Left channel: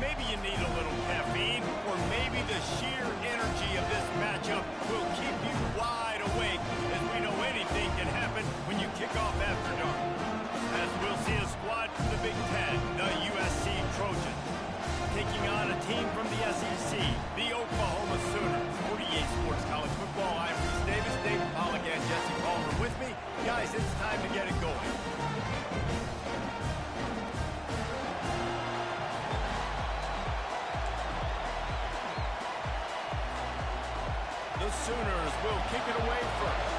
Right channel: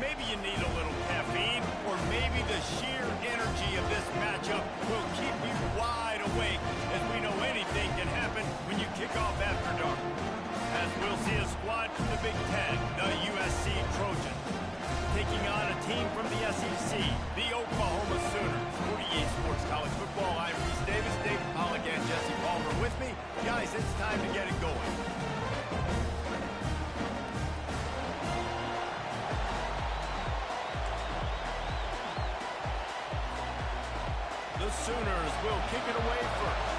Maybe you need a little caffeine, or maybe the sheer energy of this matchup will keep you wide awake, as we know anything can happen when you kick off after dark. As we'll see a squad from the Big Ten, the USC Trojans, taking on a team from the SEC, the Oklahoma Sooners. 48 Sports College Football, I'm Reese Davis, David Pollack, and Jesse Palmer with me. Guys, it's time to get it going. The Sooners will kick it away first.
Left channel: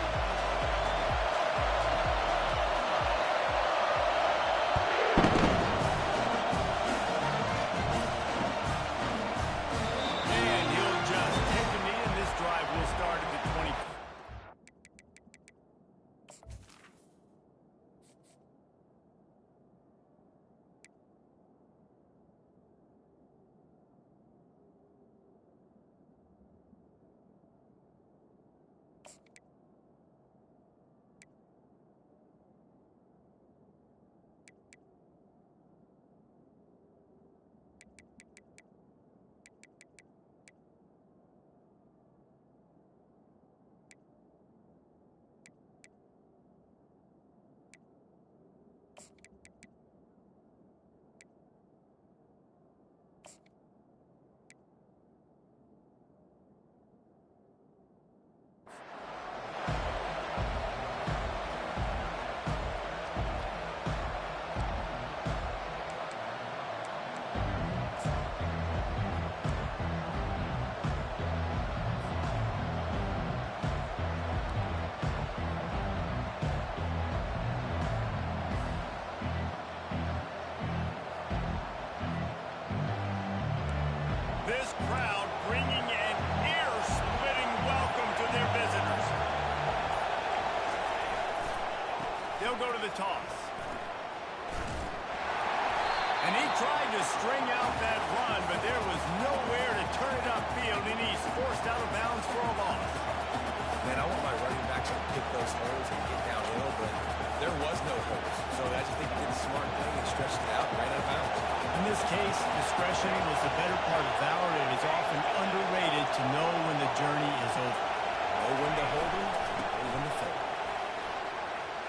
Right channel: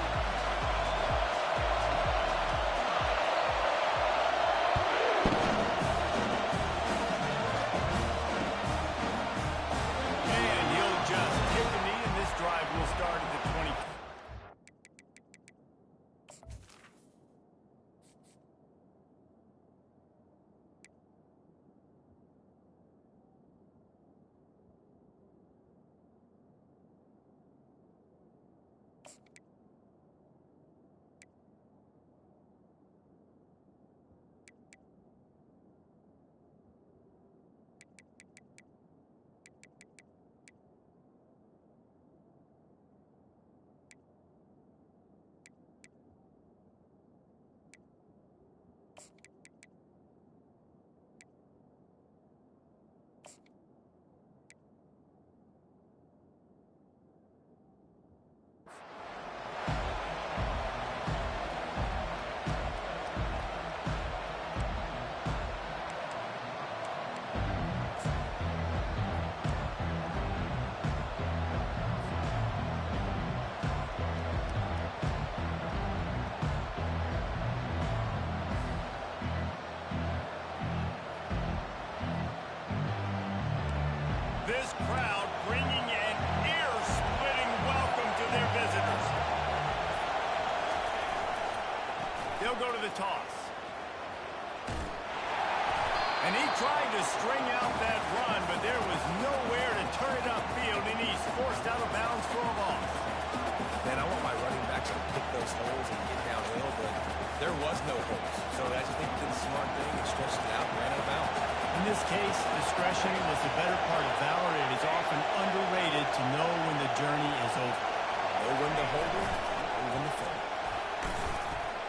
And he'll just take a knee, and this drive will start at the 20. This crowd bringing an ear-splitting welcome to their visitors. They'll go to the toss. And he tried to string out that run, but there was nowhere to turn it upfield, and he's forced out of bounds for a loss. Man, I want my running backs to pick those holes and get downhill, but there was no holes. So I just think he did the smart thing and stretched it out and ran out of bounds. In this case, discretion was the better part of valor. It is often underrated to know when the journey is over. Know when to hold him, know when to fold.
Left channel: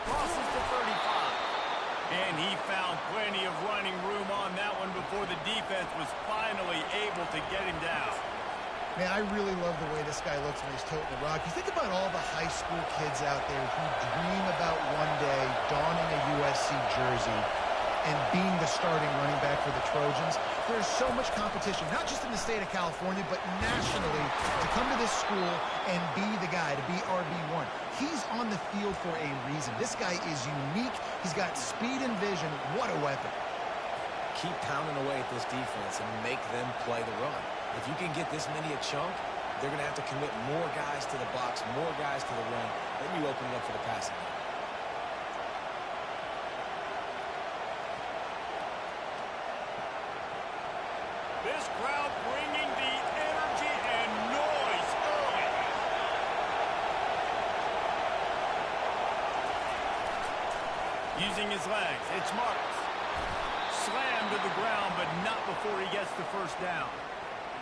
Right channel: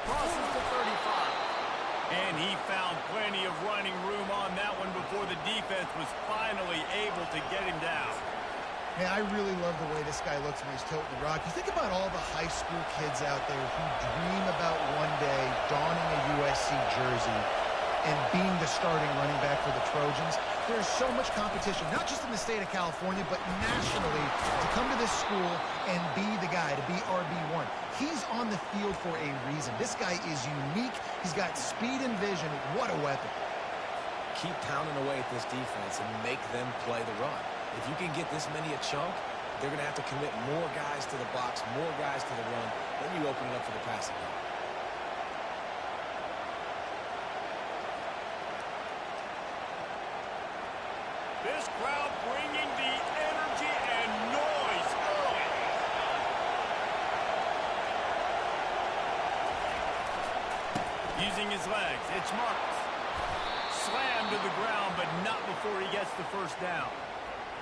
Crosses to 35. And he found plenty of running room on that one before the defense was finally able to get him down. Man, I really love the way this guy looks when he's toting the rock. You think about all the high school kids out there who dream about one day donning a USC jersey and being the starting running back for the Trojans. There's so much competition, not just in the state of California, but nationally, to come to this school and be the guy, to be RB1. He's on the field for a reason. This guy is unique. He's got speed and vision. What a weapon. Keep pounding away at this defense and make them play the run. If you can get this many a chunk, they're going to have to commit more guys to the box, more guys to the run. Then you open it up for the passing game. This crowd bringing the energy and noise early. Using his legs, it's Marks. Slammed to the ground, but not before he gets the first down.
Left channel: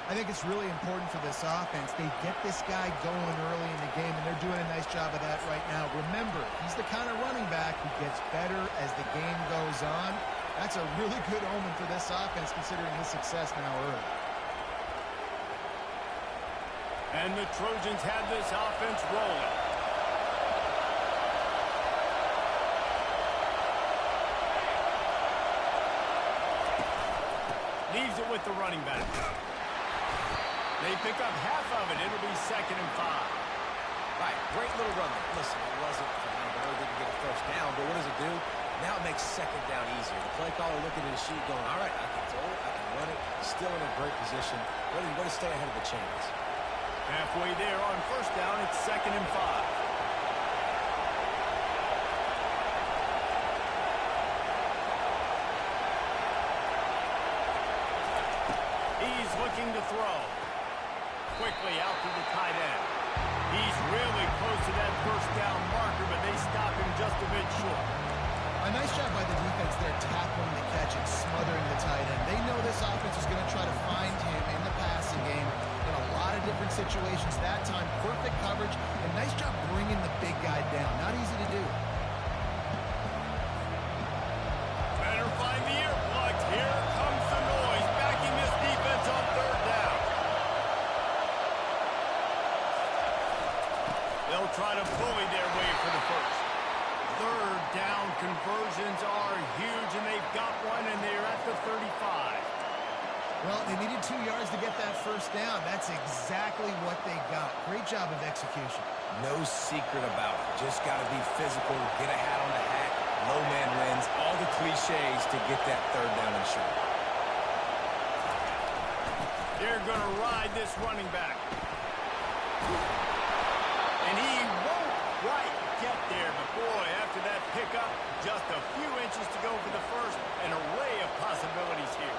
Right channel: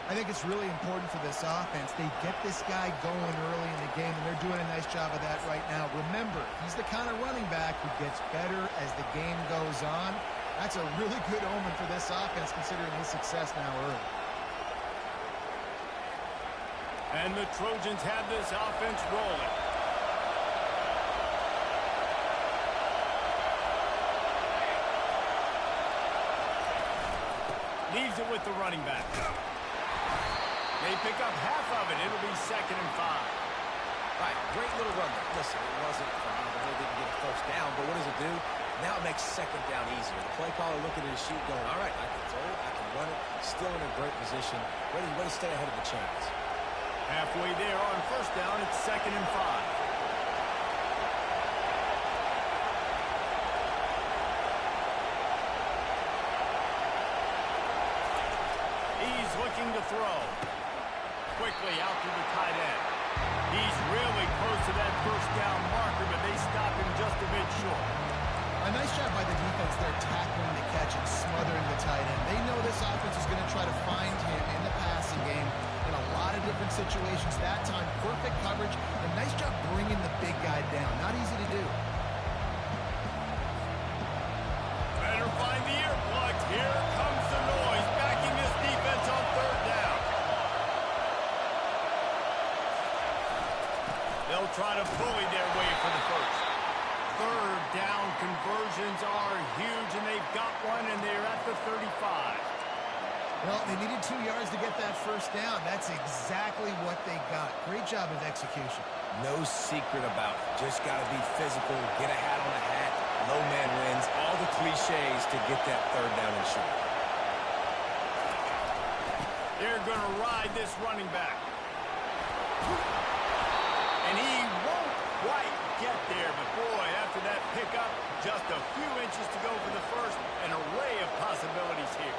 I think it's really important for this offense. They get this guy going early in the game, and they're doing a nice job of that right now. Remember, he's the kind of running back who gets better as the game goes on. That's a really good omen for this offense, considering his success now early. And the Trojans have this offense rolling. Leaves it with the running back. They pick up half of it. It'll be 2nd and 5. Right, great little run there. Listen, it wasn't phenomenal. They didn't get a first down, but what does it do? Now it makes 2nd down easier. The play caller looking at his sheet going, all right, I can throw it, I can run it, still in a great position, ready to stay ahead of the chains. Halfway there on 1st down, it's 2nd and 5. He's looking to throw. Quickly out to the tight end. He's really close to that first down marker, but they stop him just a bit short. A nice job by the defense there tackling the catch and smothering the tight end. They know this offense offense is going to try to find him in the passing game in a lot of different situations. That time, perfect coverage, and nice job bringing the big guy down. Not easy to do. Better find the earplugs. Here comes the noise, backing this defense on third down. They'll try to bully their way for the first. Third down conversions are huge, and they've got one, and they're at the 35. Well, they needed 2 yards to get that first down. That's exactly what they got. Great job of execution. No secret about it. Just got to be physical, get a hat on a hat, low man wins, all the cliches to get that third down and short. They're going to ride this running back. And he won't quite get there, but boy, after that pickup, just a few inches to go for the first. An array of possibilities here.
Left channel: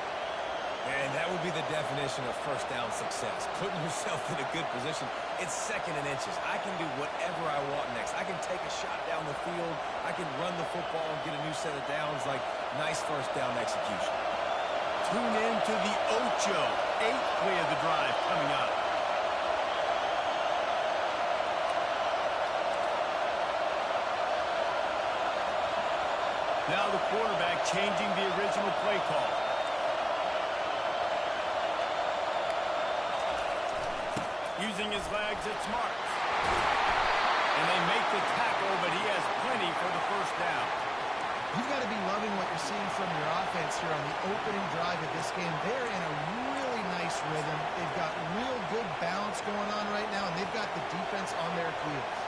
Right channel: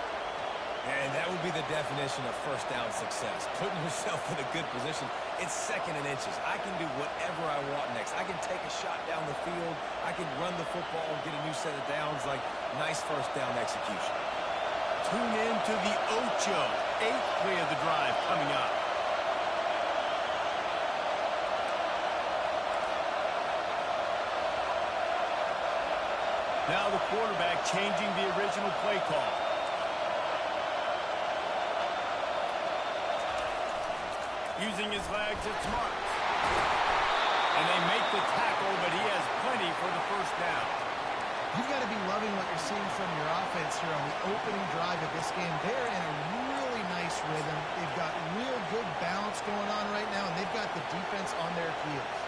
And that would be the definition of first down success. Putting yourself in a good position. It's second and inches. I can do whatever I want next. I can take a shot down the field. I can run the football and get a new set of downs. Like, nice first down execution. Tune in to the Ocho. 8th play of the drive coming up. Now the quarterback changing the original play call. Using his legs, it's Marks. And they make the tackle, but he has plenty for the first down. You've got to be loving what you're seeing from your offense here on the opening drive of this game. They're in a really nice rhythm. They've got real good balance going on right now, and they've got the defense on their heels.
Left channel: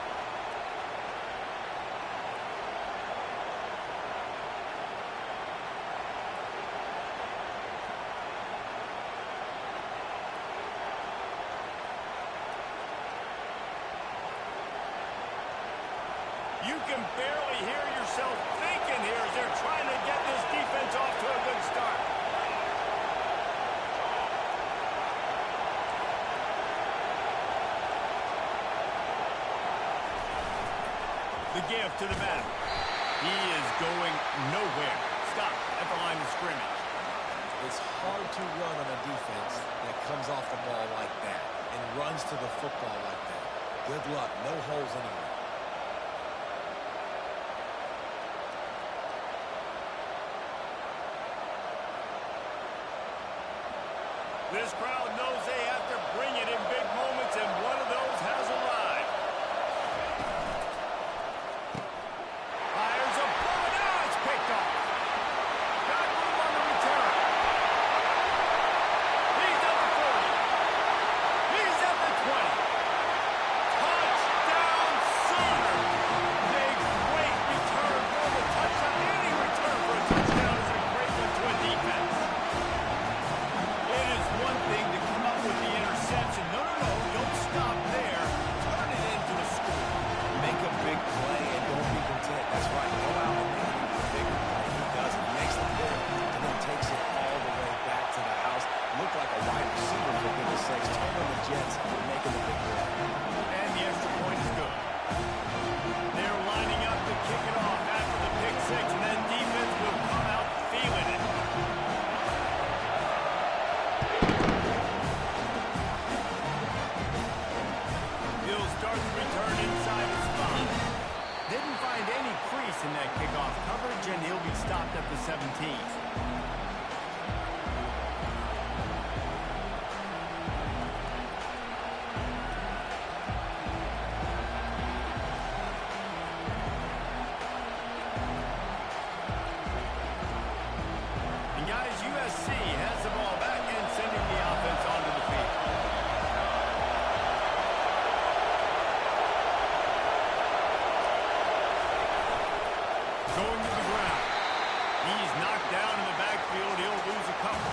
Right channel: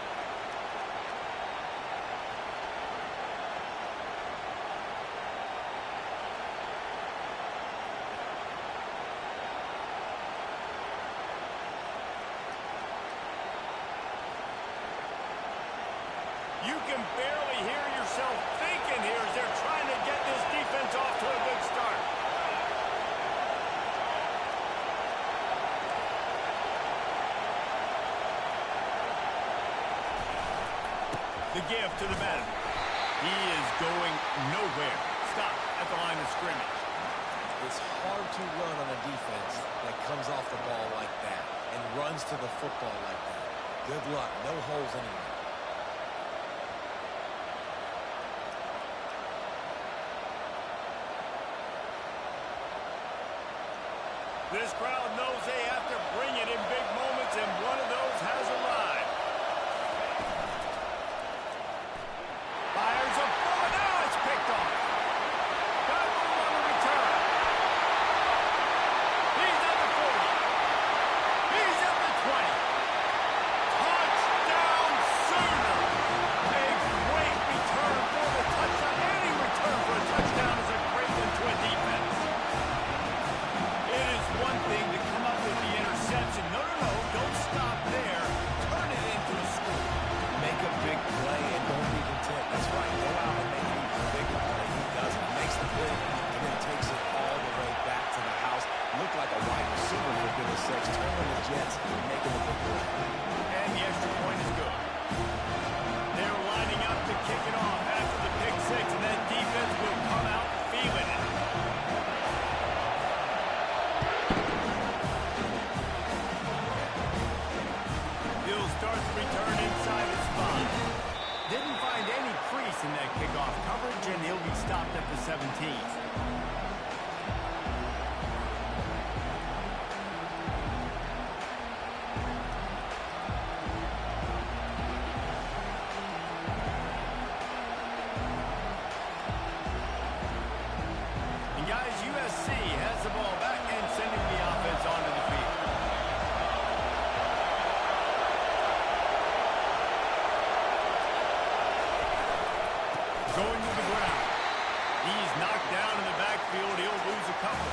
You can barely hear yourself thinking here as they're trying to get this defense off to a good start. The give to the back. He is going nowhere. Stop at the line of scrimmage. It's hard to run on a defense that comes off the ball like that and runs to the football like that. Good luck. No holes anywhere. This crowd knows they have to bring it in big moments, and one of those has arrived. Fires a bullet. Now it's picked off. Got room on the return. He's at the 40. He's at the 20. Touchdown Sooners. Big, great return for the touchdown. Any return for a touchdown is a great one to a defense. It is one thing to come up with the interception. No, don't stop there. Turn it into a score. Make a big play and don't be content. That's right. Go out and make an even bigger play. He does it. He makes the pick and then takes it all the way back to the house. Looked like a wide receiver, for goodness sakes. Turn on the Jets and making the big play. And the extra point is good. They're lining up to kick it off after the pick six, and that defense will come out feeling it. He'll start the return inside his 5. Didn't find any crease in that kickoff coverage, and he'll be stopped at the 17. And guys, USC has the ball back and sending the offense onto the field. Going to the ground. He's knocked down in the backfield. He'll lose a couple.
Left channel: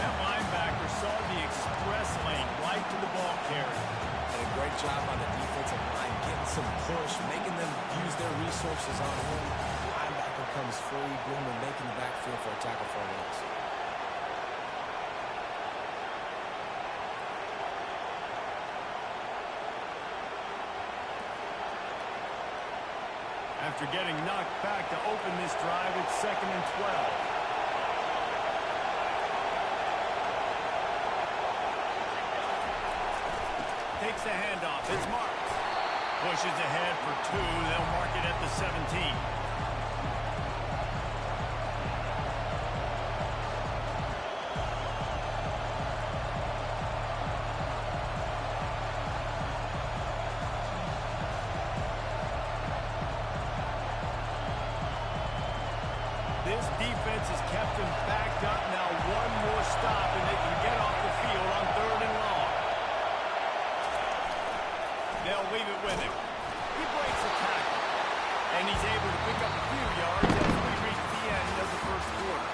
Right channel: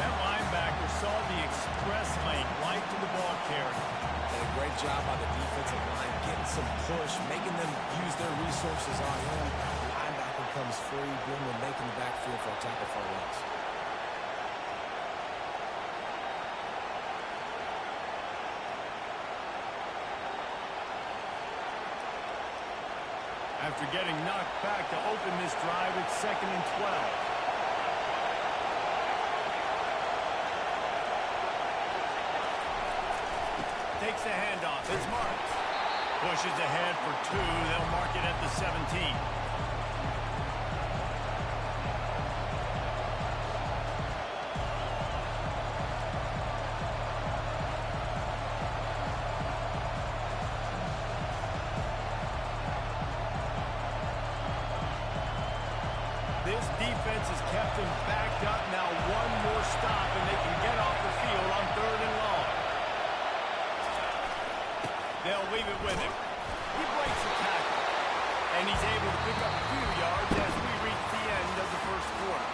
That linebacker saw the express lane right to the ball carrier. And a great job on the defensive line, getting some push, making them use their resources on him. The linebacker comes free, boom, and making the backfield for a tackle for a loss. After getting knocked back to open this drive, it's 2nd and 12. takes the handoff. It's marked. Pushes ahead for 2. They'll mark it at the 17. This defense has kept them backed up. Now one more stop, and they can get off the field on 3rd and long. They'll leave it with him. He breaks a tackle, and he's able to pick up a few yards as we reach the end of the first quarter.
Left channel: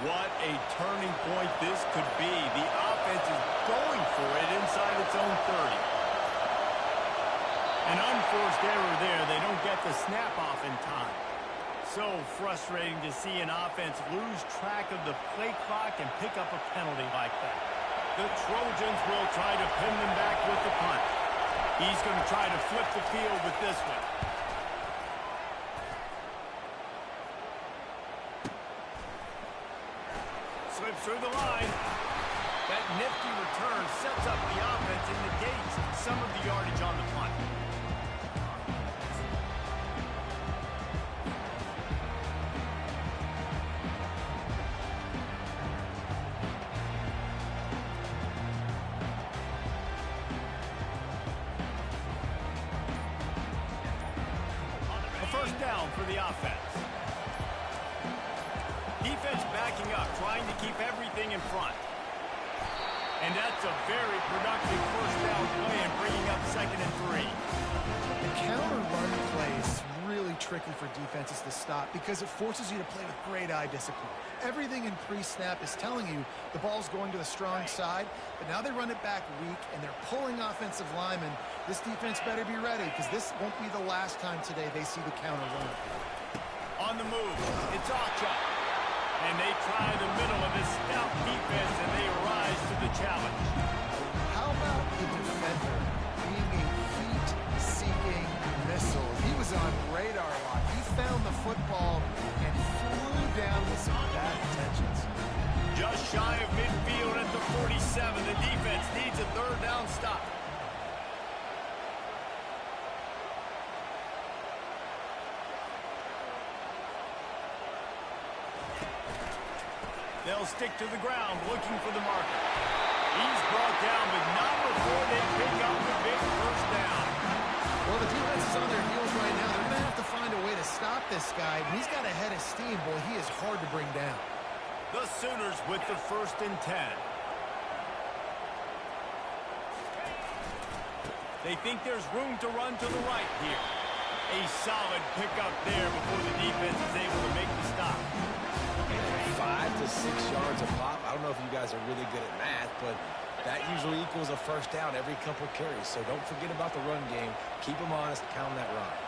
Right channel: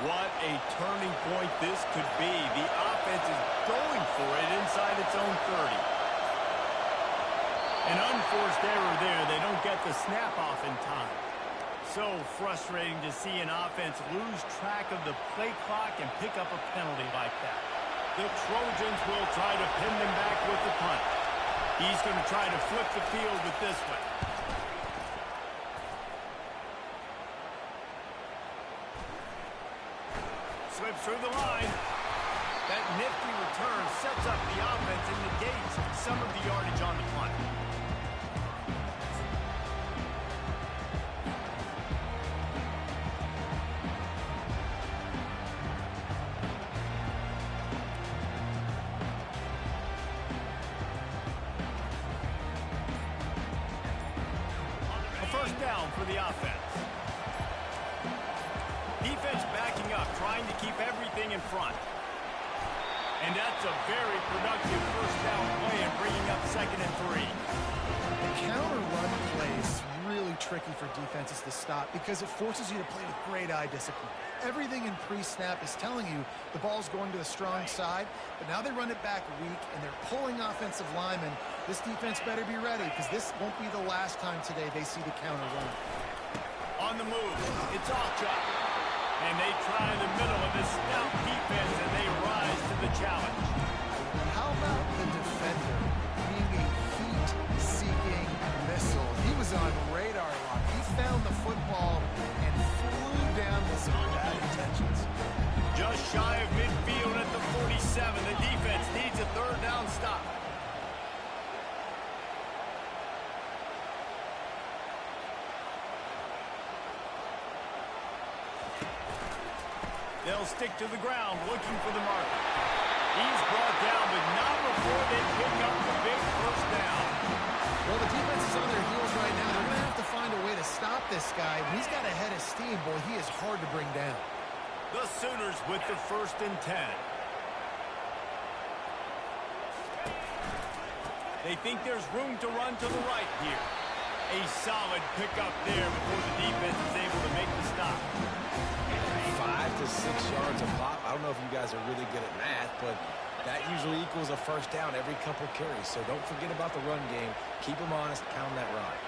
What a turning point this could be. The offense is going for it inside its own 30. An unforced error there. They don't get the snap off in time. So frustrating to see an offense lose track of the play clock and pick up a penalty like that. The Trojans will try to pin them back with the punt. He's going to try to flip the field with this one. Slips through the line. That nifty return sets up the offense and negates some of the yardage on the punt. A first down for the offense. Defense backing up, trying to keep everything in front. And that's a very productive first down play and bringing up 2nd and 3. The counter run play is really tricky for defenses to stop because it forces you to play with great eye discipline. Everything in pre-snap is telling you the ball's going to the strong side, but now they run it back weak and they're pulling offensive linemen. This defense better be ready because this won't be the last time today they see the counter run. On the move, it's Achuk. And they try the middle of this stout defense, and they rise to the challenge. How about the defender being a heat-seeking missile? He was on radar lock. He found the football and flew down with some bad intentions. Just shy of midfield at the 47. The defense needs a 3rd down stop. They'll stick to the ground looking for the marker. He's brought down, but not before they pick up the big first down. Well, the defense is on their heels right now. They're going to have to find a way to stop this guy. When he's got a head of steam, boy, he is hard to bring down. The Sooners with the 1st and 10. They think there's room to run to the right here. A solid pickup there before the defense is able to make the stop. 5 to 6 yards a pop. I don't know if you guys are really good at math, but that usually equals a first down every couple carries. So don't forget about the run game. Keep them honest. Pound that rock.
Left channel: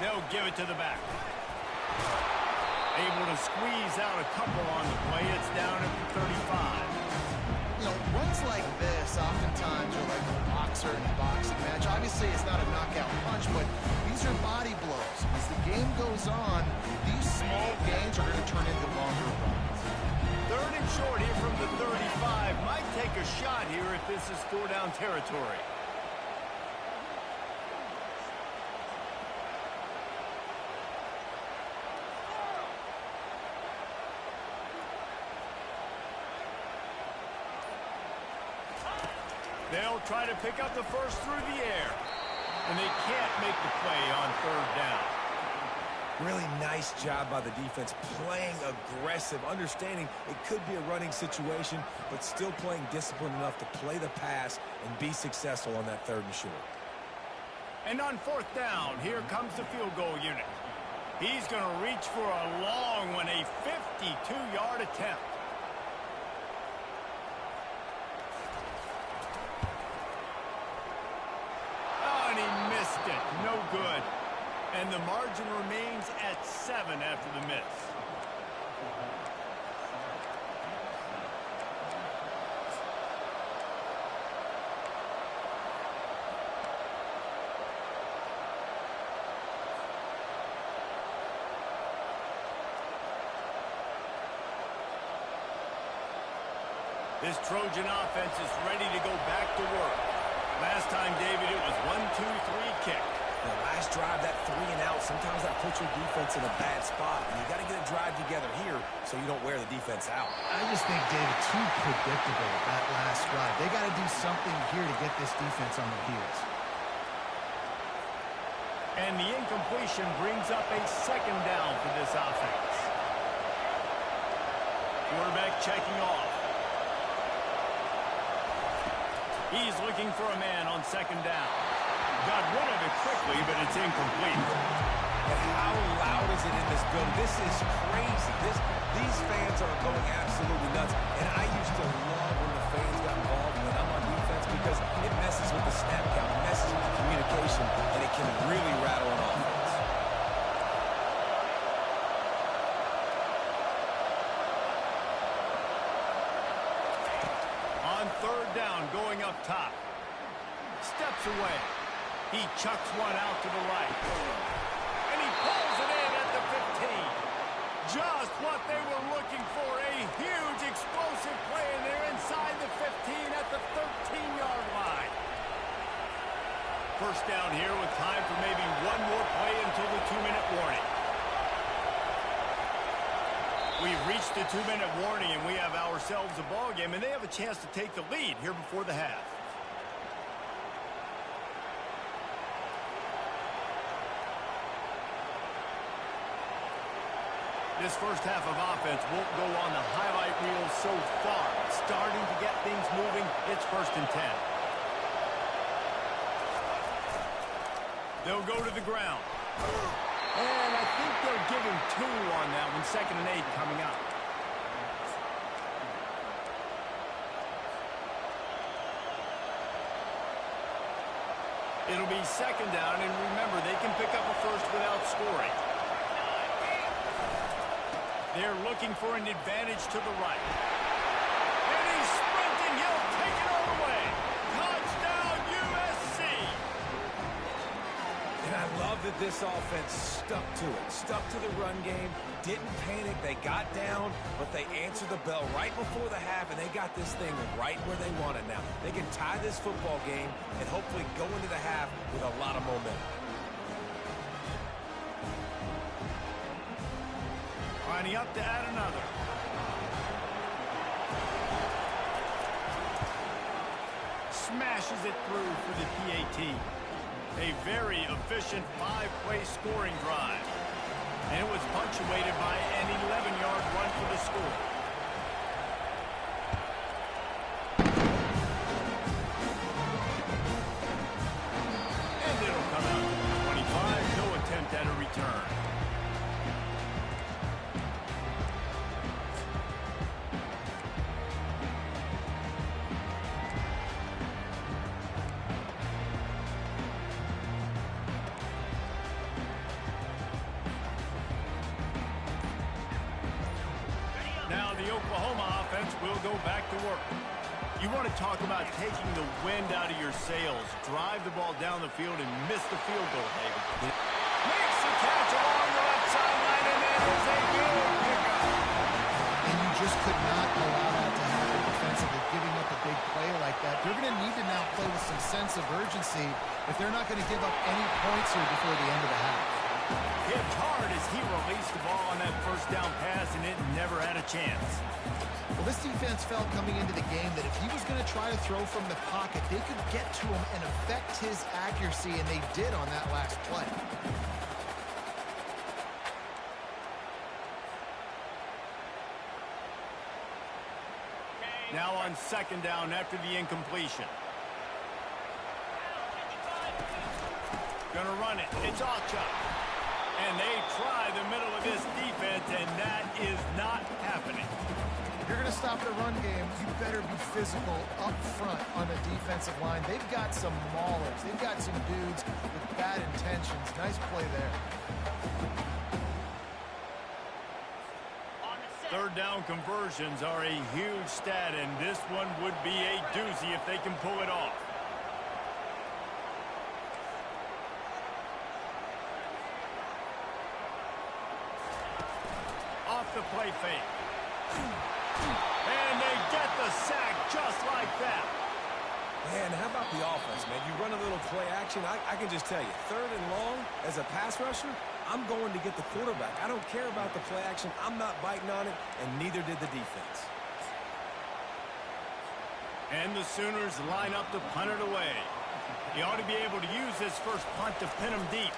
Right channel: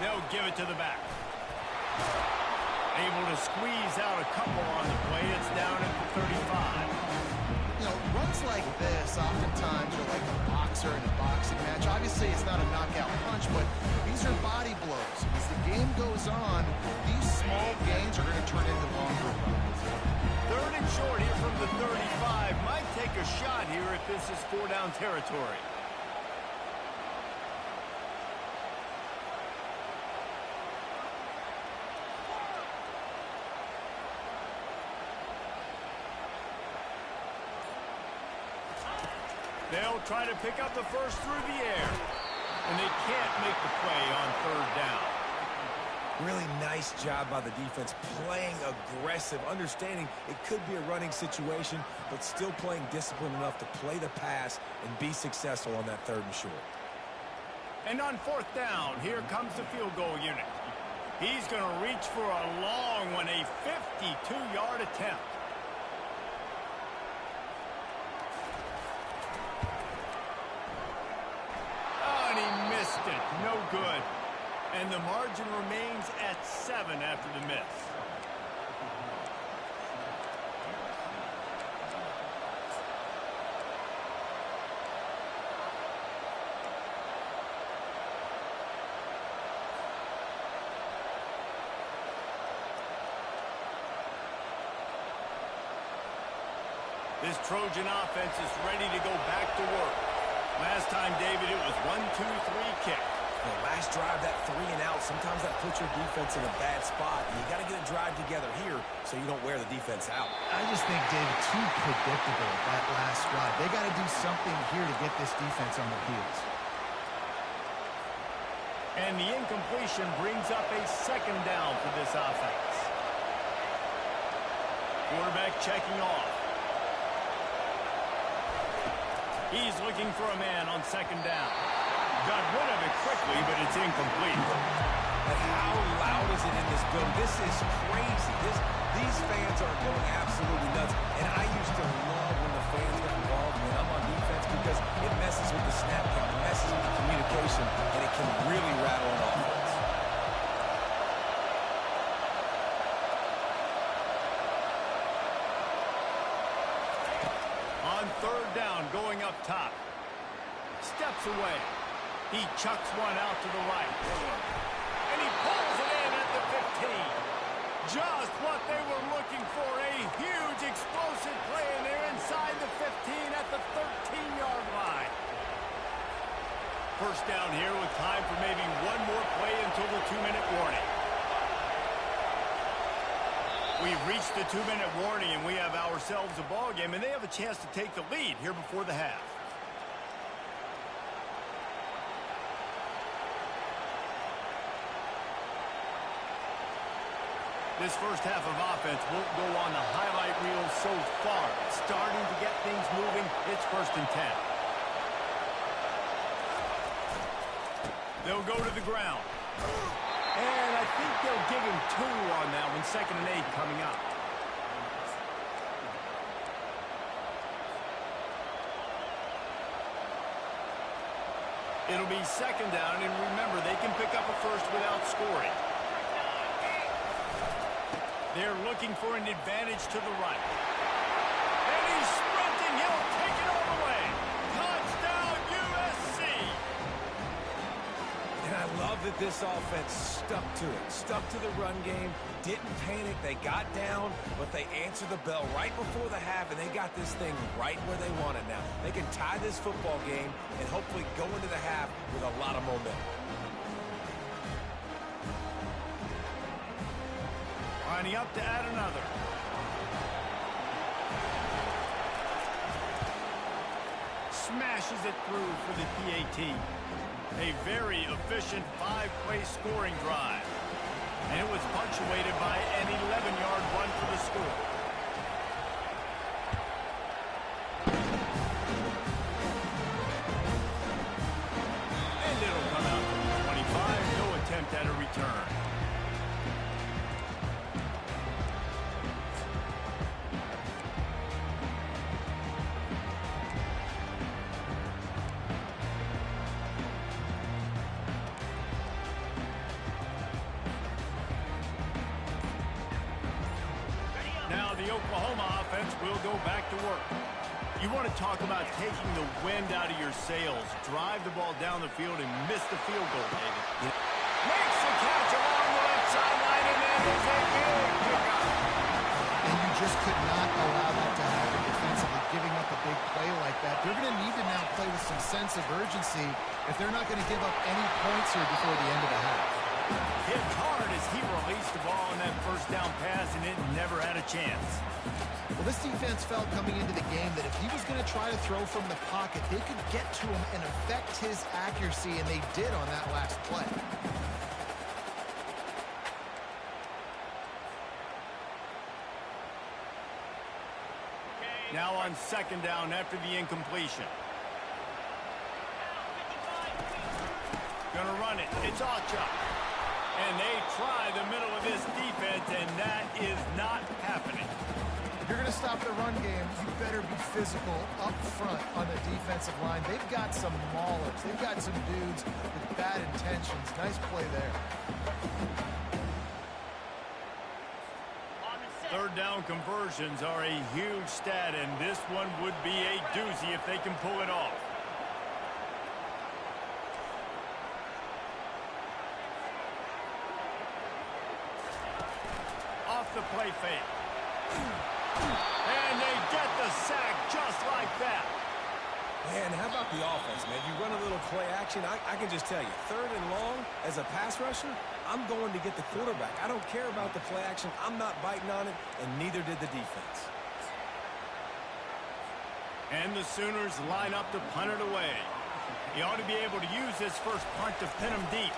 They'll give it to the back. Able to squeeze out a couple on the play. It's down at the 35. You know, runs like this oftentimes are like a boxer in a boxing match. Obviously, it's not a knockout punch, but these are body blows. As the game goes on, these small gains are going to turn into longer runs. 3rd and short here from the 35. Might take a shot here if this is 4-down territory. They'll try to pick up the first through the air. And they can't make the play on 3rd down. Really nice job by the defense, playing aggressive, understanding it could be a running situation, but still playing disciplined enough to play the pass and be successful on that 3rd and short. And on 4th down, here comes the field goal unit. He's going to reach for a long one, a 52-yard attempt. it. No good. And the margin remains at 7 after the miss. This Trojan offense is ready to go back to work. Last time, David, it was 1-2-3 kick. The last drive, that 3 and out, sometimes that puts your defense in a bad spot. And you got to get a drive together here so you don't wear the defense out. I just think, David, too predictable, that last drive. They got to do something here to get this defense on their heels. And the incompletion brings up a 2nd down for this offense. Quarterback checking off. He's looking for a man on 2nd down. Got rid of it quickly, but it's incomplete. And how loud is it in this building? This is crazy. These fans are going absolutely nuts. And I used to love when the fans got involved when I'm on defense because it messes with the snap count, it messes with the communication, and it can really rattle an offense. On 3rd down, going up top. Steps away. He chucks one out to the right. And he pulls it in at the 15. Just what they were looking for. A huge explosive play, and they're inside the 15 at the 13-yard line. 1st down here with time for maybe one more play until the 2-minute warning. We've reached the 2-minute warning, and we have ourselves a ball game, and they have a chance to take the lead here before the half. This first half of offense won't go on the highlight reel so far. Starting to get things moving. It's 1st and 10. They'll go to the ground. And I think they'll give him 2 on that one. 2nd and 8 coming up. It'll be 2nd down, and remember, they can pick up a first without scoring. They're looking for an advantage to the right. And he's sprinting. He'll take it all the way. Touchdown, USC. And I love that this offense stuck to it, stuck to the run game, didn't panic. They got down, but they answered the bell right before the half, and they got this thing right where they want it now. They can tie this football game and hopefully go into the half with a lot of momentum. Lining up to add another. Smashes it through for the PAT. A very efficient 5-play scoring drive. And it was punctuated by an 11-yard run for the score. And it'll come out to the 25. No attempt at a return. Now the Oklahoma offense will go back to work. You want to talk about taking the wind out of your sails. Drive the ball down the field and miss the field goal, David. Makes the catch along the left sideline, and that is a big pickup. And you just could not allow that to happen defensively, giving up a big play like that. They're going to need to now play with some sense of urgency if they're not going to give up any points here before the end of the half. Hit hard as he released the ball on that 1st down pass, and it never had a chance. Well, this defense felt coming into the game that if he was going to try to throw from the pocket, they could get to him and affect his accuracy, and they did on that last play. Now on 2nd down after the incompletion. Gonna run it. It's Achuk. And they try the middle of this defense, and that is not happening. If you're going to stop the run game, you better be physical up front on the defensive line. They've got some maulers. They've got some dudes with bad intentions. Nice play there. Third down conversions are a huge stat, and this one would be a doozy if they can pull it off. Off the play fake. And they get the sack just like that. Man, how about the offense, man? You run a little play action. I can just tell you, third and long, as a pass rusher, I'm going to get the quarterback. I don't care about the play action. I'm not biting on it, and neither did the defense. And the Sooners line up to punt it away. He ought to be able to use this first punt to pin him deep.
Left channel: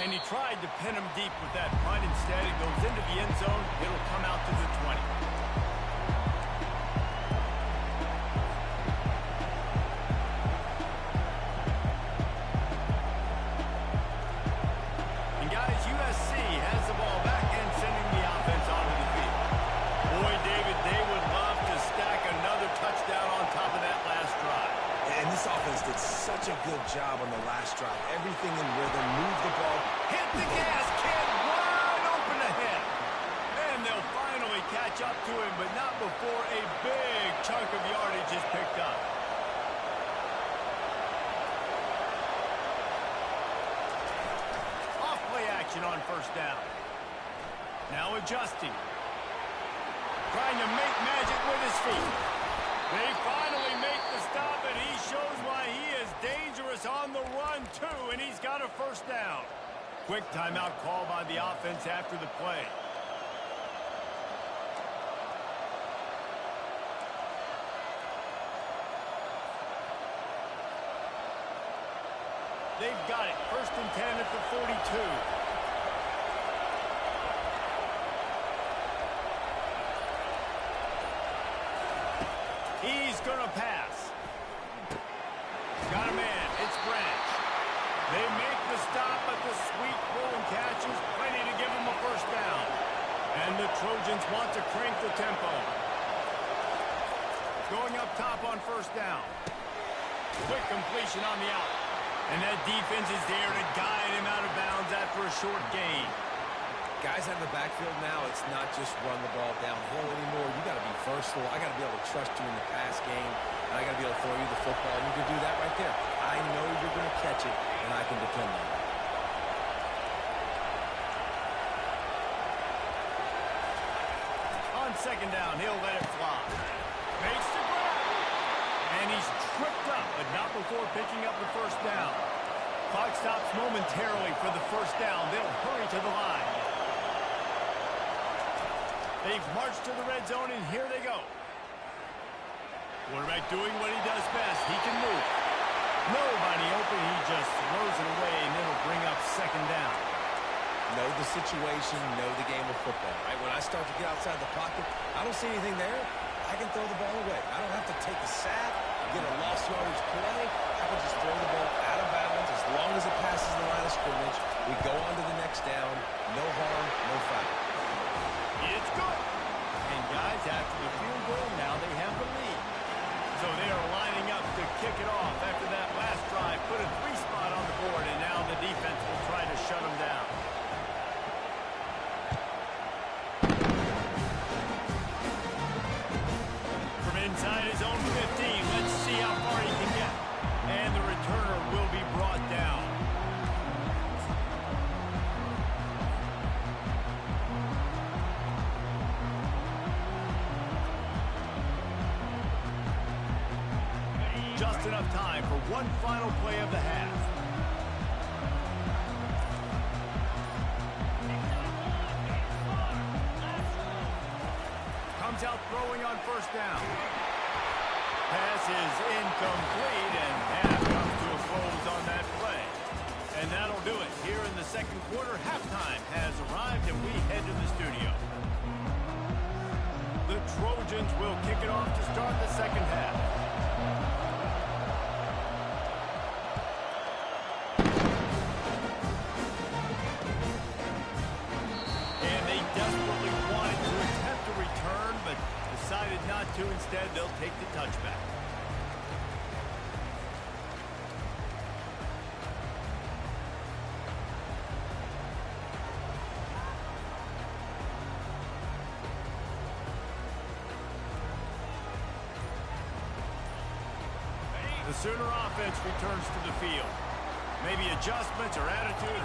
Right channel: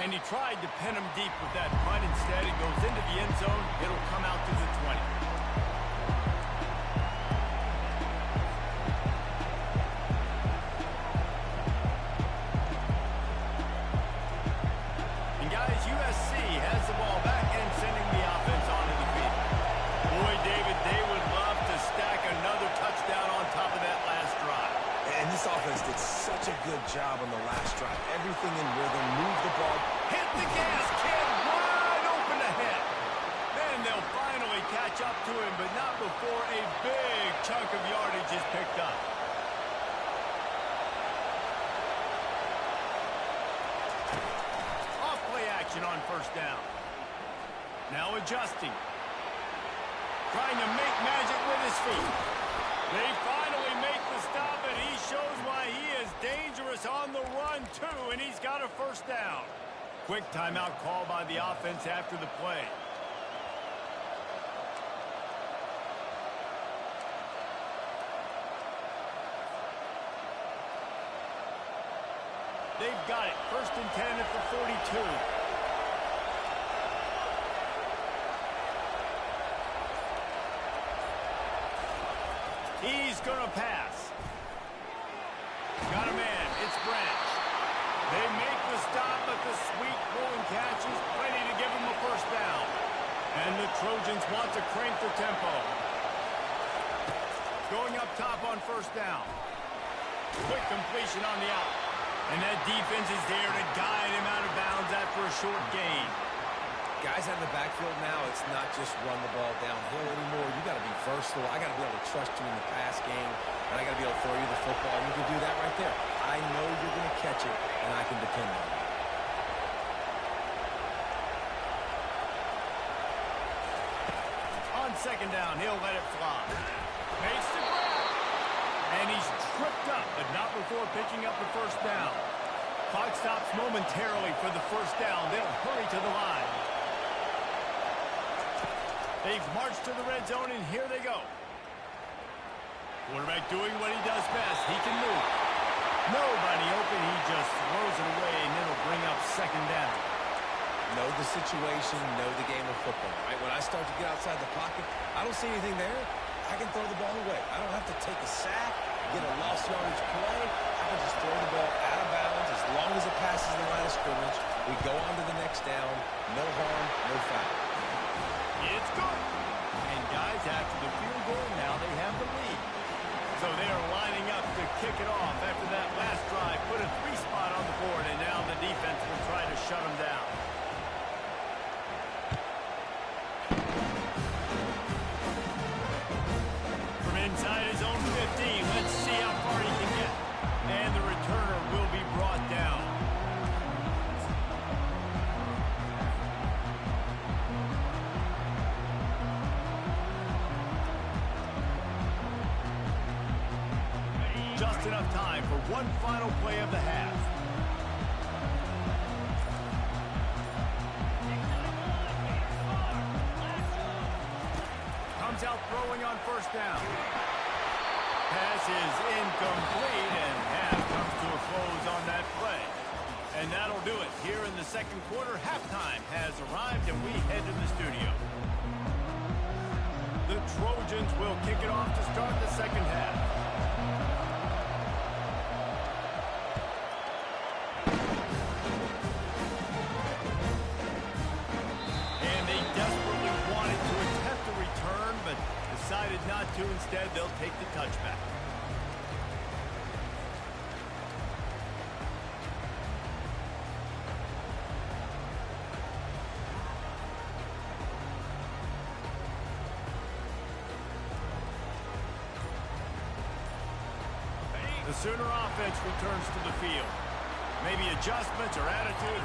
And he tried to pin him deep with that punt. Instead, it goes into the end zone. It'll come out to the 20. And guys, USC has the ball back and sending the offense onto the field. Boy, David, they would love to stack another touchdown on top of that last drive. And this offense did such a good job on the last drive. Everything in rhythm, move the ball. Hit the gas, kid, wide open ahead. Then they'll finally catch up to him, but not before a big chunk of yardage is picked up. Off play action on first down. Now adjusting. Trying to make magic with his feet. They finally make the stop, and he shows why he is dangerous on the run, too, and he's got a first down. Quick timeout call by the offense after the play. They've got it. 1st and 10 at the 42. He's going to pass. Got a man. It's Branch. They make the stop, but the sweet rolling catch is plenty to give him a first down. And the Trojans want to crank the tempo. Going up top on first down. Quick completion on the out. And that defense is there to guide him out of bounds after a short gain. Guys out of the backfield now, it's not just run the ball downhill anymore. You got to be versatile. I got to be able to trust you in the pass game, and I got to be able to throw you the football, and you can do that right there. I know you're going to catch it, and I can depend on it. On second down, he'll let it fly. Makes the grab. And he's tripped up, but not before picking up the first down. Clock stops momentarily for the first down. They'll hurry to the line. They've marched to the red zone, and here they go. Quarterback doing what he does best. He can move. Nobody open. He just throws it away, and it'll bring up second down. Know the situation, know the game of football, right? When I start to get outside the pocket, I don't see anything there. I can throw the ball away. I don't have to take a sack, get a lost yardage play. I can just throw the ball out of bounds as long as it passes the line of scrimmage. We go on to the next down. No harm, no foul. It's good. And guys, after the field goal, now they have the lead. So they are lining up to kick it off after that last drive. Put a 3 spot on the board, and now the defense will try to shut them down. From inside his own 15, let's see how far he can get. And the returner will be brought down. Just enough time for one final play of the half. Comes out throwing on first down. Pass is incomplete, and half comes to a close on that play. And that'll do it. Here in the second quarter, halftime has arrived, and we head to the studio. The Trojans will kick it off to start the second half. wanted to attempt a return, but decided not to. Instead, they'll take the touchback. The Sooner offense returns to the field. Maybe adjustments or attitude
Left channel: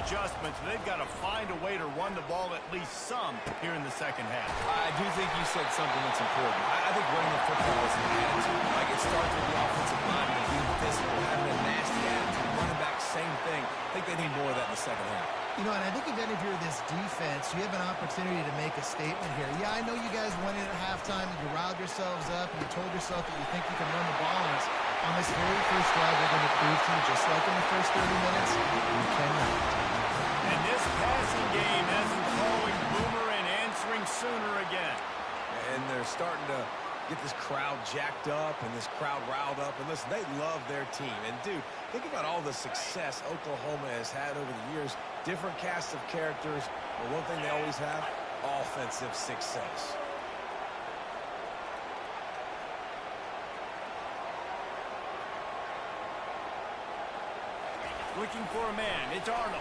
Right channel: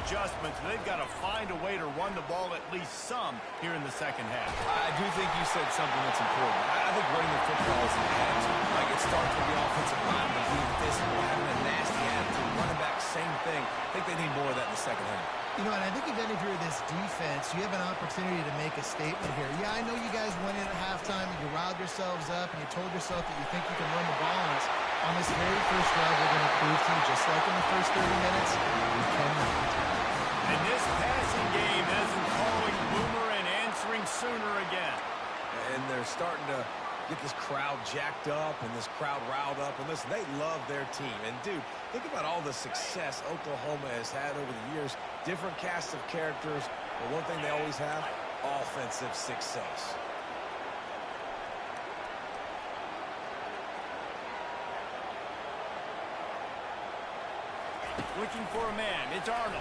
adjustments. They've got to find a way to run the ball at least some here in the second half. I do think you said something that's important. I think running the football is an attitude. Like, it starts with the offensive lineman being physical, having a nasty attitude. Running back, same thing. I think they need more of that in the second half. You know, and I think again, if you're this defense, you have an opportunity to make a statement here. Yeah, I know you guys went in at halftime and you riled yourselves up and you told yourself that you think you can run the ball on us. On this very first drive, we're going to prove to you, just like in the first 30 minutes, you cannot. And this passing game has them calling Boomer and answering Sooner again. And they're starting to get this crowd jacked up and this crowd riled up. And listen, they love their team. And, dude, think about all the success Oklahoma has had over the years. Different casts of characters. But one thing they always have, offensive success. Looking for a man. It's Arnold.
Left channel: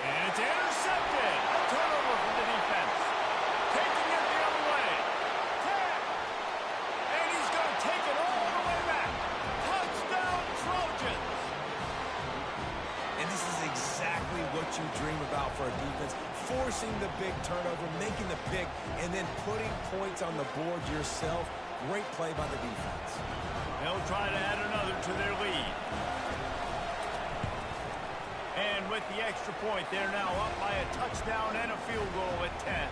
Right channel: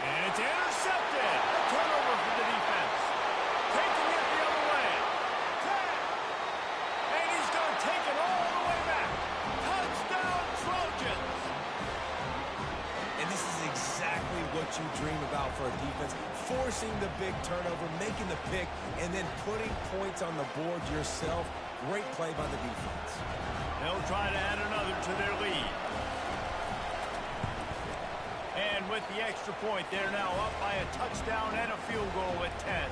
And it's intercepted. A turnover for the defense. Taking it the other way. 10. And he's going to take it all the way back. Touchdown, Trojans. And this is exactly what you dream about for a defense. Forcing the big turnover, making the pick, and then putting points on the board yourself. Great play by the defense. They'll try to add another to their lead. And with the extra point, they're now up by a touchdown and a field goal at 10.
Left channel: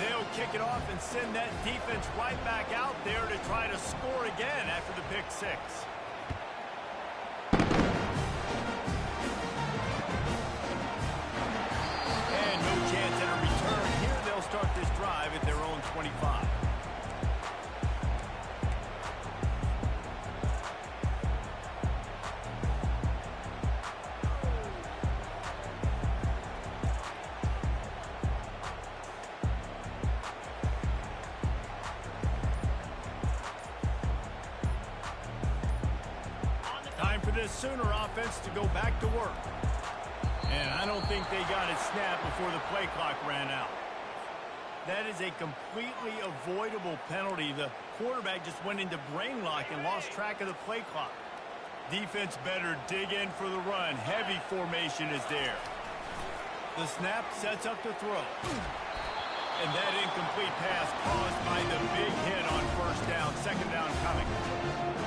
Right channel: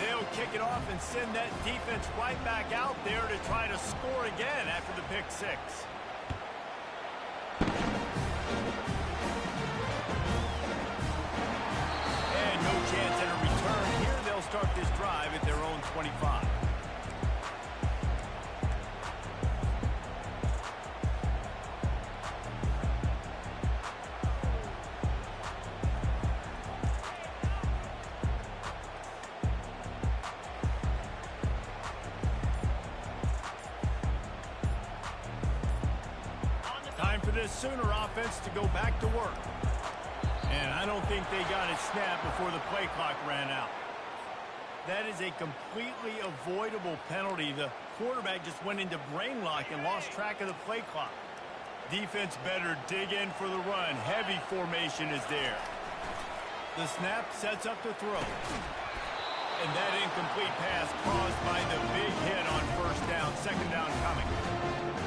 They'll kick it off and send that defense right back out there to try to score again after the pick six. And no chance at a return here. They'll start this drive at their own 25. Time for this Sooner offense to go back to work. And I don't think they got it snapped before the play clock ran out. That is a completely avoidable penalty. The quarterback just went into brain lock and lost track of the play clock. Defense better dig in for the run. Heavy formation is there. The snap sets up the throw. And that incomplete pass caused by the big hit on first down. Second down coming.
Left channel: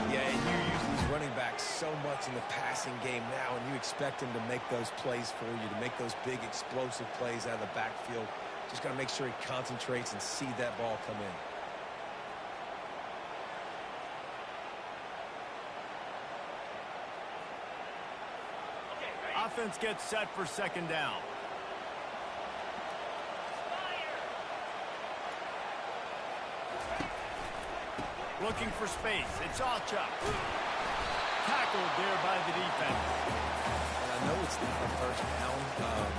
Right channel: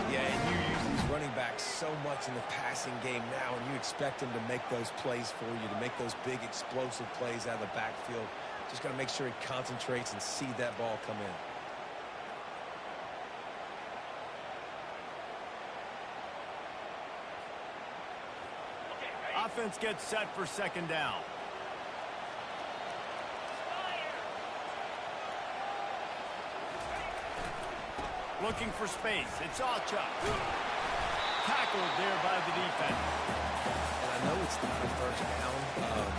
Yeah, and you use these running backs so much in the passing game now, and you expect them to make those plays for you, to make those big explosive plays out of the backfield. Just got to make sure he concentrates and see that ball come in. Offense gets set for second down. Looking for space. It's Alchuk. Tackled there by the defense. And I know it's not a first down,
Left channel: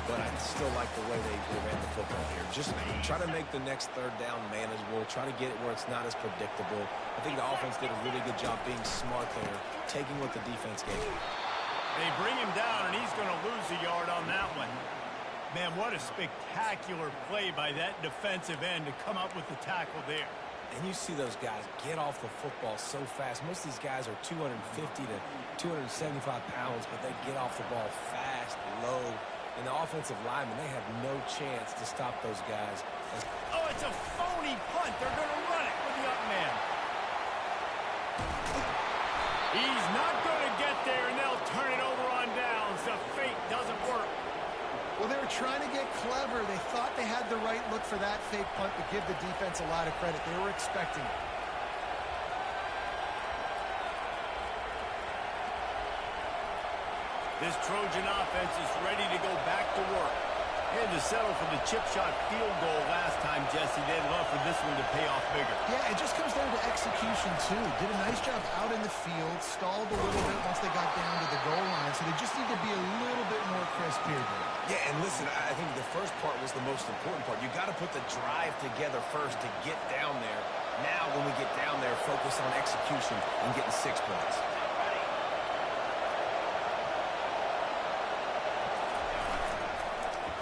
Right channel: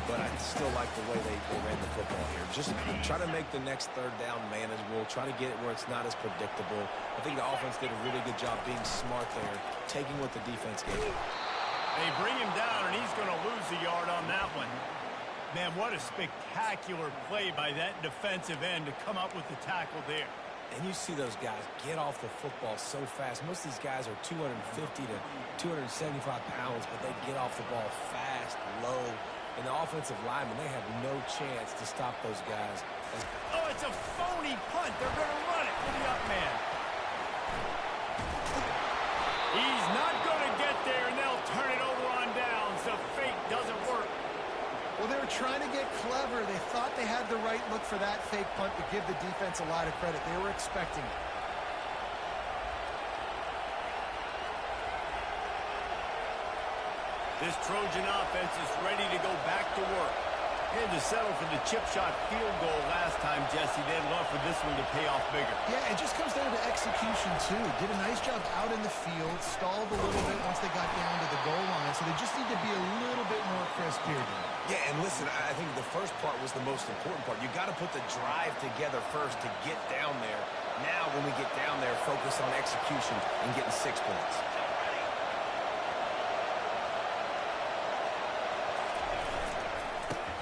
but I still like the way they ran the football here. Just try to make the next third down manageable. Try to get it where it's not as predictable. I think the offense did a really good job being smart there, taking what the defense gave him. They bring him down, and he's going to lose a yard on that one. Man, what a spectacular play by that defensive end to come up with the tackle there. And you see those guys get off the football so fast. Most of these guys are 250 to 275 pounds, but they get off the ball fast, low. And the offensive linemen, they have no chance to stop those guys. Oh, it's a phony punt. They're going to run it with the up man. He's not going to get there, and they'll turn it over on downs. The fake doesn't work. Well, they were trying to get clever. They thought they had the right look for that fake punt, but give the defense a lot of credit. They were expecting it. This Trojan offense is ready to go back to work. They had to settle for the chip shot field goal last time, Jesse. They'd love for this one to pay off bigger. Yeah, it just comes down to execution, too. Did a nice job out in the field, stalled a little bit once they got down to the goal line, so they just need to be a little bit more crisp here, Dave. Yeah, and listen, I think the first part was the most important part. You got to put the drive together first to get down there. Now, when we get down there, focus on execution and getting 6 points.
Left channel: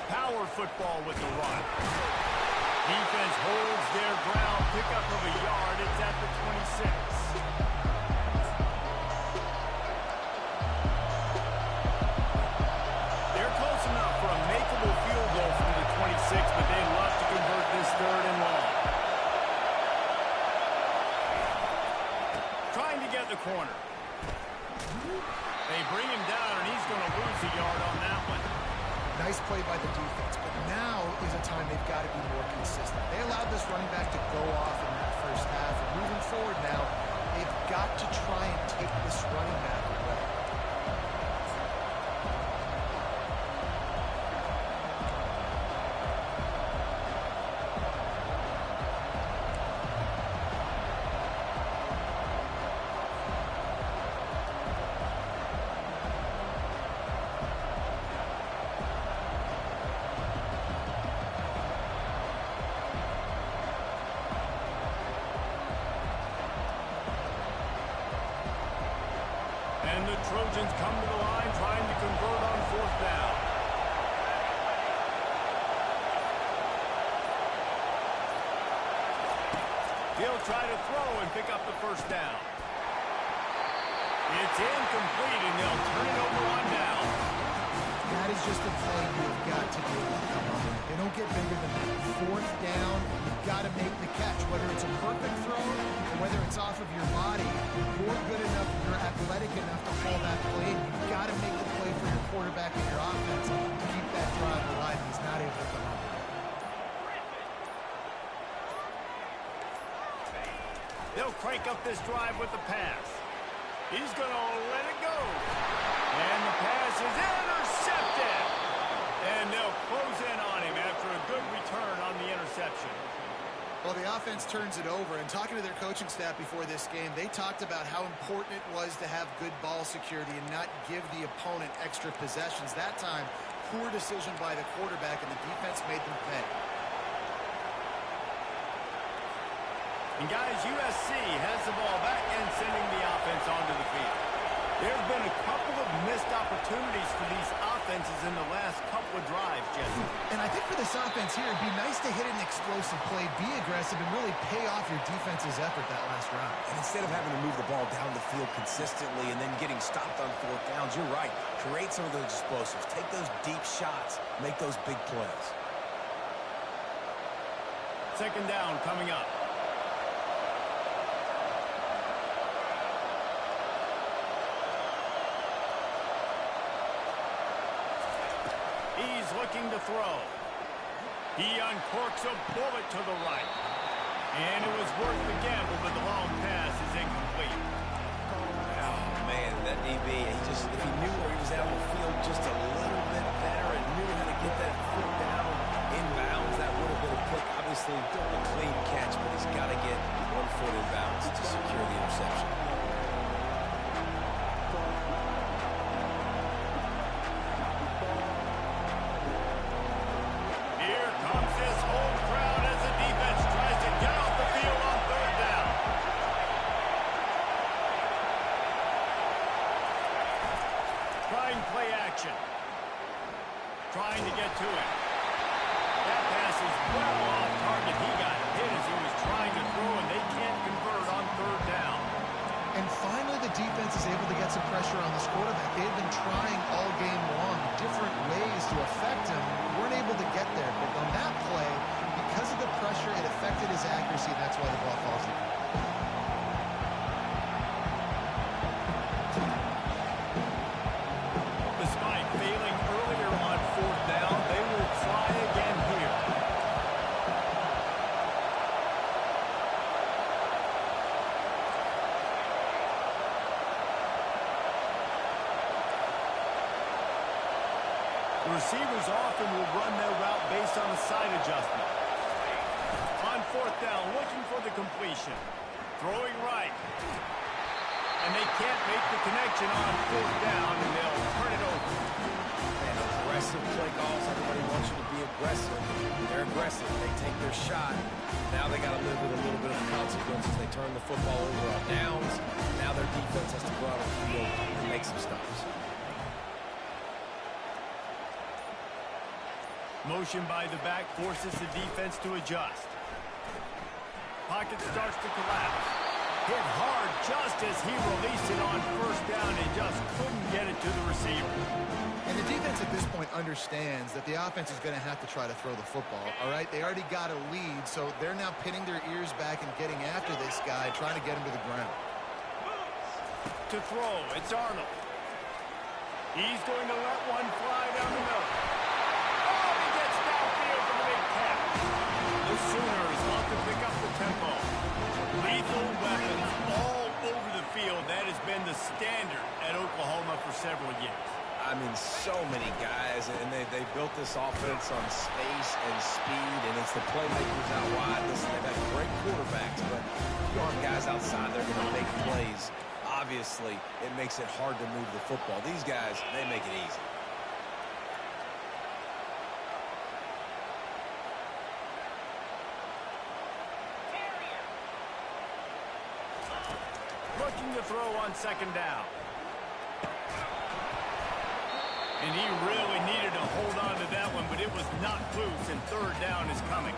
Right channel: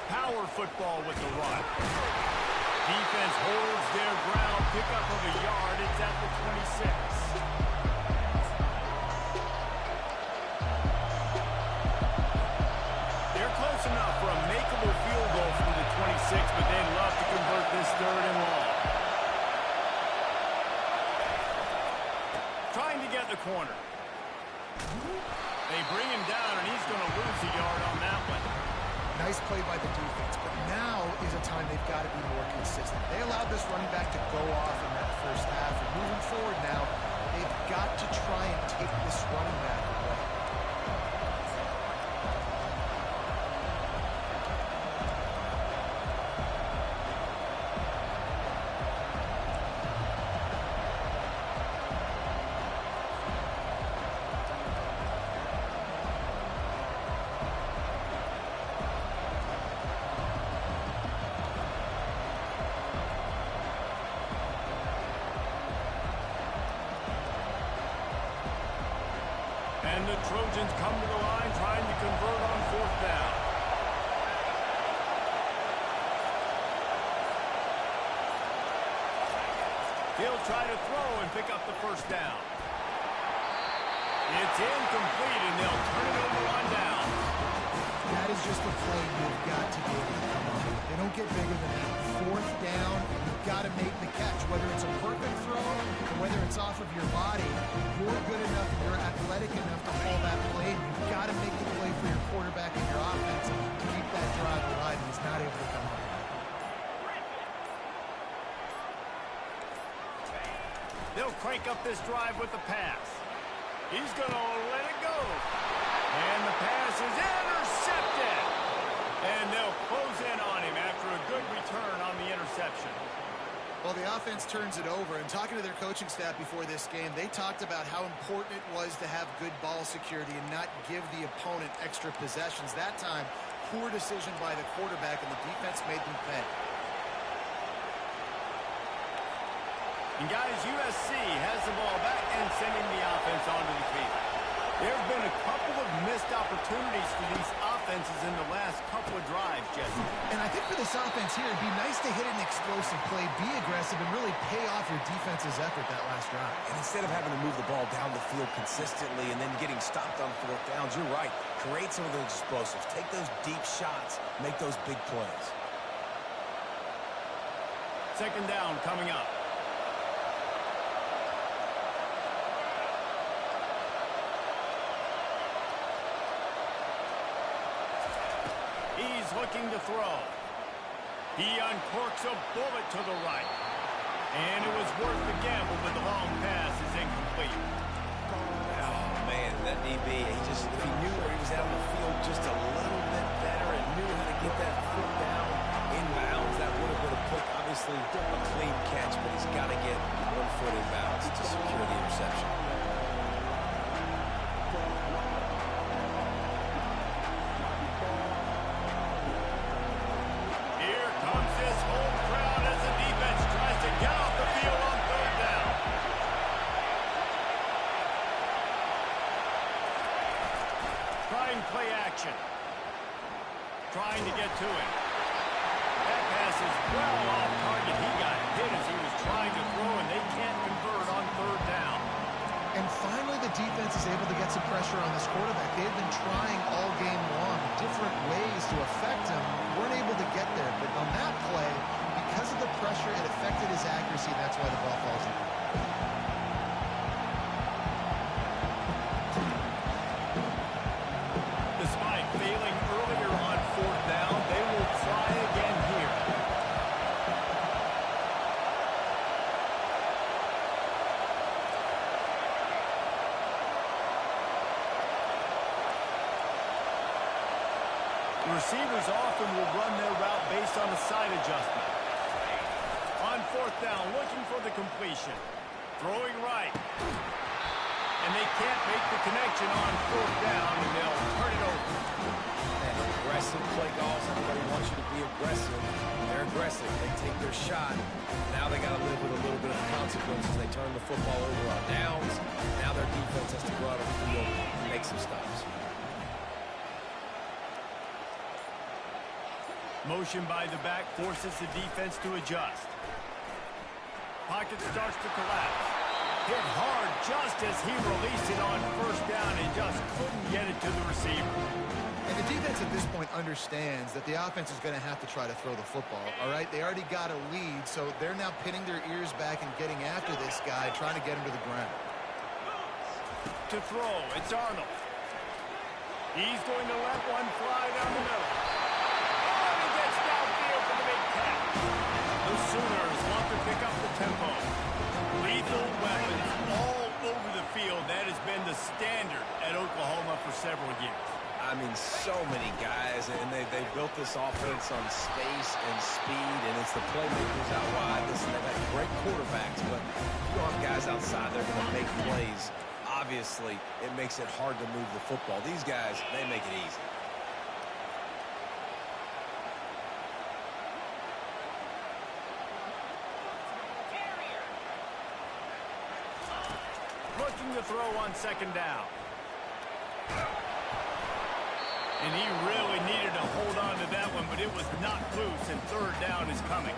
Power football with the run. Defense holds their ground. Pickup of a yard. It's at the 26. They're close enough for a makeable field goal from the 26, but they'd love to convert this 3rd and long. Trying to get the corner. They bring him down, and he's going to lose a yard on that one. Nice play by the defense, but now is a time they've got to be more consistent. They allowed this running back to go off in that first half, and moving forward now, they've got to try and take this running back away. And the Trojans come to the line trying to convert on 4th down. He'll try to throw and pick up the 1st down. It's incomplete, and they'll turn it over on down. That is just a play you've got to be able to come up with. They don't get bigger than that. 4th down, you've got to make the catch. Whether it's a perfect throw or whether it's off of your body, you're good enough and you're athletic enough to haul that play, and you've got to make the play for your quarterback and your offense to keep that drive alive, and he's not able to come up with it. They'll crank up this drive with the pass. He's going to let it go. And the pass is intercepted. And they'll close in on him after a good return on the interception. Well, the offense turns it over, and talking to their coaching staff before this game, they talked about how important it was to have good ball security and not give the opponent extra possessions. That time, poor decision by the quarterback, and the defense made them pay. And guys, USC has the ball back and sending the offense onto the field. There have been a couple of missed opportunities for these offenses in the last couple of drives, Jesse. And I think for this offense here, it'd be nice to hit an explosive play, be aggressive, and really pay off your defense's effort that last drive. And instead of having to move the ball down the field consistently and then getting stopped on 4th downs, you're right. Create some of those explosives. Take those deep shots. Make those big plays. 2nd down coming up. He's looking to throw. He uncorks a bullet to the right. And it was worth the gamble, but the long pass is incomplete. Oh, man, that DB, if he knew where he was out on the field just a little bit better and knew how to get that foot down inbounds, that would have been a pick. Obviously, a clean catch, but he's got to get 1 foot inbounds to secure the interception. Play action. Trying to get to him. That pass is well off target. He got hit as he was trying to throw, and they can't convert on 3rd down. And finally, the defense is able to get some pressure on this quarterback. They had been trying all game long different ways to affect him. Weren't able to get there. But on that play, because of the pressure, it affected his accuracy, and that's why the ball falls in. Despite failing earlier on 4th down, they will try again here. The receivers often will run their route based on a side adjustment. On fourth down, looking for the completion. Throwing right. And they can't make the connection on fourth down, and they'll turn it over. Man, aggressive play calls. Everybody wants you to be aggressive. They're aggressive. They take their shot. Now they got to live with a little bit of the consequences. They turn the football over on downs. Now their defense has to go out on the field and make some stops. Motion by the back forces the defense to adjust. Pocket starts to collapse. Hit hard just as he released it on first down and just couldn't get it to the receiver. And the defense at this point understands that the offense is going to have to try to throw the football, all right? They already got a lead, so they're now pinning their ears back and getting after this guy, trying to get him to the ground. To throw, it's Arnold. He's going to let one fly down the middle. Oh, and he gets downfield for the big catch. The Sooners want to pick up the tempo. Lethal weapons all over the field. That has been the standard at Oklahoma for several years. I mean, so many guys, and they built this offense on space and speed, and it's the playmakers out wide. Listen, they've had great quarterbacks, but if you don't have guys outside, they're going to make plays. Obviously, it makes it hard to move the football. These guys, they make it easy. Looking to throw on second down. And he really needed to hold on to that one, but it was knocked loose, and third down is coming.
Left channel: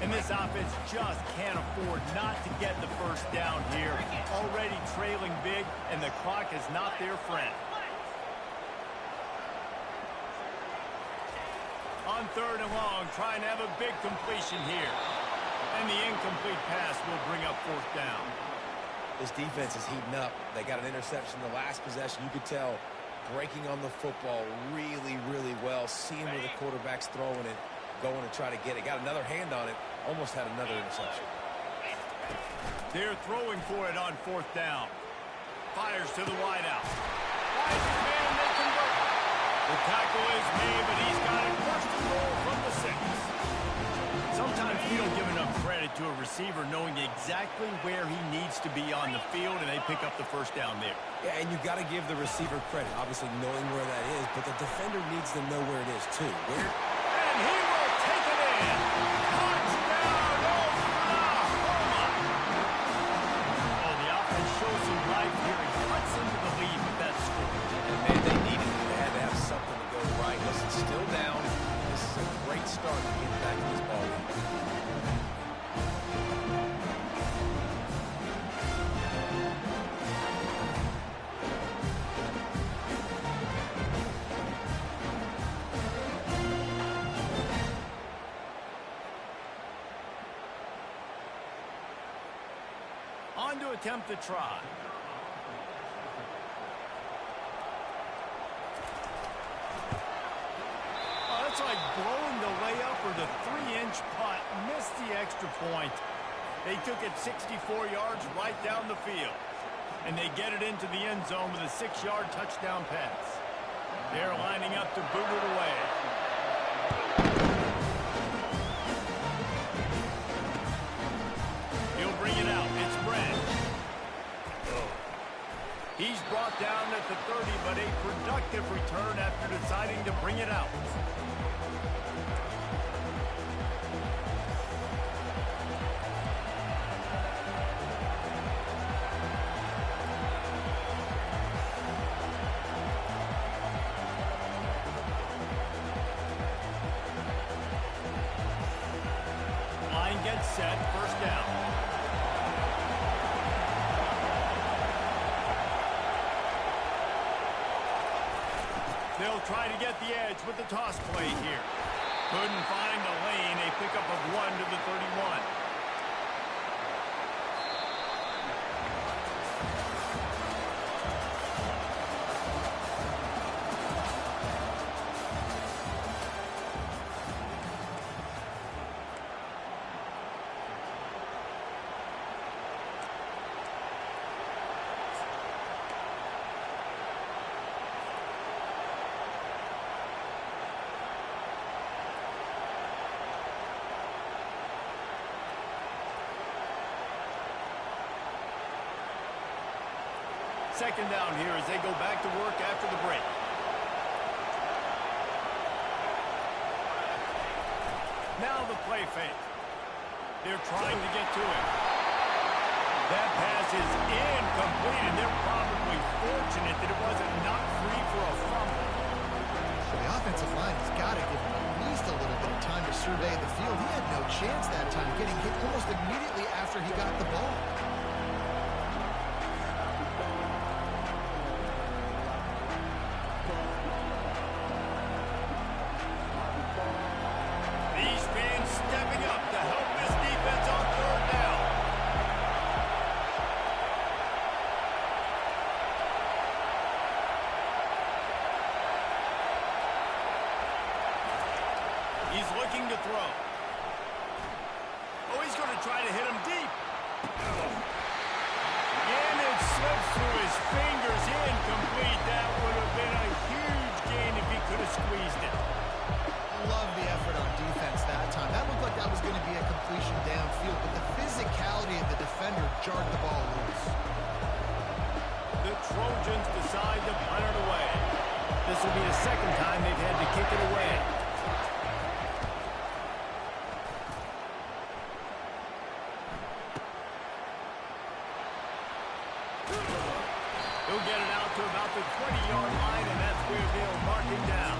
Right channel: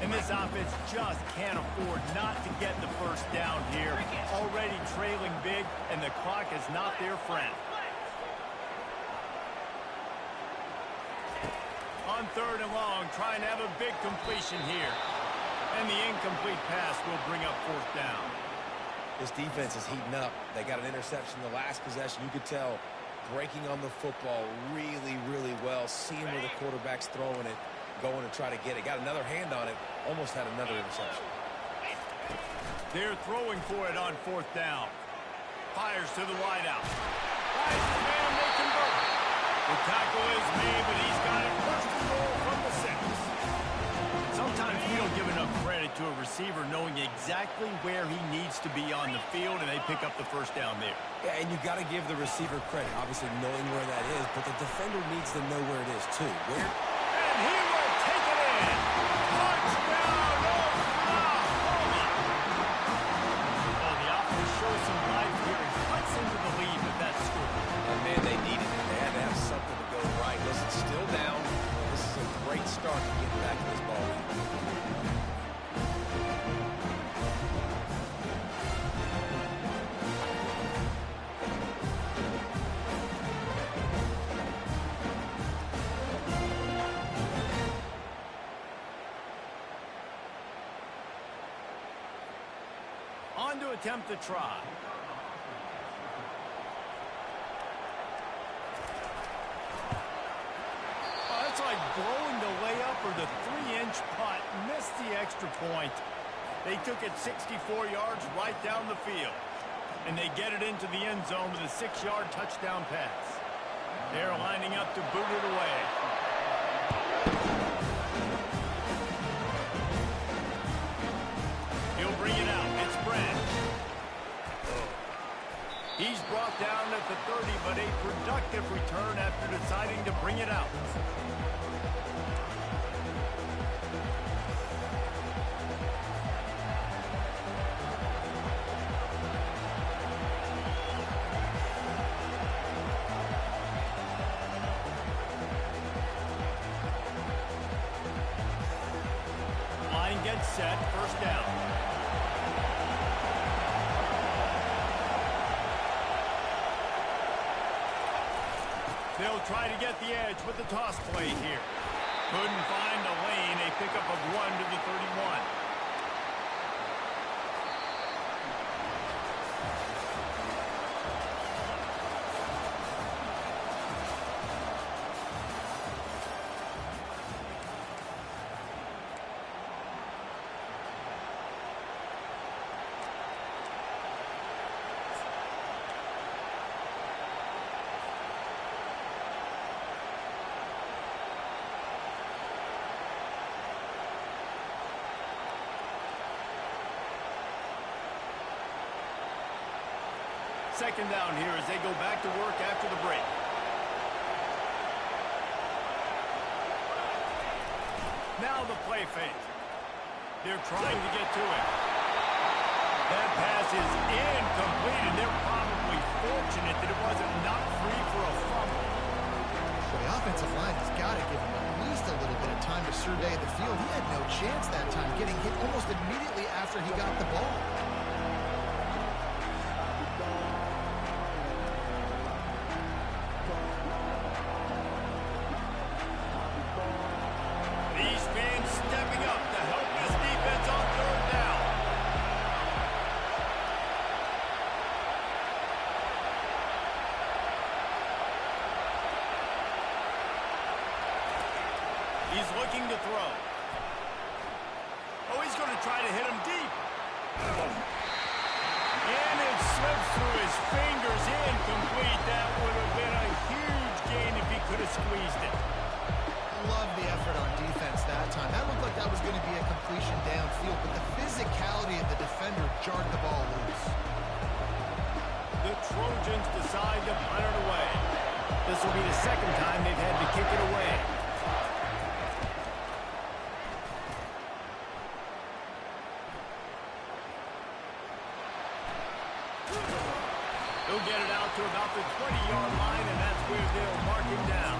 And this offense just can't afford not to get the first down here. Already trailing big, and the clock is not their friend. On third and long, trying to have a big completion here. And the incomplete pass will bring up fourth down. This defense is heating up. They got an interception the last possession. You could tell breaking on the football really, really well. Seeing where the quarterback's throwing it, going to try to get it. Got another hand on it. Almost had another interception. They're throwing for it on fourth down. Fires to the wideout. Finds his man, and they convert. The tackle is made, but he's got it first and goal from the 6. Sometimes we don't give enough credit to a receiver knowing exactly where he needs to be on the field, and they pick up the first down there. Yeah, and you got to give the receiver credit, obviously knowing where that is, but the defender needs to know where it is too. And he will take it in. Touchdown, Oklahoma! Oh, the offense shows some life here and cuts into the lead with that score. And man, they needed it. They had to have something to go right. Listen, still down. This is a great start to get back in this ball game. On to attempt the try. That's like blowing the layup or the 3-inch putt. Missed the extra point. They took it 64 yards right down the field. And they get it into the end zone with a 6-yard touchdown pass. They're lining up to boot it away. He'll bring it out. It's Branch. He's brought down at the 30, but a productive return after deciding to bring it out. Line gets set, first down. They'll try to get the edge with the toss play here. Couldn't find a lane, a pickup of 1 to the 31. Second down here as they go back to work after the break. Now the play fake. They're trying to get to him. That pass is incomplete, and they're probably fortunate that it wasn't knocked free for a fumble. So the offensive line has got to give him at least a little bit of time to survey the field. He had no chance that time, getting hit almost immediately after he got the ball. These fans stepping up to help this defense on third down. He's looking to throw. Oh, he's going to try to hit him deep. And it slips through his fingers, incomplete. That would have been a huge gain if he could have squeezed it. Love the effort on defense that time. That looked like that was going to be a completion downfield, but the physicality of the defender jarred the ball loose. The Trojans decide to punt it away. This will be the second time they've had to kick it away. He'll get it out to about the 20-yard line, and that's where they'll mark him down.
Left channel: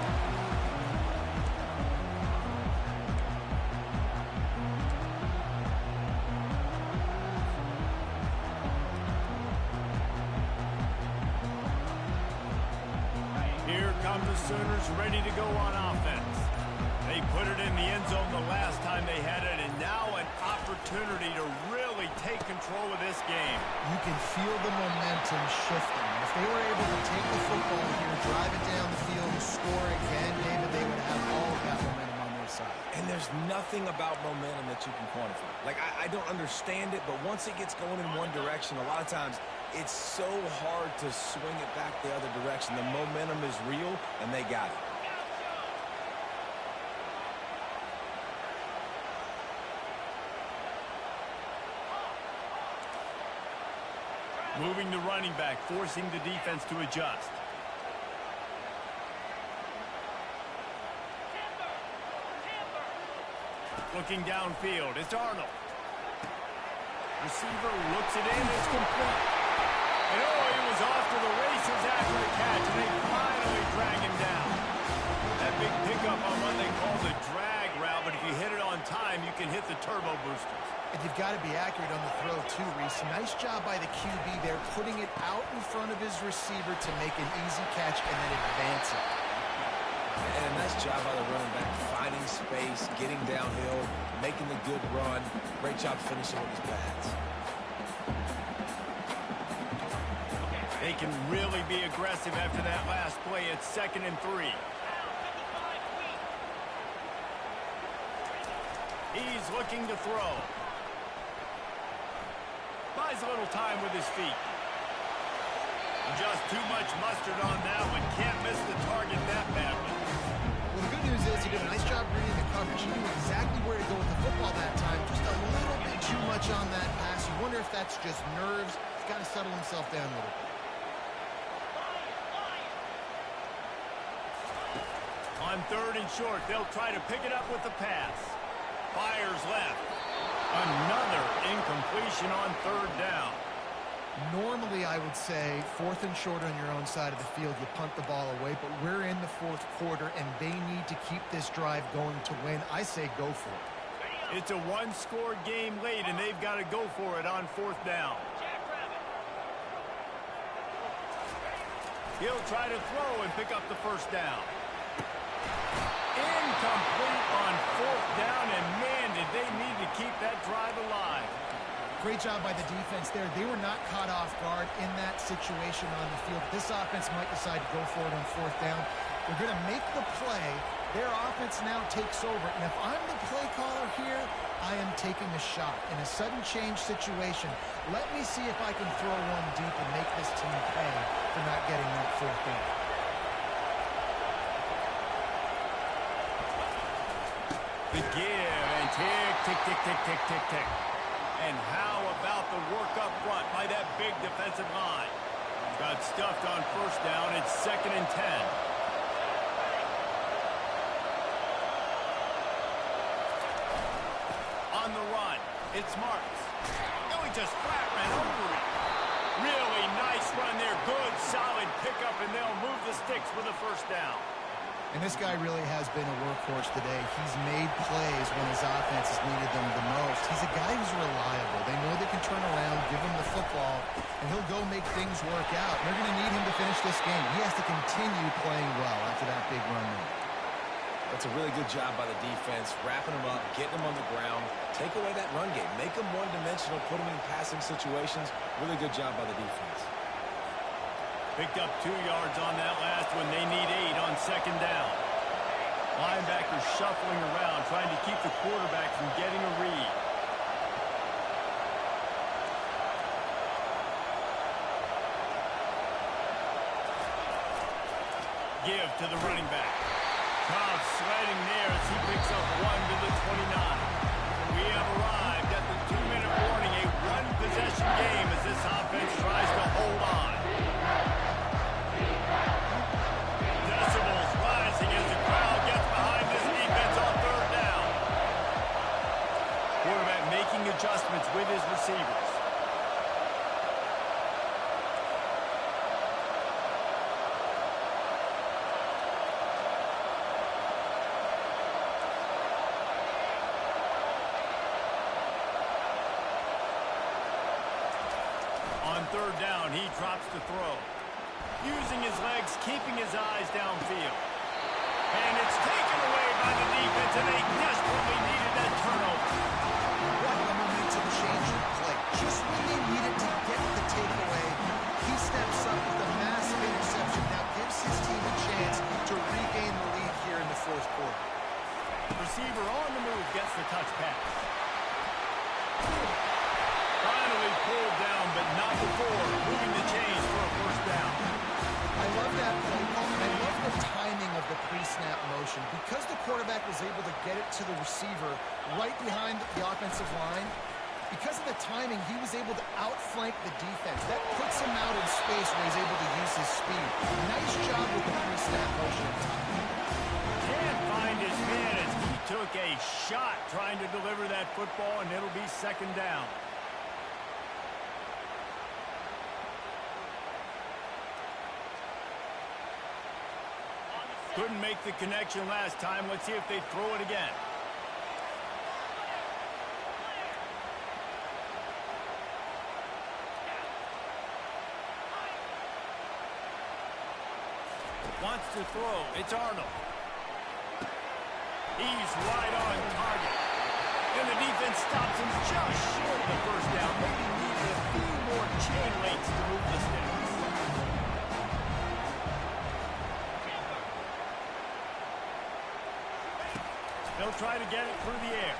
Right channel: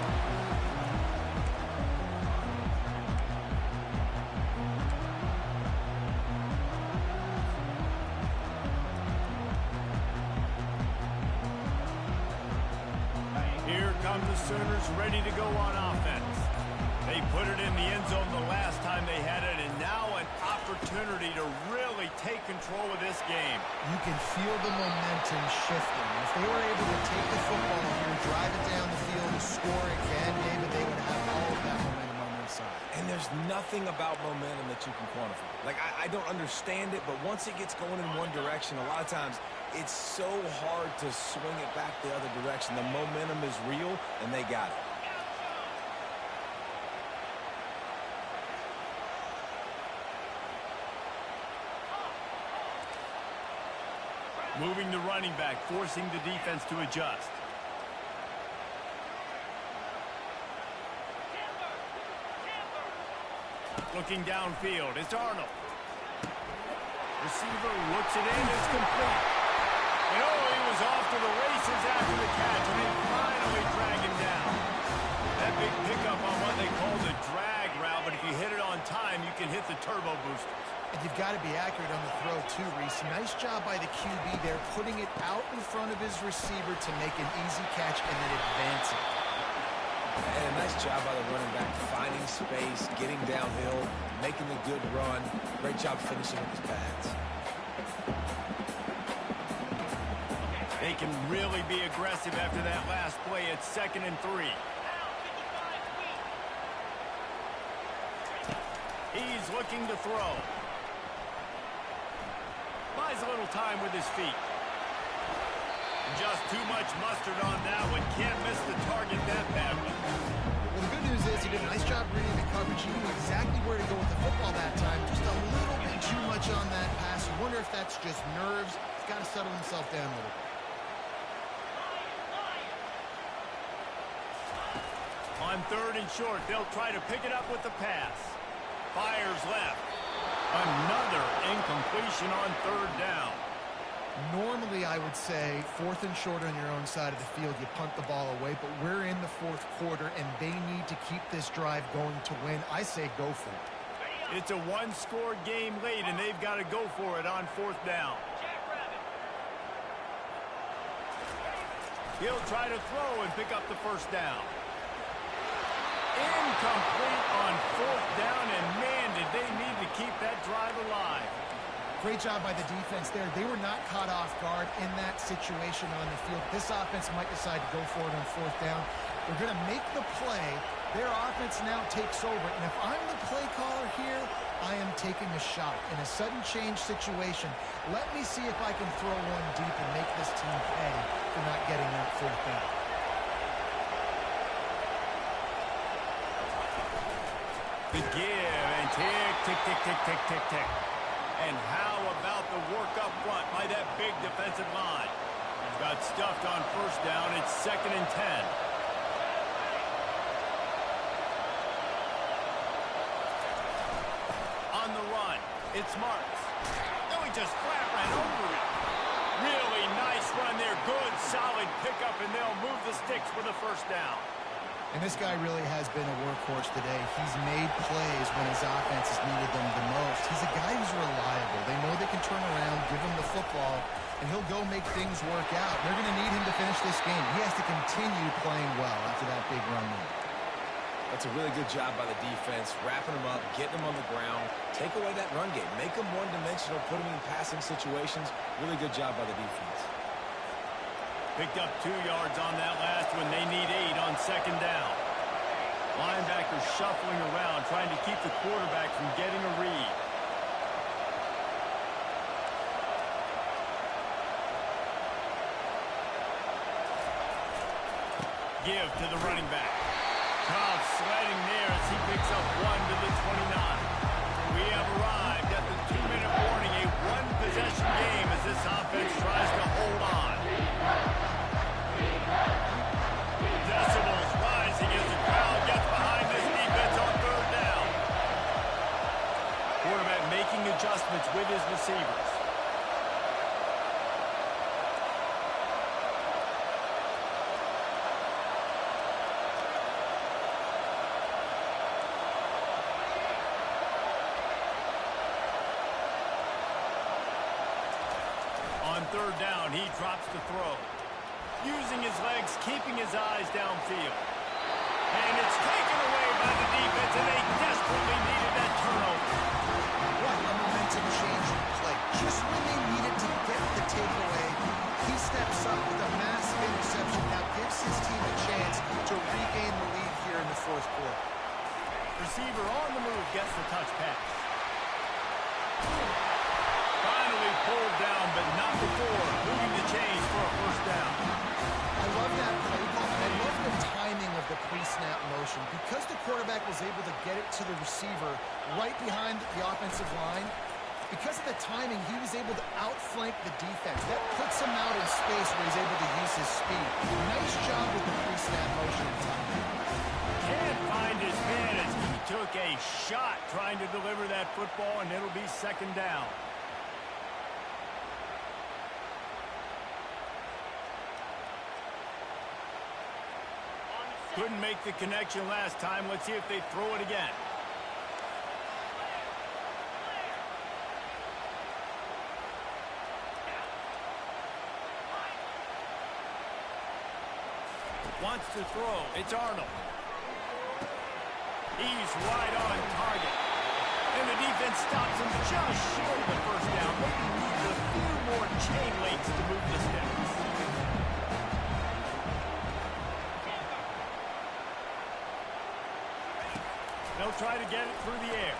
Here come the Sooners ready to go on offense. They put it in the end zone the last time they had it, and now an opportunity to really take control of this game. You can feel the momentum shifting. If they were able to take the football here, drive it down the field, and score again, David, they would have all of that momentum on their side. And there's nothing about momentum that you can quantify. Like, I don't understand it, but once it gets going in one direction, a lot of times it's so hard to swing it back the other direction. The momentum is real, and they got it. Moving the running back, forcing the defense to adjust. Looking downfield, it's Arnold. Receiver looks it in, it's complete. And oh, he was off to the races after the catch, and they finally drag him down. That big pickup on what they call the drag route, but if you hit it on time, you can hit the turbo boosters. And you've got to be accurate on the throw, too, Reese. Nice job by the QB there, putting it out in front of his receiver to make an easy catch and then advance it. And a nice job by the running back, finding space, getting downhill, making the good run. Great job finishing with his pads. They can really be aggressive after that last play. It's 2nd and 3. He's looking to throw. Buys a little time with his feet. Just too much mustard on that one. Can't miss the target that badly. Well, the good news is he did a nice job reading the coverage. He knew exactly where to go with the football that time. Just a little bit too much on that pass. You wonder if that's just nerves. He's got to settle himself down a little bit. On 3rd and short, they'll try to pick it up with the pass. Fires left. Another incompletion on 3rd down. Normally, I would say 4th and short on your own side of the field, you punt the ball away, but we're in the 4th quarter, and they need to keep this drive going to win. I say go for it. It's a one-score game late, and they've got to go for it on 4th down. He'll try to throw and pick up the 1st down. Incomplete on 4th down, and man, did they need to keep that drive alive. Great job by the defense there. They were not caught off guard in that situation on the field. This offense might decide to go for it on 4th down. They're going to make the play. Their offense now takes over, and if I'm the play caller here, I am taking a shot. In a sudden change situation, let me see if I can throw one deep and make this team pay for not getting that 4th down. The give and tick, tick, tick, tick, tick, tick, tick. And how about the work up front by that big defensive line? Got stuffed on first down. It's 2nd and 10. On the run, it's Marks. No, he just flat ran over it. Really nice run there. Good, solid pickup, and they'll move the sticks with a first down. And this guy really has been a workhorse today. He's made plays when his offense has needed them the most. He's a guy who's reliable. They know they can turn around, give him the football, and he'll go make things work out. They're going to need him to finish this game. He has to continue playing well after that big run there. That's a really good job by the defense, wrapping them up, getting them on the ground, take away that run game, make them one-dimensional, put them in passing situations. Really good job by the defense. Picked up 2 yards on that last one. They need 8 on 2nd down. Linebackers shuffling around, trying to keep the quarterback from getting a read. Give to the running back. Cobb sliding there as he picks up 1 to the 29. We have arrived at the 2-minute warning, a one-possession game as this offense tries to hold on. Decibels rising as the crowd gets behind this defense on 3rd down. Quarterback making adjustments with his receivers. On 3rd down, he drops to throw. Using his legs, keeping his eyes downfield. And it's taken away by the defense, and they desperately needed that turnover. What a momentum-changing play. Just when they needed to get the takeaway, he steps up with a massive interception. Now gives his team a chance to regain the lead here in the 4th quarter. Receiver on the move gets the touch pass. Finally pulled down, but not before moving the chains for a first down. I love that play call, and I love the timing of the pre-snap motion. Because the quarterback was able to get it to the receiver right behind the offensive line, because of the timing, he was able to outflank the defense. That puts him out in space where he's able to use his speed. Nice job with the pre-snap motion and timing. Can't find his man as he took a shot trying to deliver that football, and it'll be 2nd down. Couldn't make the connection last time. Let's see if they throw it again. Wants to throw. It's Arnold. He's right on target. And the defense stops him just short of the first down. Maybe needed a few more chain links to move the sticks. They'll try to get it through the air.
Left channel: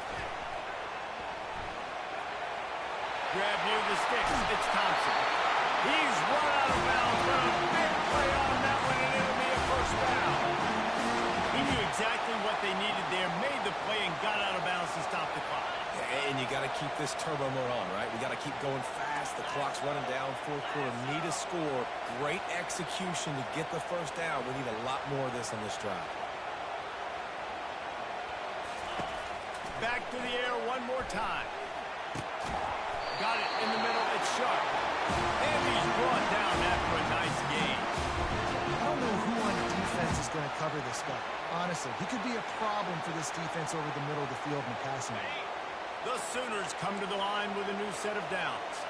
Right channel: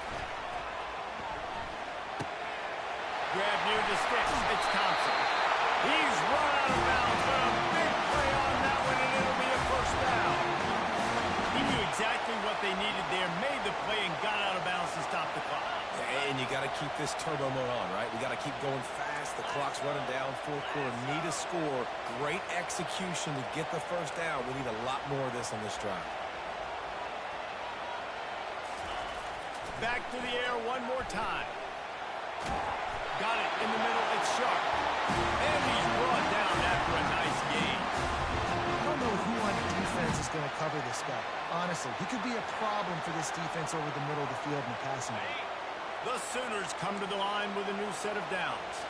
Grab near the sticks. It's Thompson. He's run out of bounds, but a big play on that one, and it'll be a first down. He knew exactly what they needed there, made the play, and got out of bounds to stop the clock. And you got to keep this turbo mode on, right? We got to keep going fast. The clock's running down. 4th quarter, need a score. Great execution to get the first down. We need a lot more of this on this drive. Back to the air one more time. Got it in the middle. It's Sharp. And he's brought down after a nice gain. I don't know who on defense is going to cover this guy. Honestly, he could be a problem for this defense over the middle of the field in the passing game. The Sooners come to the line with a new set of downs.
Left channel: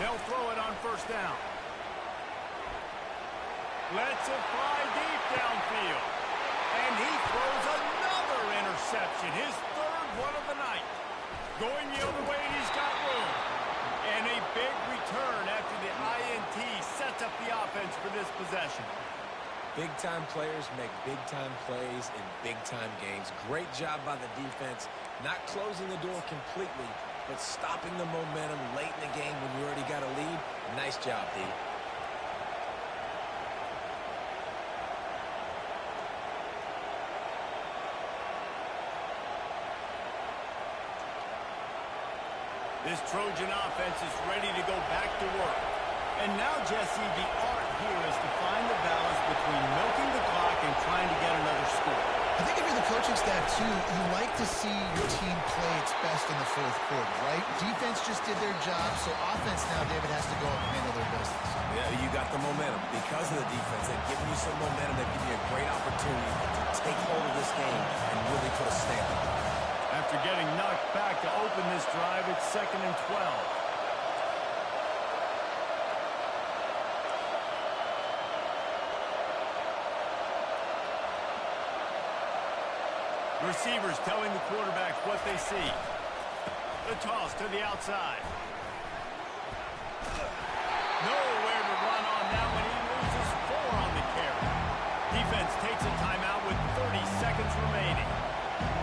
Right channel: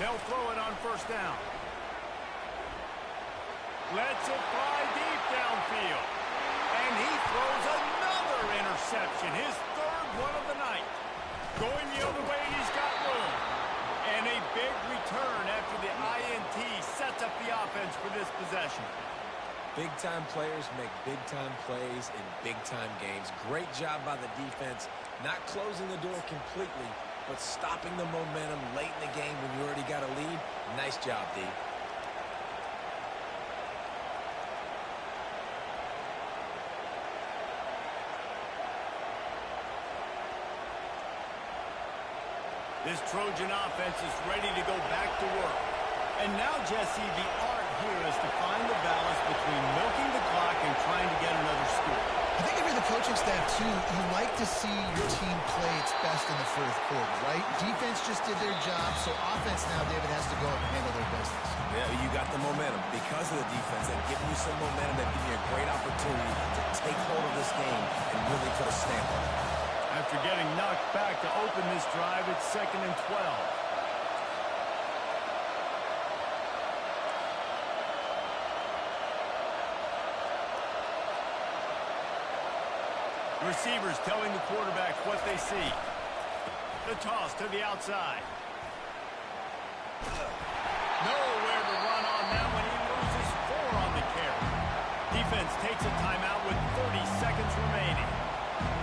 They'll throw it on first down. Lets it fly deep downfield. And he throws another interception, his 3rd one of the night. Going the other way, he's got room. And a big return after the INT sets up the offense for this possession. Big-time players make big-time plays in big-time games. Great job by the defense, not closing the door completely, but stopping the momentum late in the game when you already got a lead. Nice job, D. This Trojan offense is ready to go back to work. And now, Jesse, the art here is to find the balance between milking the clock and trying to get another score. I think if you're the coaching staff, too, you like to see your team play its best in the fourth quarter, right? Defense just did their job, so offense now, David, has to go up and handle their business. Yeah, you got the momentum. Because of the defense, they've given you some momentum. They've given you a great opportunity to take hold of this game and really put a stamp on it. After getting knocked back to open this drive, it's 2nd and 12. Receivers telling the quarterback what they see. The toss to the outside. Nowhere to run on that one. He loses 4 on the carry. Defense takes a timeout with 30 seconds remaining.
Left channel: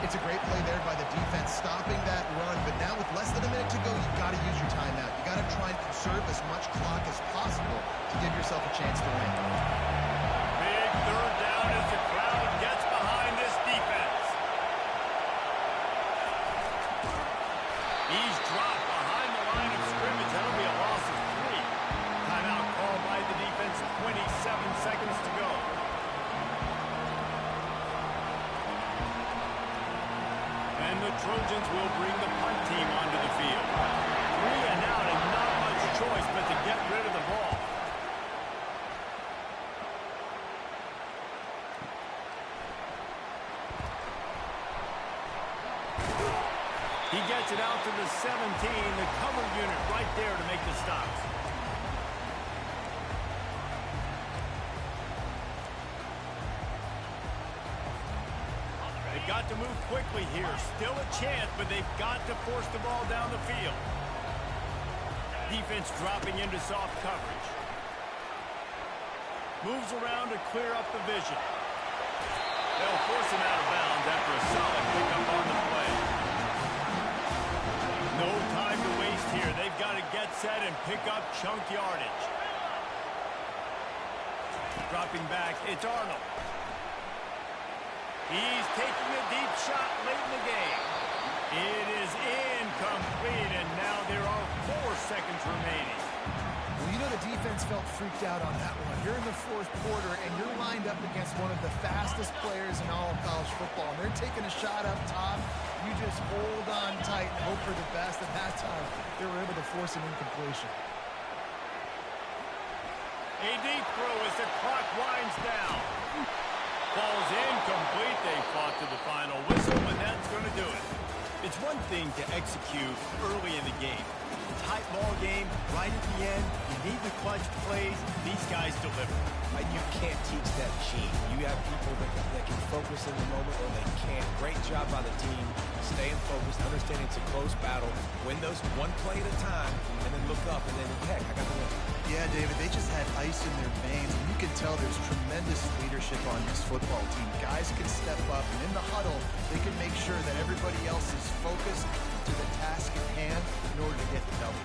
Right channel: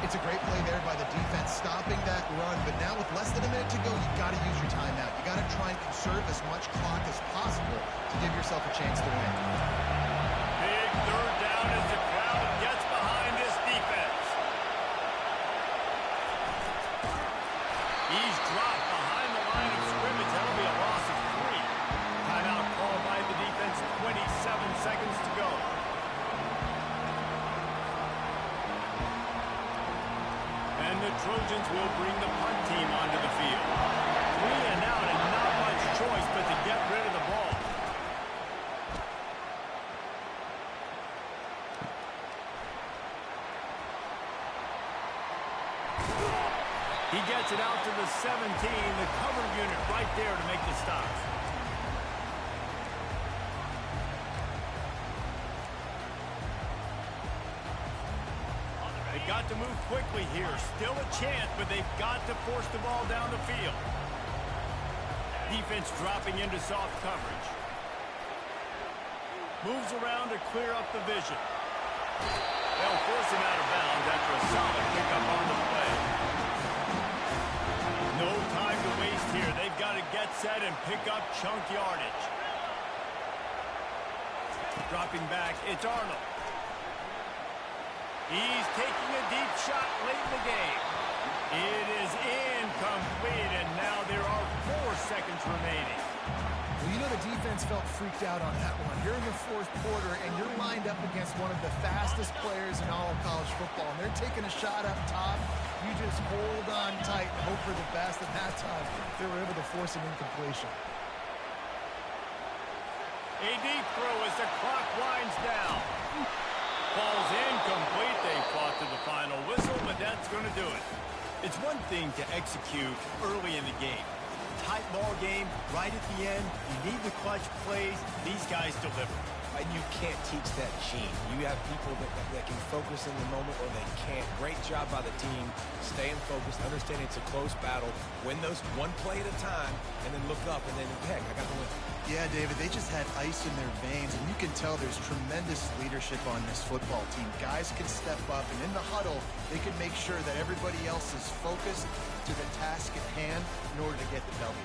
It's a great play there by the defense, stopping that run. But now with less than a minute to go, you got to use your timeout. You got to try and conserve as much clock as possible to give yourself a chance to win. Big 3rd down as the crowd gets behind this defense. He's dropped behind the line of scrimmage. That'll be a loss of 3. Timeout called by the defense. 27 seconds to go. And the Trojans will bring the punt team onto the field. 3 and out, and not much choice but to get rid of the ball. He gets it out to the 17, the cover unit right there to make the stops. They've got to move quickly here. Still a chance, but they've got to force the ball down the field. Defense dropping into soft coverage. Moves around to clear up the vision. They'll force him out of bounds after a solid pickup on the play. No time to waste here. They've got to get set and pick up chunk yardage. Dropping back, it's Arnold. He's taking a deep shot late in the game. It is incomplete, and now there are 4 seconds remaining. Well, you know the defense felt freaked out on that one. You're in the 4th quarter, and you're lined up against one of the fastest players in all of college football, and they're taking a shot up top. You just hold on tight and hope for the best, and that time they were able to force an incompletion. A deep throw as the clock winds down. Falls incomplete. They fought to the final whistle, but that's going to do it. It's one thing to execute early in the game. Tight ball game, right at the end. You need the clutch plays. These guys deliver. And you can't teach that gene. You have people that can focus in the moment or they can't. Great job by the team, staying focused, understanding it's a close battle, win those one play at a time, and then look up, and then, heck, I got the win. Yeah, David, they just had ice in their veins, and you can tell there's tremendous leadership on this football team. Guys can step up, and in the huddle, they can make sure that everybody else is focused to the task at hand in order to get the W.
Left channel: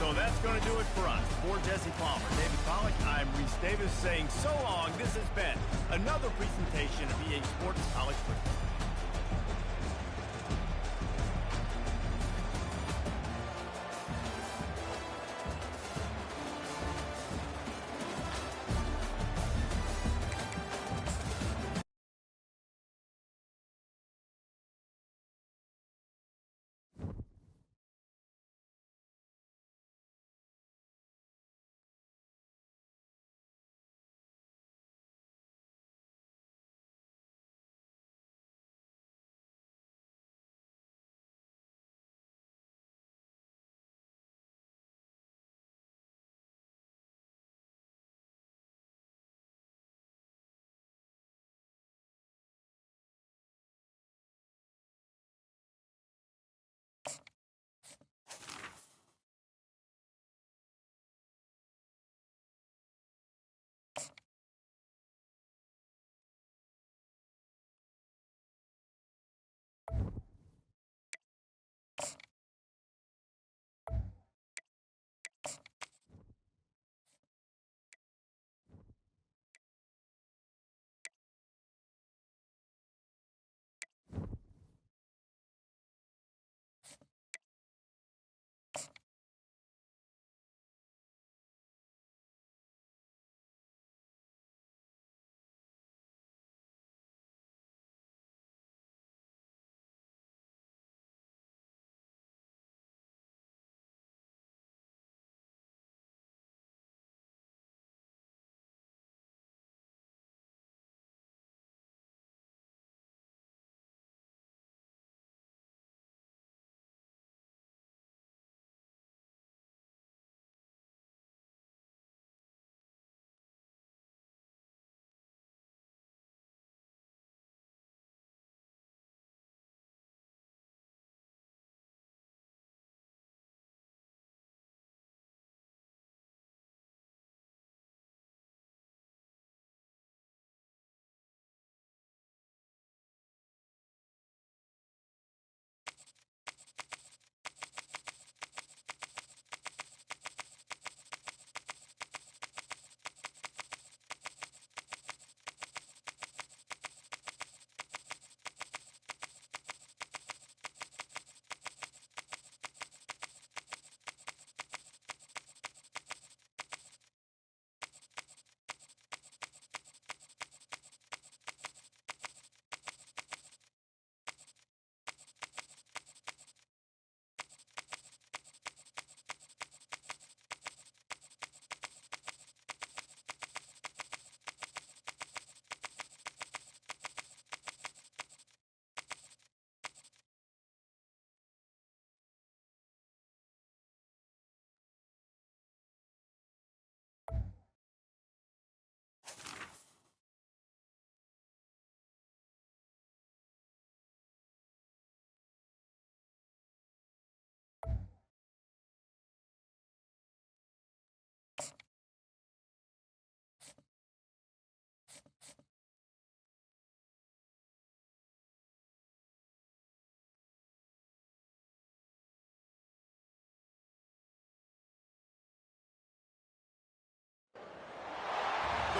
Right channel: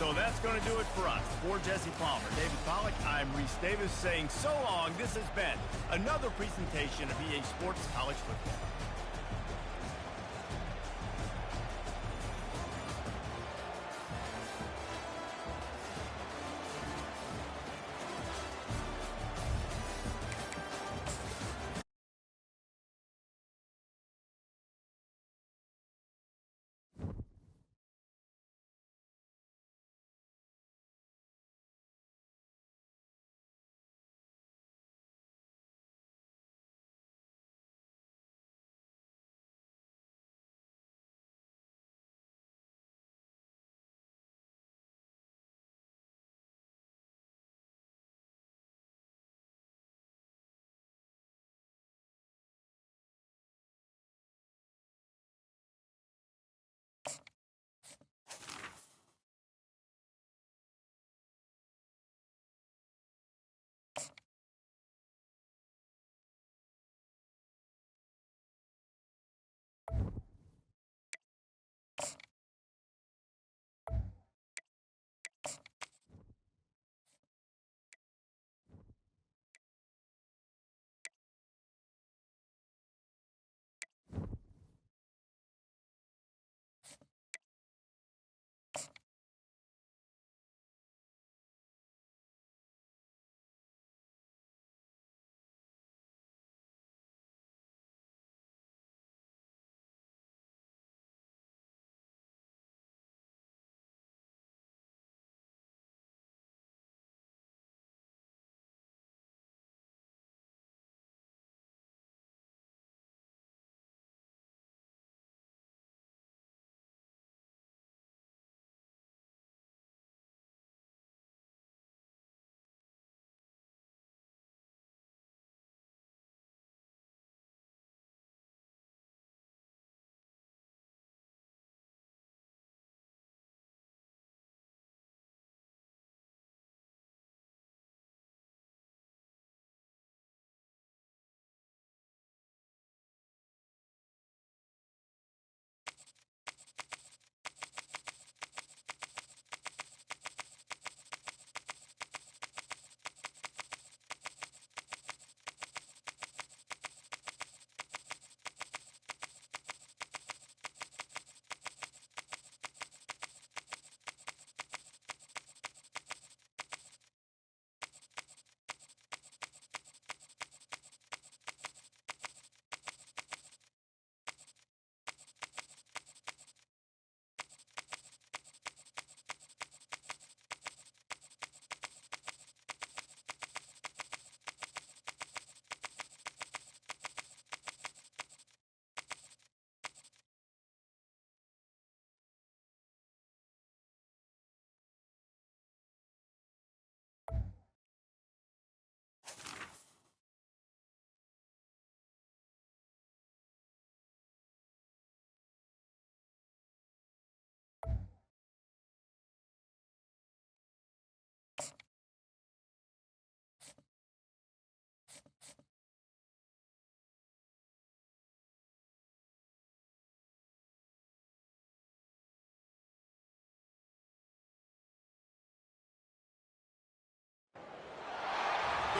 So that's going to do it for us. For Jesse Palmer, David Pollack, I'm Reese Davis saying so long. This has been another presentation of EA Sports College Football.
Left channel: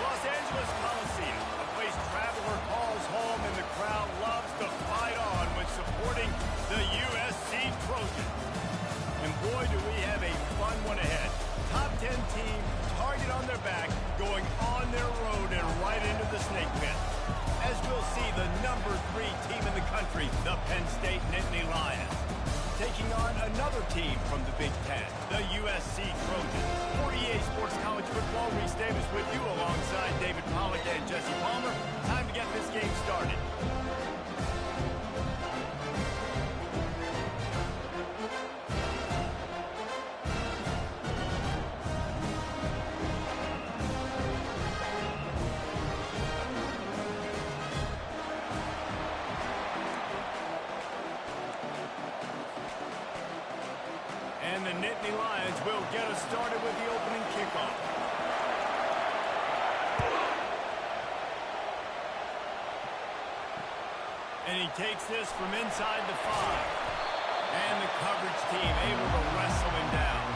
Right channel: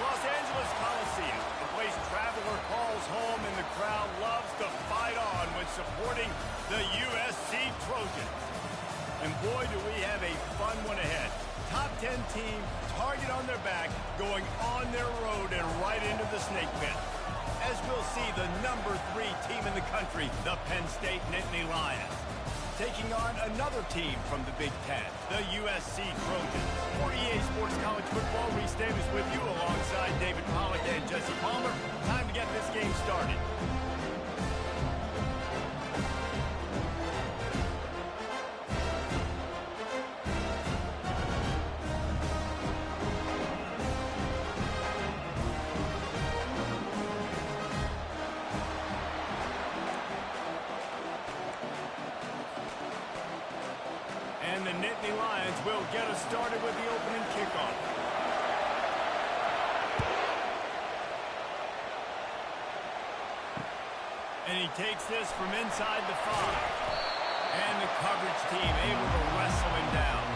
The Los Angeles Coliseum, a place traveler calls home, and the crowd loves to fight on when supporting the USC Trojans. And boy, do we have a fun one ahead. Top 10 team, target on their back, going on their road and right into the snake pit. As we'll see, the number 3 team in the country, the Penn State Nittany Lions, taking on another team from the Big Ten, the USC Trojans. For EA Sports College Football, Reese Davis with you alongside David Pollack and Jesse Palmer. Time to get this game started. And the Nittany Lions will get us started with the opening kickoff. And he takes this from inside the 5. And the coverage team able to wrestle him down.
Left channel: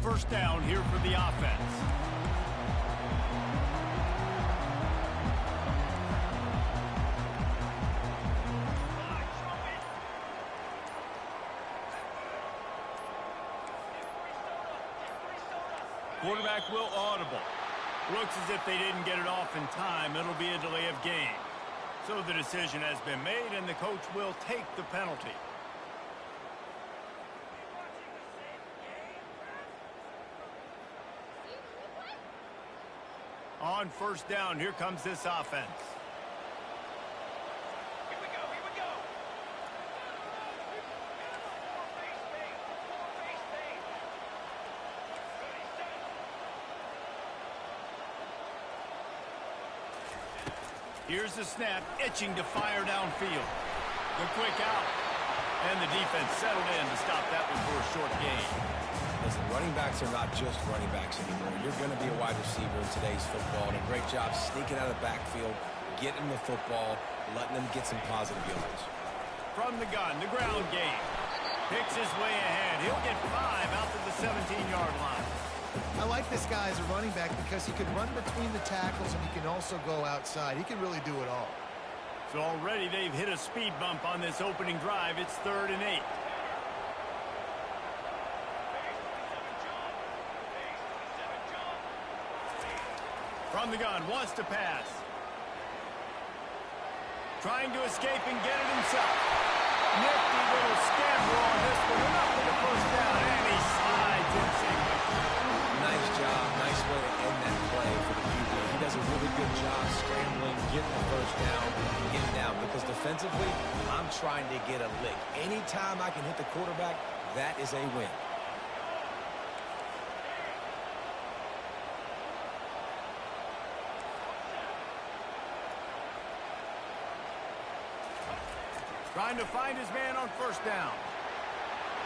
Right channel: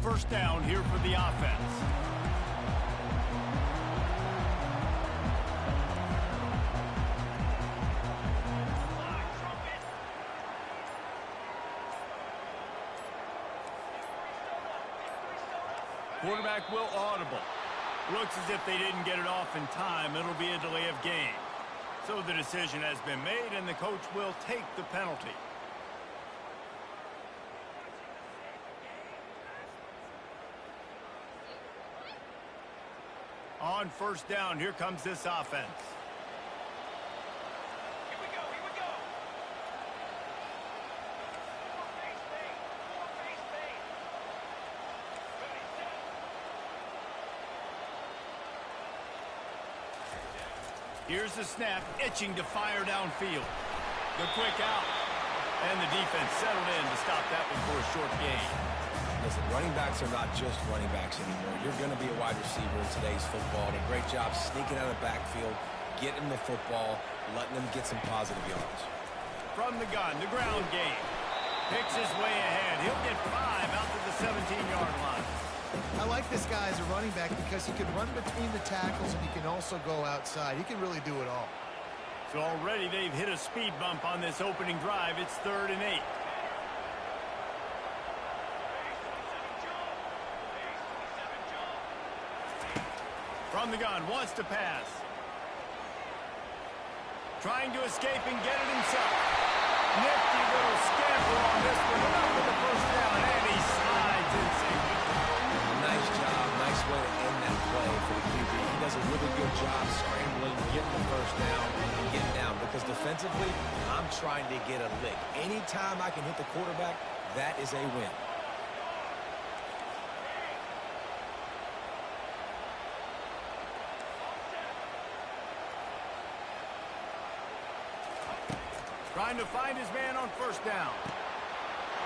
First down here for the offense. Quarterback will audible. Looks as if they didn't get it off in time. It'll be a delay of game. So the decision has been made, and the coach will take the penalty. On first down, here comes this offense. Here we go, here we go. Four base bait. Ready, set. Here's the snap, itching to fire downfield. The quick out. And the defense settled in to stop that one for a short gain. Listen, running backs are not just running backs anymore. You're going to be a wide receiver in today's football. And a great job sneaking out of the backfield, getting the football, letting them get some positive yards. From the gun, the ground game. Picks his way ahead. He'll get 5 out to the 17-yard line. I like this guy as a running back because he can run between the tackles and he can also go outside. He can really do it all. So already they've hit a speed bump on this opening drive. It's 3rd and 8. Base 27 jump. Base From the gun, wants to pass. Trying to escape and get it himself. Nifty little scamper on this one. Enough for the first down, and he slides in safely. Nice job. Nice way to end that play for the QB. He does a really good job scrambling, getting the first down, and getting down. Because defensively, I'm trying to get a lick. Anytime I can hit the quarterback, that is a win. Trying to find his man on first down.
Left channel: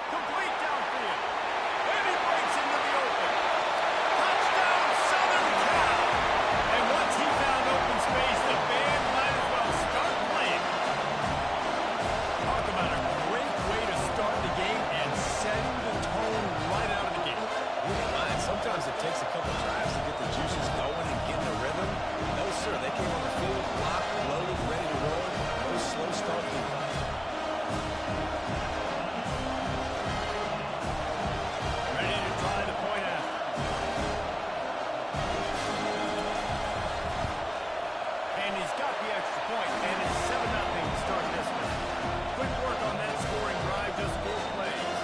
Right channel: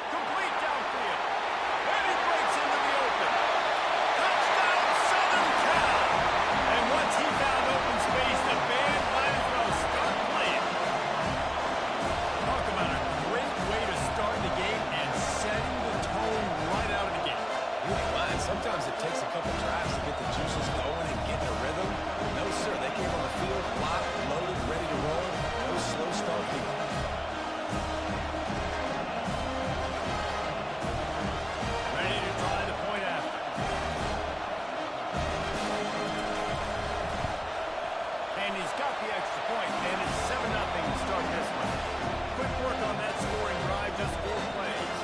Complete downfield. And he breaks into the open. Touchdown, Southern Cal! And once he found open space, the band might as well start playing. Talk about a great way to start the game and setting the tone right out of the gate. You ain't lying. Sometimes it takes a couple drives to get the juices going and get in a rhythm. No, sir. They came on the field, locked, loaded, ready to roll. No slow start here. Ready to try the point after. And he's got the extra point, and it's 7-0 to start this one. Quick work on that scoring drive, just 4 plays.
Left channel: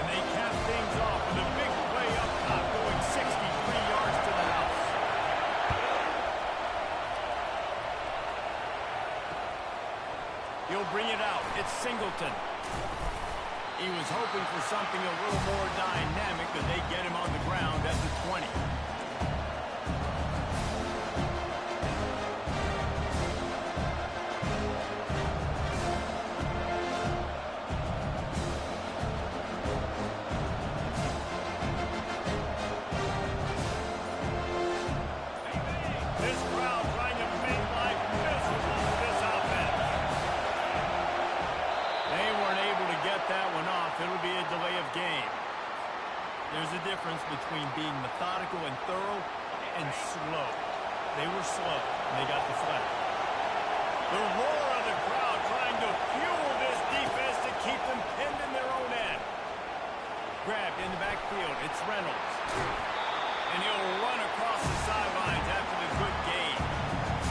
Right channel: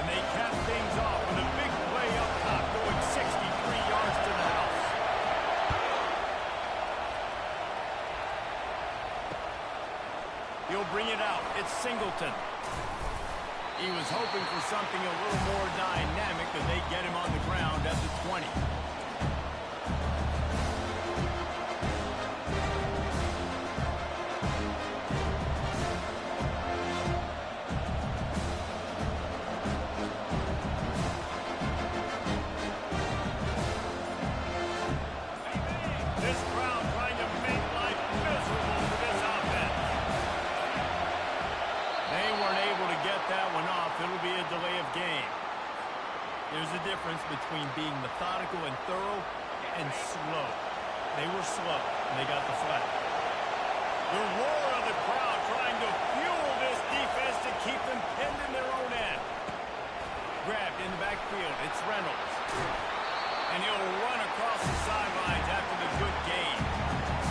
And they cap things off with a big play up top, going 63 yards to the house. He'll bring it out. It's Singleton. He was hoping for something a little more dynamic, but they get him on the ground at the 20. This crowd trying to make life miserable for this offense. They weren't able to get that one off. It'll be a delay of game. There's a difference between being methodical and thorough and slow. They were slow, and they got the flag. The roar of the crowd trying to fuel this defense to keep them pinned in their own end. Grabbed in the backfield. It's Reynolds. And he'll run across the sidelines after the good gain.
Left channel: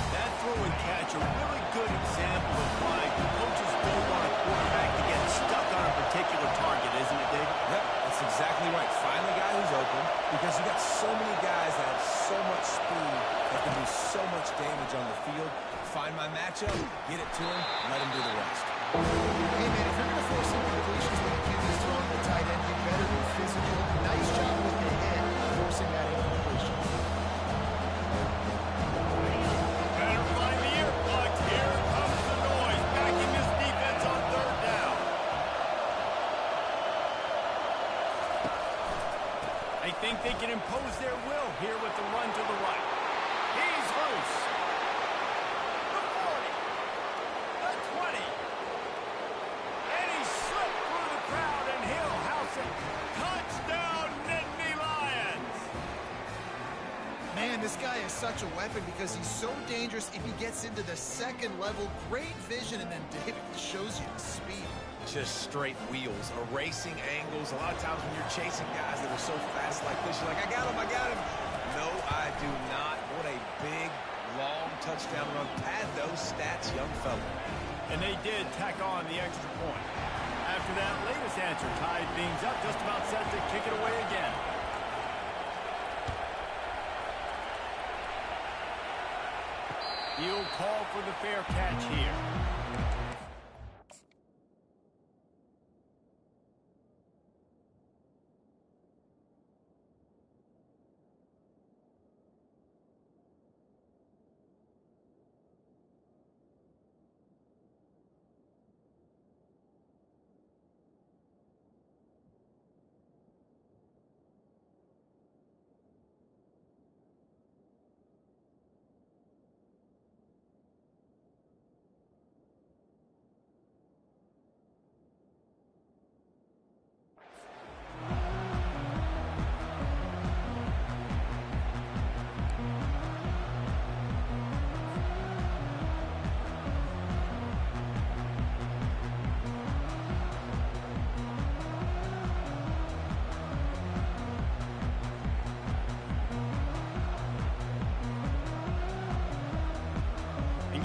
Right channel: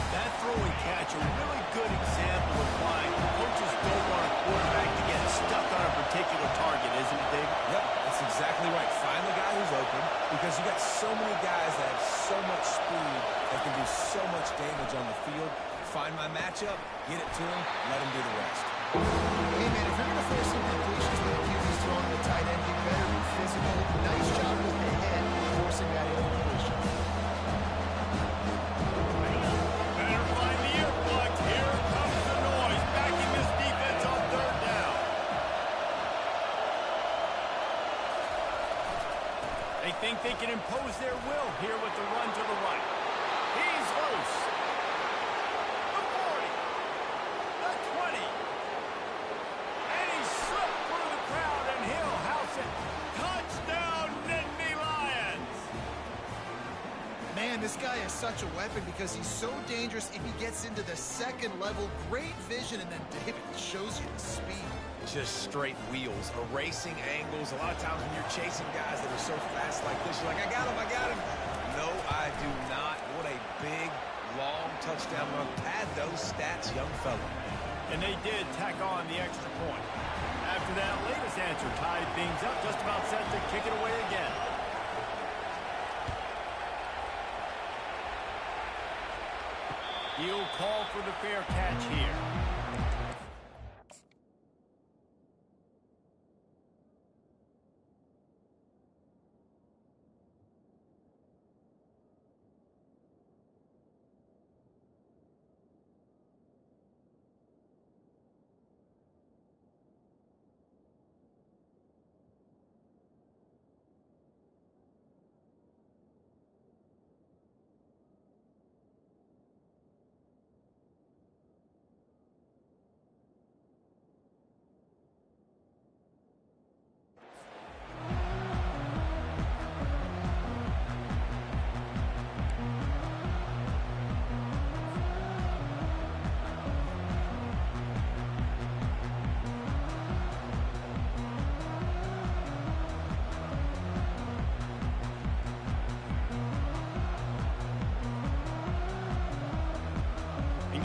That throw and catch, a really good example of why coaches don't want a quarterback to get stuck on a particular target, isn't it, Dave? Yep, that's exactly right. Find the guy who's open, because you got so many guys that have so much speed that can do so much damage on the field. Find my matchup, get it to him, let him do the rest. Hey, man, if you're going to force some completions when the QB's throwing the tight end, you better be physical. Nice job with the hit, forcing that incompletion. Better find the earplugs. Here comes the noise, backing this defense on third down. They think they can impose their will here with the run to the right. He's loose. The 40. The 20. And he slipped through the crowd, and he'll house it. Touchdown, Nittany Lions! Man, this guy is such a weapon because he's so dangerous if he gets into the second level. Great vision, and then David shows you the speed. Just straight wheels, erasing angles. A lot of times when you're chasing guys that are so fast like this, you're like, I got him, I got him. No, I do not. What a big, long touchdown run. Pad those stats, young fella. And they did tack on the extra point. After that latest answer tied things up, just about set to kick it away again. He'll call for the fair catch here.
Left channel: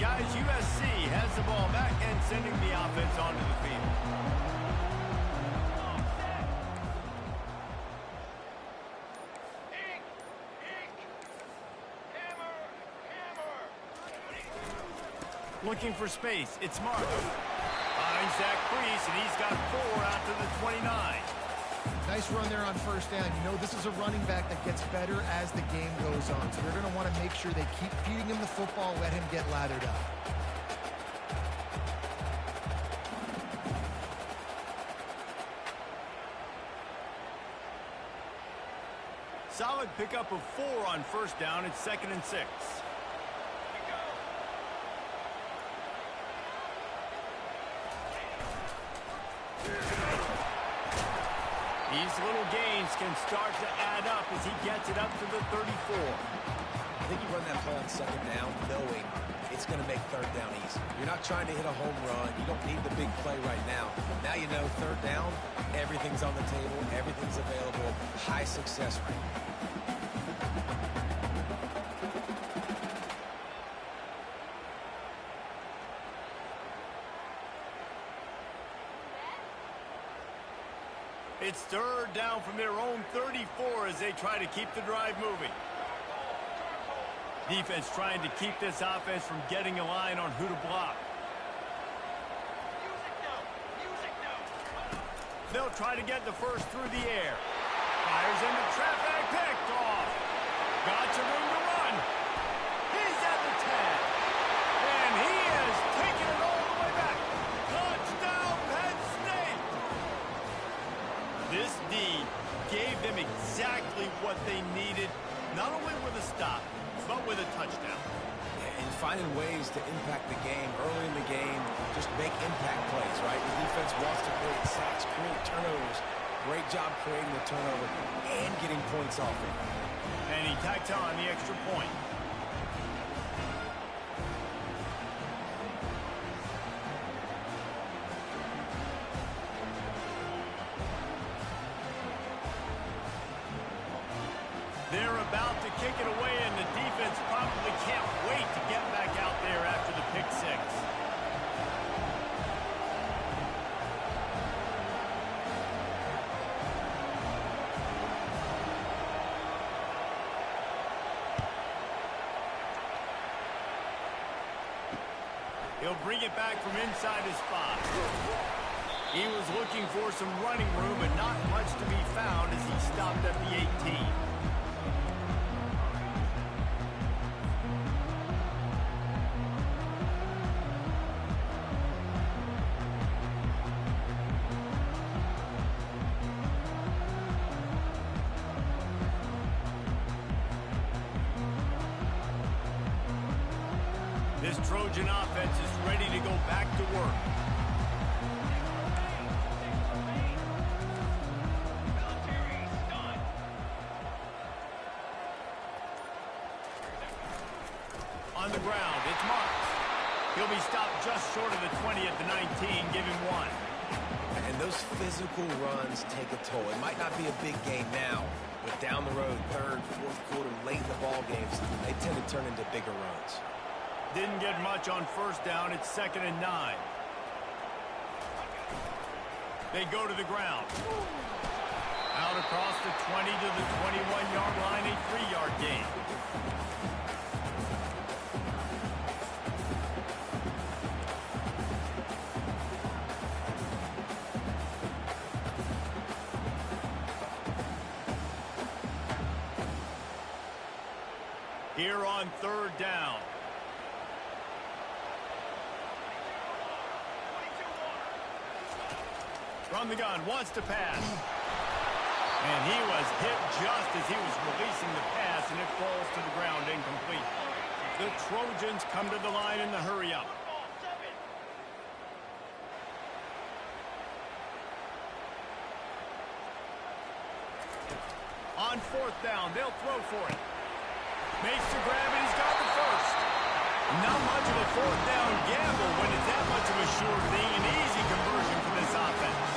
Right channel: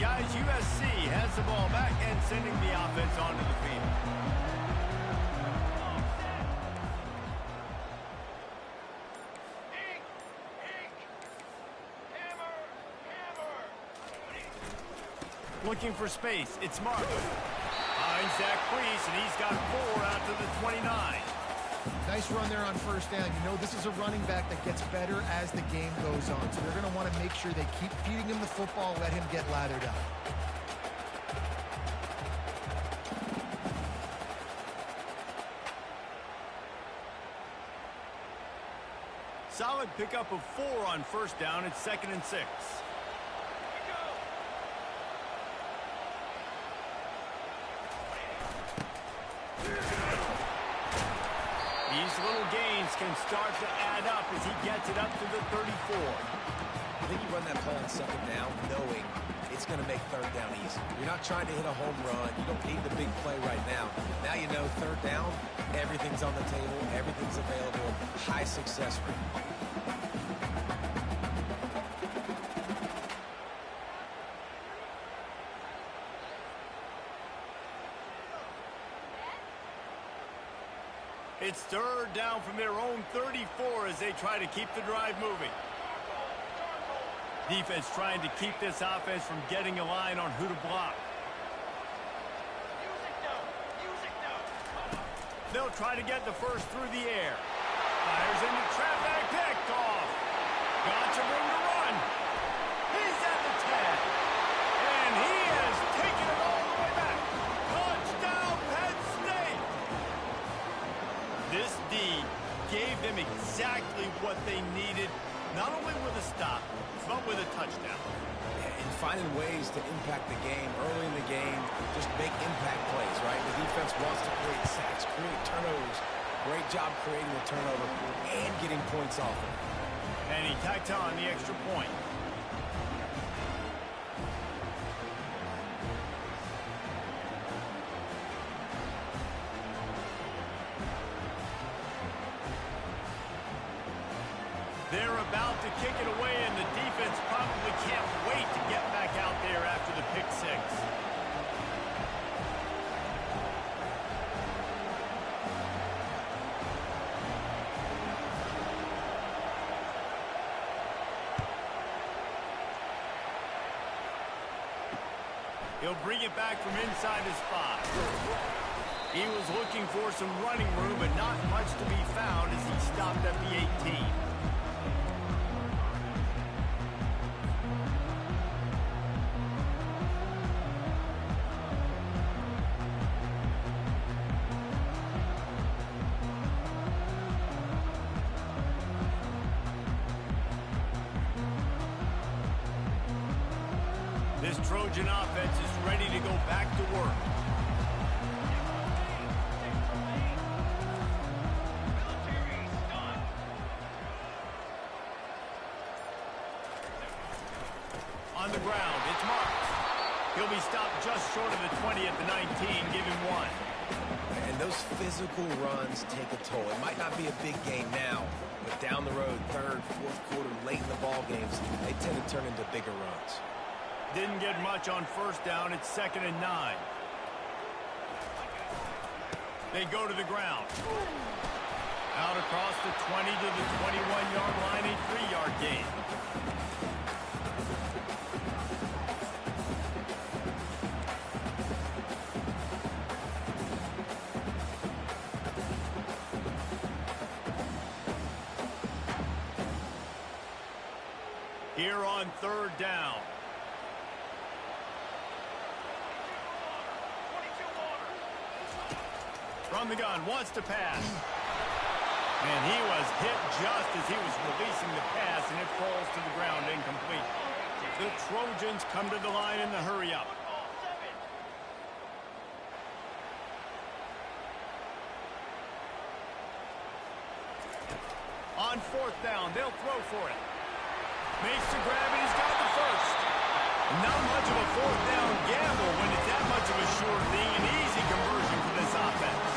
guys, USC has the ball back and sending the offense onto the field. Ink! Ink! Hammer! Hammer! Looking for space. It's Marco. Finds Zach Priest, and he's got 4 out to the 29. Nice run there on first down. You know, this is a running back that gets better as the game goes on. So they're going to want to make sure they keep feeding him the football, let him get lathered up. Solid pickup of 4 on first down. It's 2nd and 6. These little gains can start to add up as he gets it up to the 34. I think you run that play on 2nd down knowing it's going to make 3rd down easy. You're not trying to hit a home run. You don't need the big play right now. Now you know 3rd down, everything's on the table, everything's available, high success rate. It's 3rd down from their own 34 as they try to keep the drive moving. Defense trying to keep this offense from getting a line on who to block. Music note! Music note! They'll try to get the first through the air. Fires into traffic, picked off. Got some room to run. He's at the 10. And he has taken it all the way back. Touchdown, Penn State! This D gave them exactly what they needed, not only with a stop, but with a touchdown. And finding ways to impact the game early in the game, just make impact plays, right? The defense wants to create sacks, create turnovers. Great job creating the turnover and getting points off of it. And he tacked on the extra point. They're about to kick it away, and the defense probably can't wait to get back out there after the pick 6. He'll bring it back from inside his 5. He was looking for some running room, but not much to be found as he stopped at the 18. This Trojan offense is ready to go back to work. Military stun! On the ground, it's Marks. He'll be stopped just short of the 20 at the 19, give him 1. And those physical runs take a toll. It might not be a big gain now, but down the road, 3rd, 4th quarter, late in the ball games, they tend to turn into bigger runs. Didn't get much on first down. It's 2nd and 9. They go to the ground. Out across the 20 to the 21-yard line, a 3-yard gain. Here on 3rd down. 22 water! From the gun, wants to pass. And he was hit just as he was releasing the pass, and it falls to the ground incomplete. The Trojans come to the line in the hurry-up. Football 7! On 4th down, they'll throw for it. Makes the grab, and he's got the first. Not much of a 4th down gamble when it's that much of a sure thing, an easy conversion for this offense.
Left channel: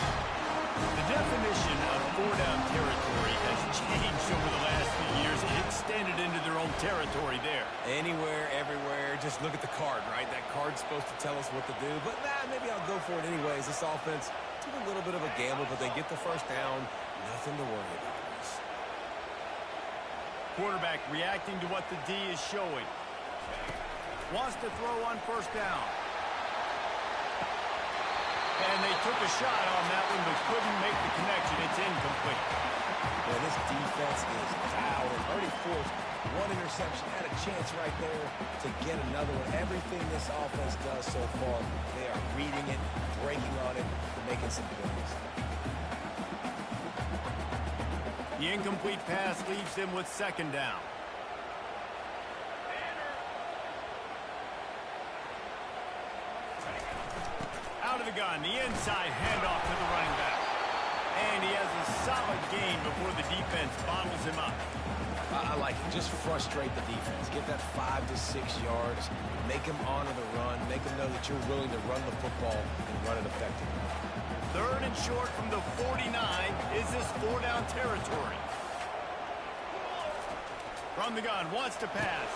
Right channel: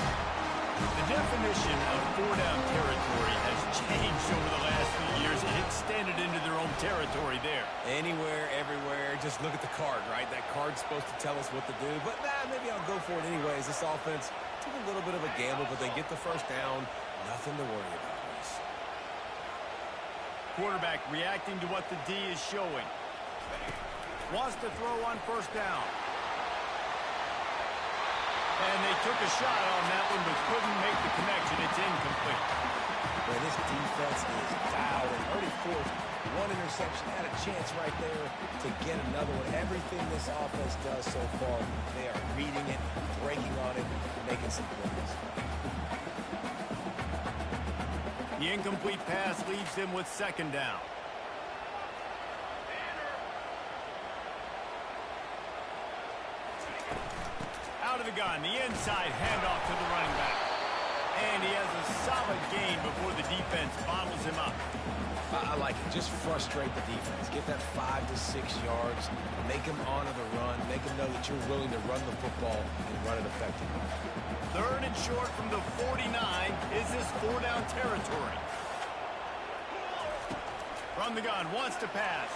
The definition of 4-down territory has changed over the last few years, it extended into their own territory there. Anywhere, everywhere, just look at the card, right? That card's supposed to tell us what to do, but maybe I'll go for it anyways. This offense took a little bit of a gamble, but they get the first down. Nothing to worry about, Reese. Quarterback reacting to what the D is showing. Wants to throw on first down. And they took a shot on that one, but couldn't make the connection. It's incomplete. Man, this defense is dialed and already forced one interception. Had a chance right there to get another one. Everything this offense does so far, they are reading it, breaking on it, making some plays. The incomplete pass leaves them with second down. Out of the gun, the inside handoff to the running back. And he has a solid gain before the defense bottles him up. I like it. Just frustrate the defense. Get that 5 to 6 yards. Make them honor the run. Make them know that you're willing to run the football and run it effectively. Third and short from the 49. Is this 4-down territory? From the gun, wants to pass.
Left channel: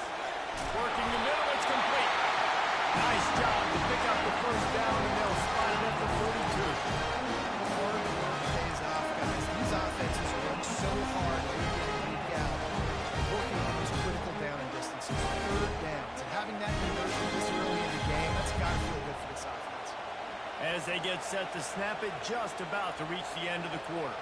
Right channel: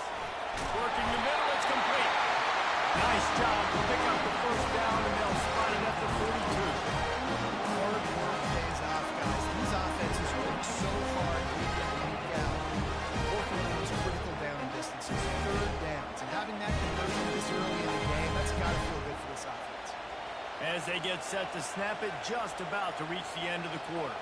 Working the middle, it's complete. Nice job to pick up the first down, and they'll spot it at the 42. Hard work pays off, guys. These offenses work so hard week in and week out, working on those critical down and distances, third downs, and having that conversion this early in the game, that's got to feel good for this offense. As they get set to snap it, just about to reach the end of the quarter.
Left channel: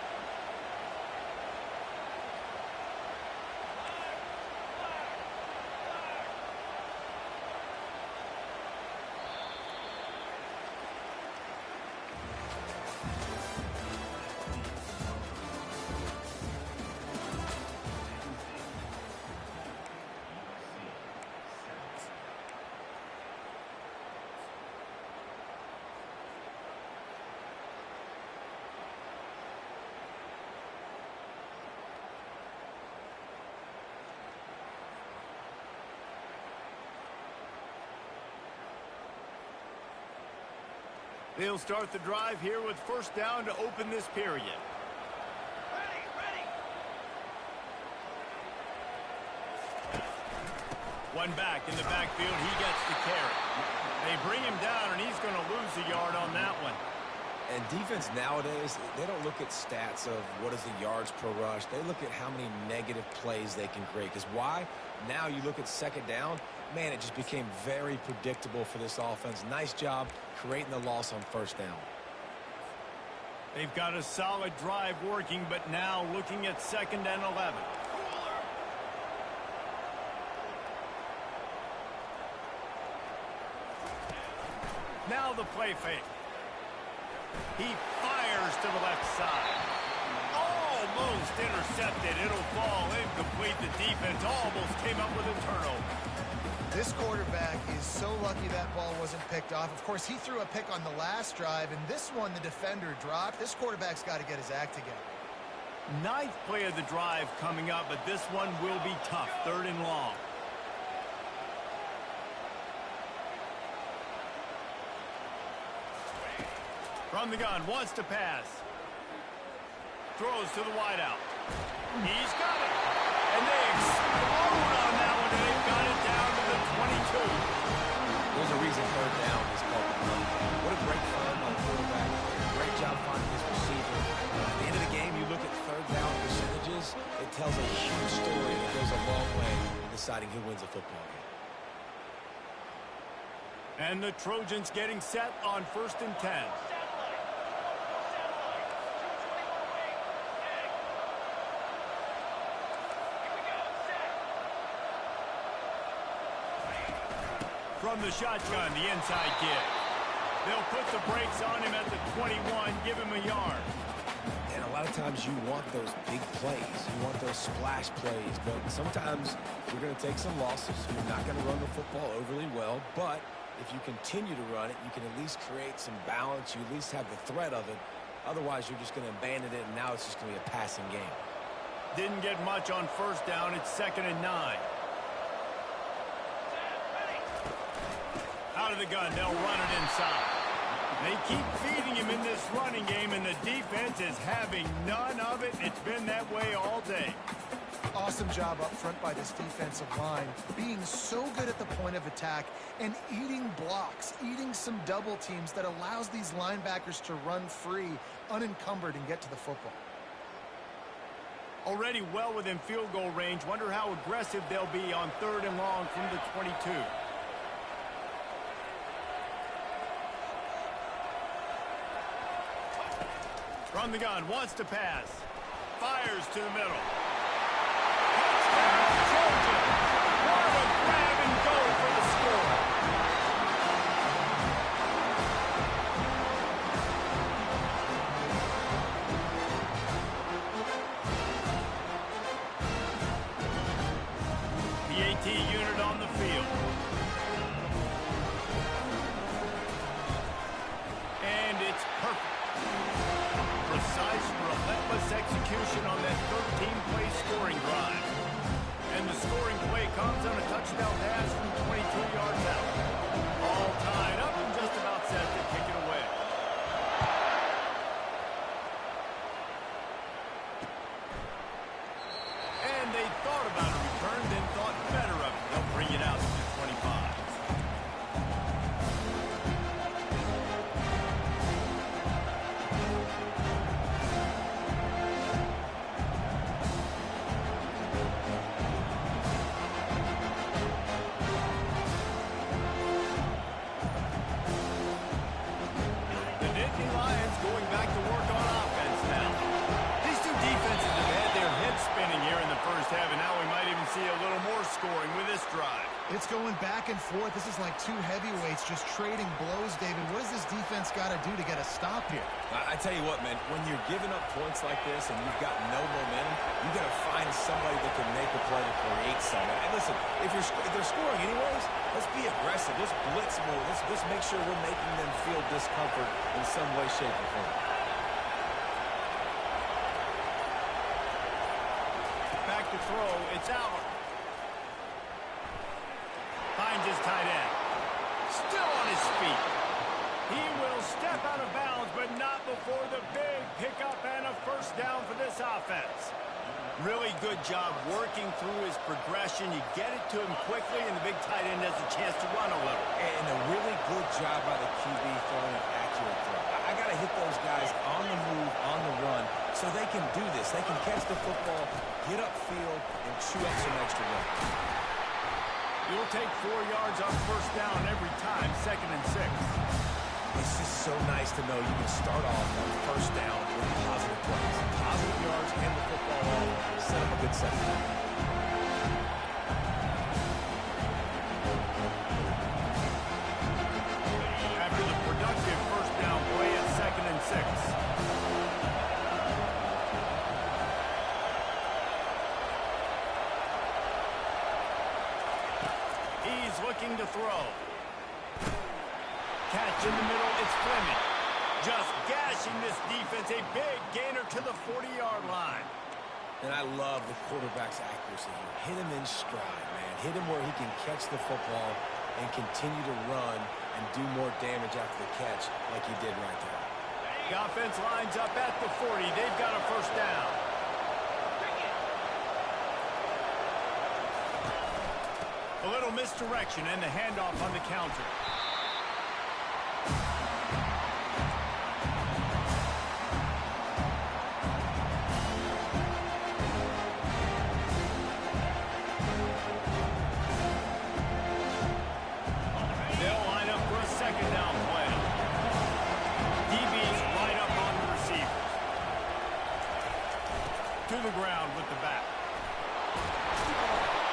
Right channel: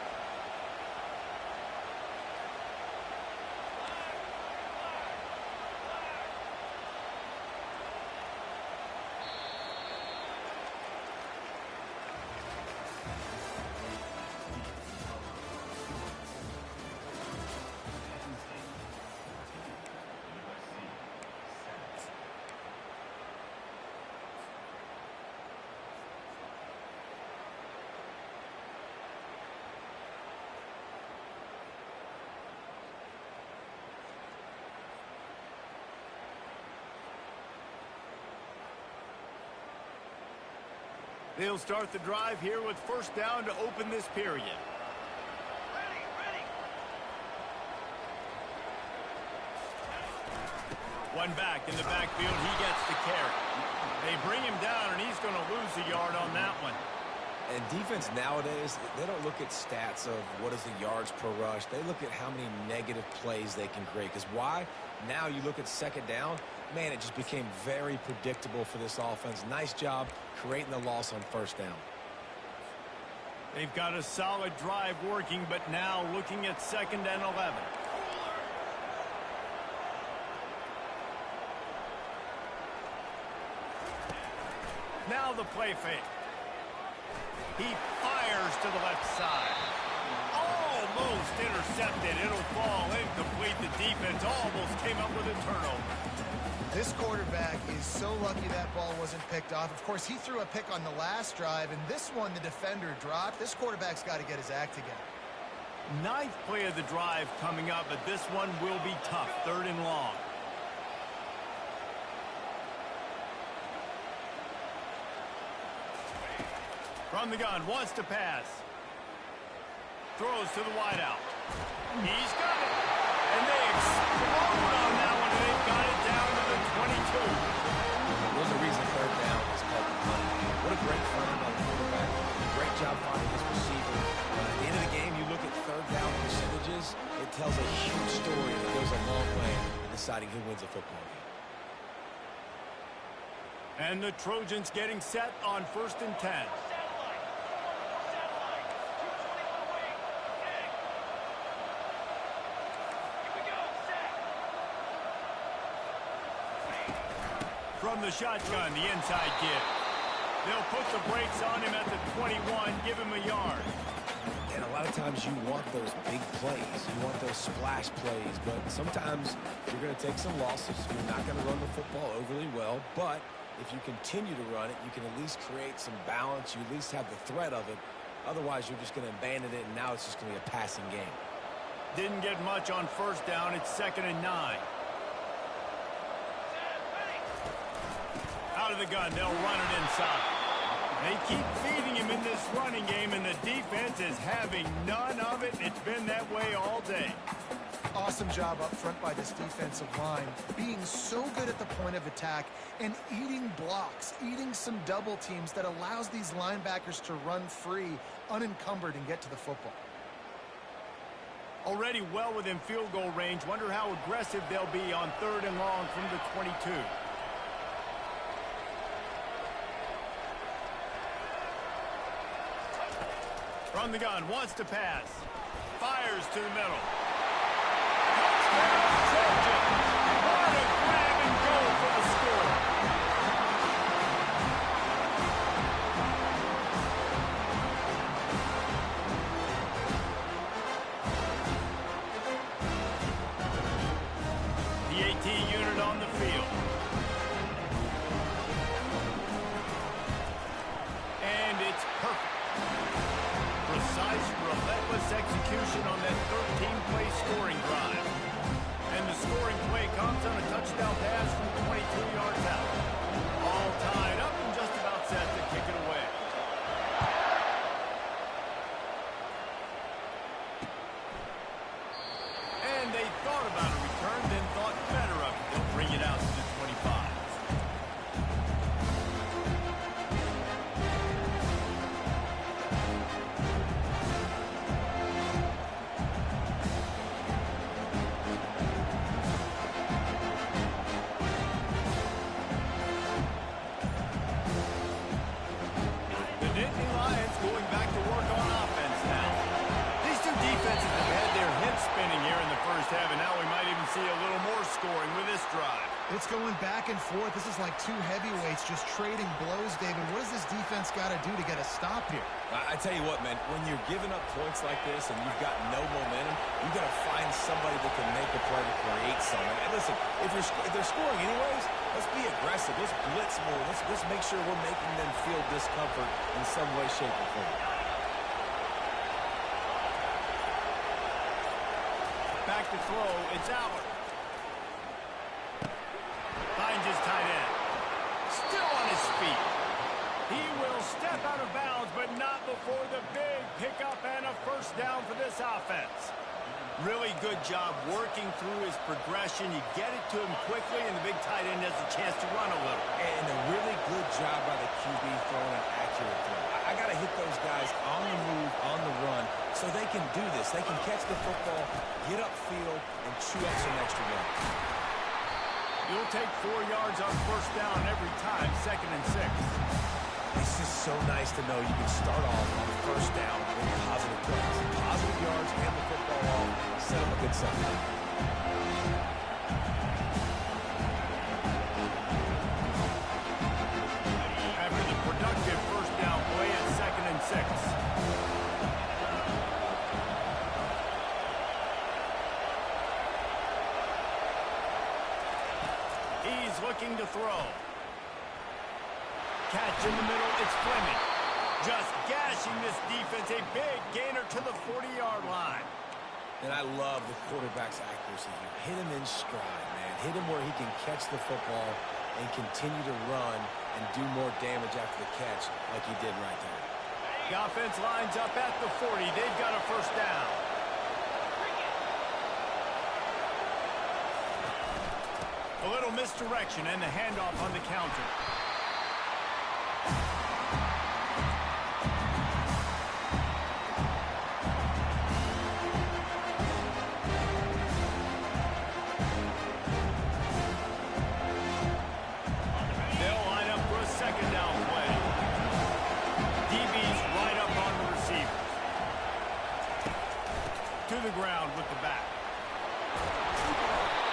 They'll start the drive here with first down to open this period. Ready, ready. One back in the backfield, he gets the carry. They bring him down, and he's going to lose a yard on that one. And defense nowadays, they don't look at stats of what is the yards per rush. They look at how many negative plays they can create. Because why? Now you look at second down, man, it just became very predictable for this offense. Nice job creating the loss on first down. They've got a solid drive working, but now looking at second and 11. Cooler. Now the play fake. He fires to the left side. Almost intercepted. It'll fall incomplete. The defense almost came up with a turnover. This quarterback is so lucky that ball wasn't picked off. Of course, he threw a pick on the last drive, and this one the defender dropped. This quarterback's got to get his act together. Ninth play of the drive coming up, but this one will be tough. Third and long. From the gun, wants to pass. Throws to the wideout. He's got it. And they explode on that one, and they've got it down to the 22. There's a reason third down is called the money game. What a great find by the quarterback. Great job finding his receiver. At the end of the game, you look at third down percentages. It tells a huge story that goes a long way in deciding who wins a football game. And the Trojans getting set on first and 10. Satellite. Satellite. 221 wing. Egg. Here we go. Set. From the shotgun, the inside give. They'll put the brakes on him at the 21, give him a yard. And a lot of times you want those big plays. You want those splash plays. But sometimes you're going to take some losses. You're not going to run the football overly well. But if you continue to run it, you can at least create some balance. You at least have the threat of it. Otherwise, you're just going to abandon it, and now it's just going to be a passing game. Didn't get much on first down. It's second and 9. Set. Ready. Out of the gun, they'll run it inside. They keep feeding him in this running game, and the defense is having none of it. It's been that way all day. Awesome job up front by this defensive line, being so good at the point of attack and eating blocks, eating some double teams that allows these linebackers to run free, unencumbered, and get to the football. Already well within field goal range. Wonder how aggressive they'll be on 3rd and long from the 22. From the gun, wants to pass. Fires to the middle. Touchdown, Trojans! What a grab and go for the score. The AT unit on the field. And it's perfect. Precise, relentless execution on that 13-play scoring drive. And the scoring play comes on a touchdown pass from 22 yards out. All tied up and just about set to kick it away. And they thought about a return, then thought better of it. They'll bring it out to the 25. Going back to work on offense now. These two defenses have had their heads spinning here in the first half, and now we might even see a little more scoring with this drive. It's going back and forth. This is like two heavyweights just trading blows, David. What does this defense got to do to get a stop here? I tell you what, man, when you're giving up points like this and you've got no momentum, you got to find somebody that can make a play to create something. And listen, if they're scoring anyways, let's be aggressive. Let's blitz more. Let's make sure we're making them feel discomfort in some way, shape, or form. Back to throw. It's Albert. Finds his tight end. Still on his feet. He will step out of bounds, but not before the big pickup and a first down for this offense. Really good job working through his progression. You get it to him quickly, and the big tight end has a chance to run a little. And a really good job by the QB throwing an accurate throw. I got to hit those guys on the move, on the run, so they can do this. They can catch the football, get upfield, and chew up some extra yards. You'll take 4 yards on first down every time, 2nd and 6. It's just so nice to know you can start off on first down with positive plays. Positive yards, hand the football off, set up a good second down. After the productive first down play at 2nd and 6. He's looking to throw. Catch in the middle, it's Fleming. Just gashing this defense, a big gainer to the 40-yard line. And I love the quarterback's accuracy here. Hit him in stride, man. Hit him where he can catch the football and continue to run and do more damage after the catch like he did right there. The offense lines up at the 40. They've got a first down. A little misdirection and the handoff on the counter. They'll line up for a second down play. DB's right up on the receivers. To the ground with the back.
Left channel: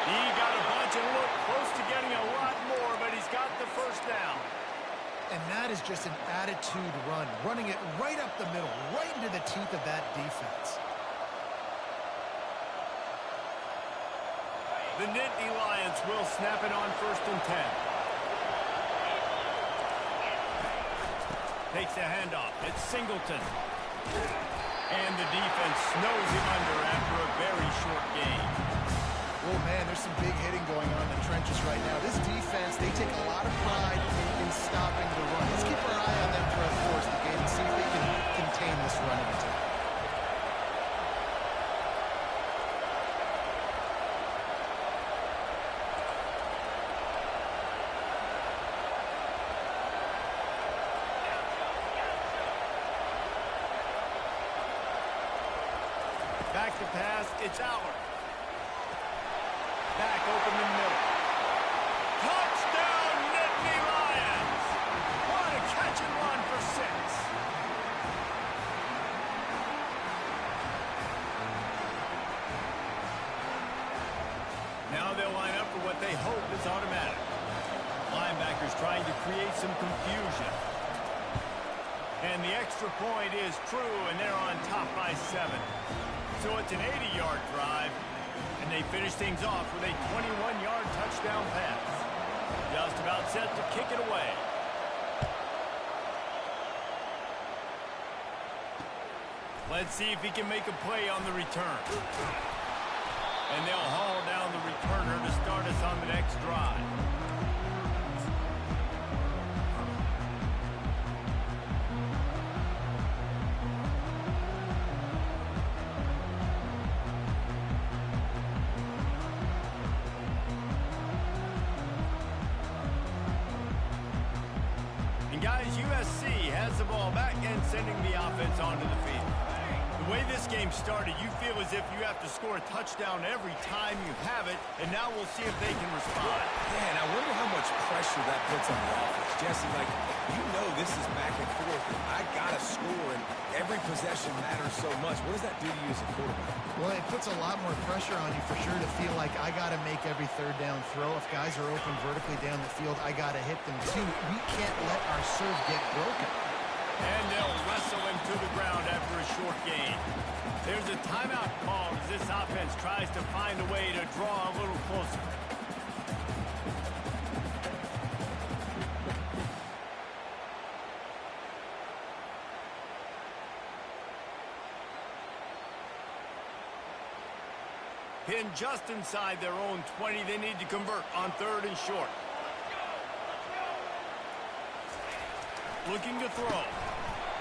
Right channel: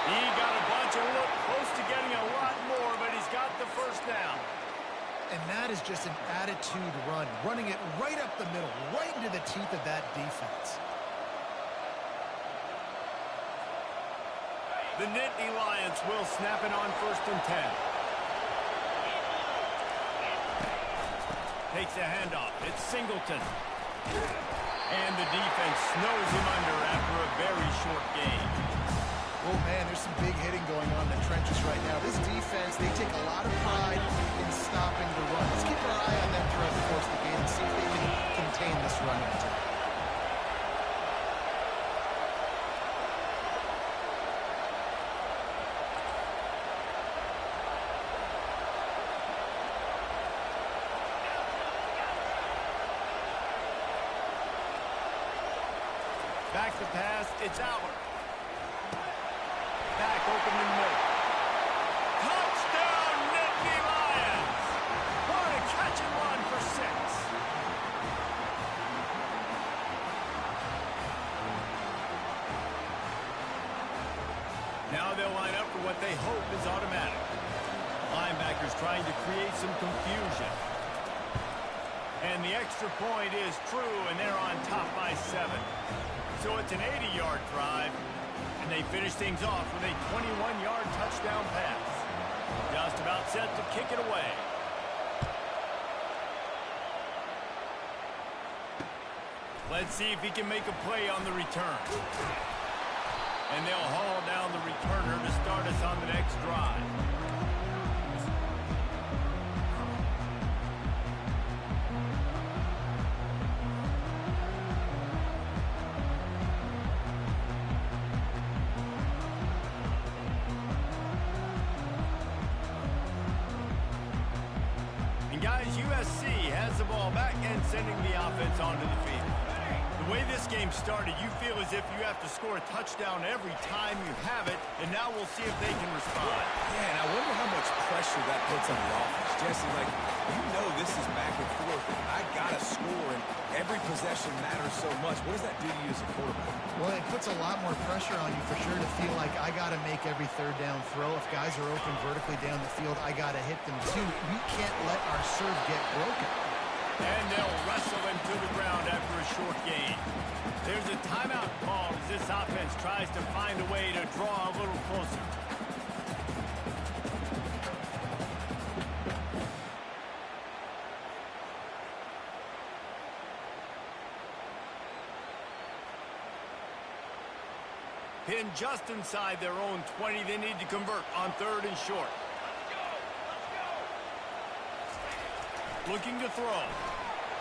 He got a bunch and looked close to getting a lot more, but he's got the first down. And that is just an attitude run, running it right up the middle, right into the teeth of that defense. The Nittany Lions will snap it on 1st and 10. Takes a handoff. It's Singleton. And the defense snows him under after a very short game. Oh, man, there's some big hitting going on in the trenches right now. This defense, they take a lot of pride in stopping the run. Let's keep our eye on them throughout the course of the game and see if they can contain this running attack. back to pass. It's Aller. Back open in the middle. Touchdown, Nittany Lions! What a catch and run for 6. Now they'll line up for what they hope is automatic. Linebackers trying to create some confusion. And the extra point is true, and they're on top by 7. So it's an 80-yard drive, and they finish things off with a 21-yard touchdown pass. Just about set to kick it away. Let's see if he can make a play on the return. And they'll haul down the returner to start us on the next drive. And guys, USC has the ball back and sending the offense onto the field. The way this game started, you feel as if you have to score a touchdown every time you have it, and now we'll see if they can respond. Yeah, and I wonder how much pressure that puts on the offense. Jesse, like, you know this is back and forth, and I got to score, and every possession matters so much. What does that do to you as a quarterback? Well, it puts a lot more pressure on you for sure to feel like I got to make every third down throw. If guys are open vertically down the field, I got to hit them too. We can't let our serve get broken. And they'll wrestle him to the ground after a short gain. There's a timeout called as this offense tries to find a way to draw a little closer. Pinned just inside their own 20, they need to convert on 3rd and short. Let's go! Let's go! Looking to throw.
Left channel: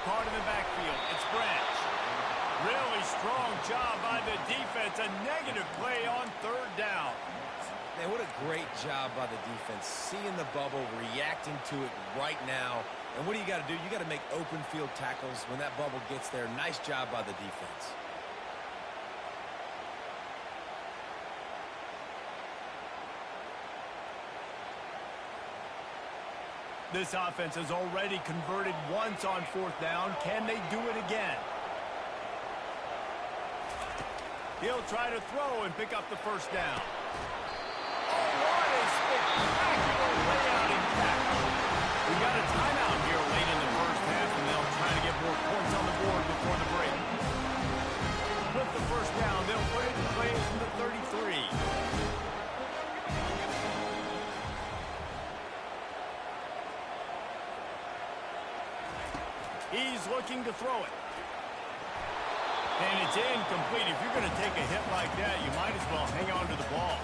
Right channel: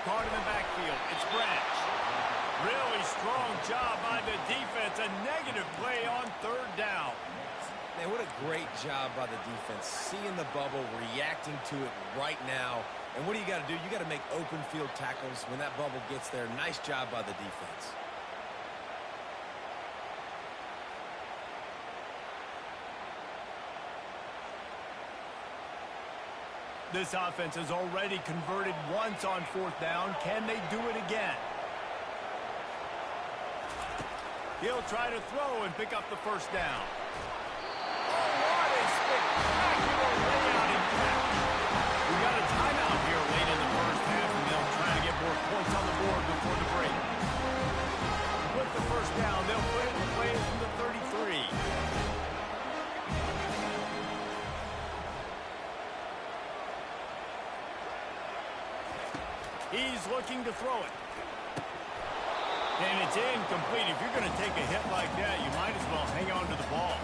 Caught in the backfield. It's Branch. Really strong job by the defense. A negative play on 3rd down. Man, what a great job by the defense. Seeing the bubble, reacting to it right now. And what do you got to do? You got to make open field tackles when that bubble gets there. Nice job by the defense. This offense has already converted once on 4th down. Can they do it again? He'll try to throw and pick up the 1st down. Oh, what a spectacular layout and catch. We got a timeout here late in the 1st half, and they'll try to get more points on the board before the break. With the 1st down, they'll put it in play from the 33. He's looking to throw it. And it's incomplete. If you're going to take a hit like that, you might as well hang on to the ball.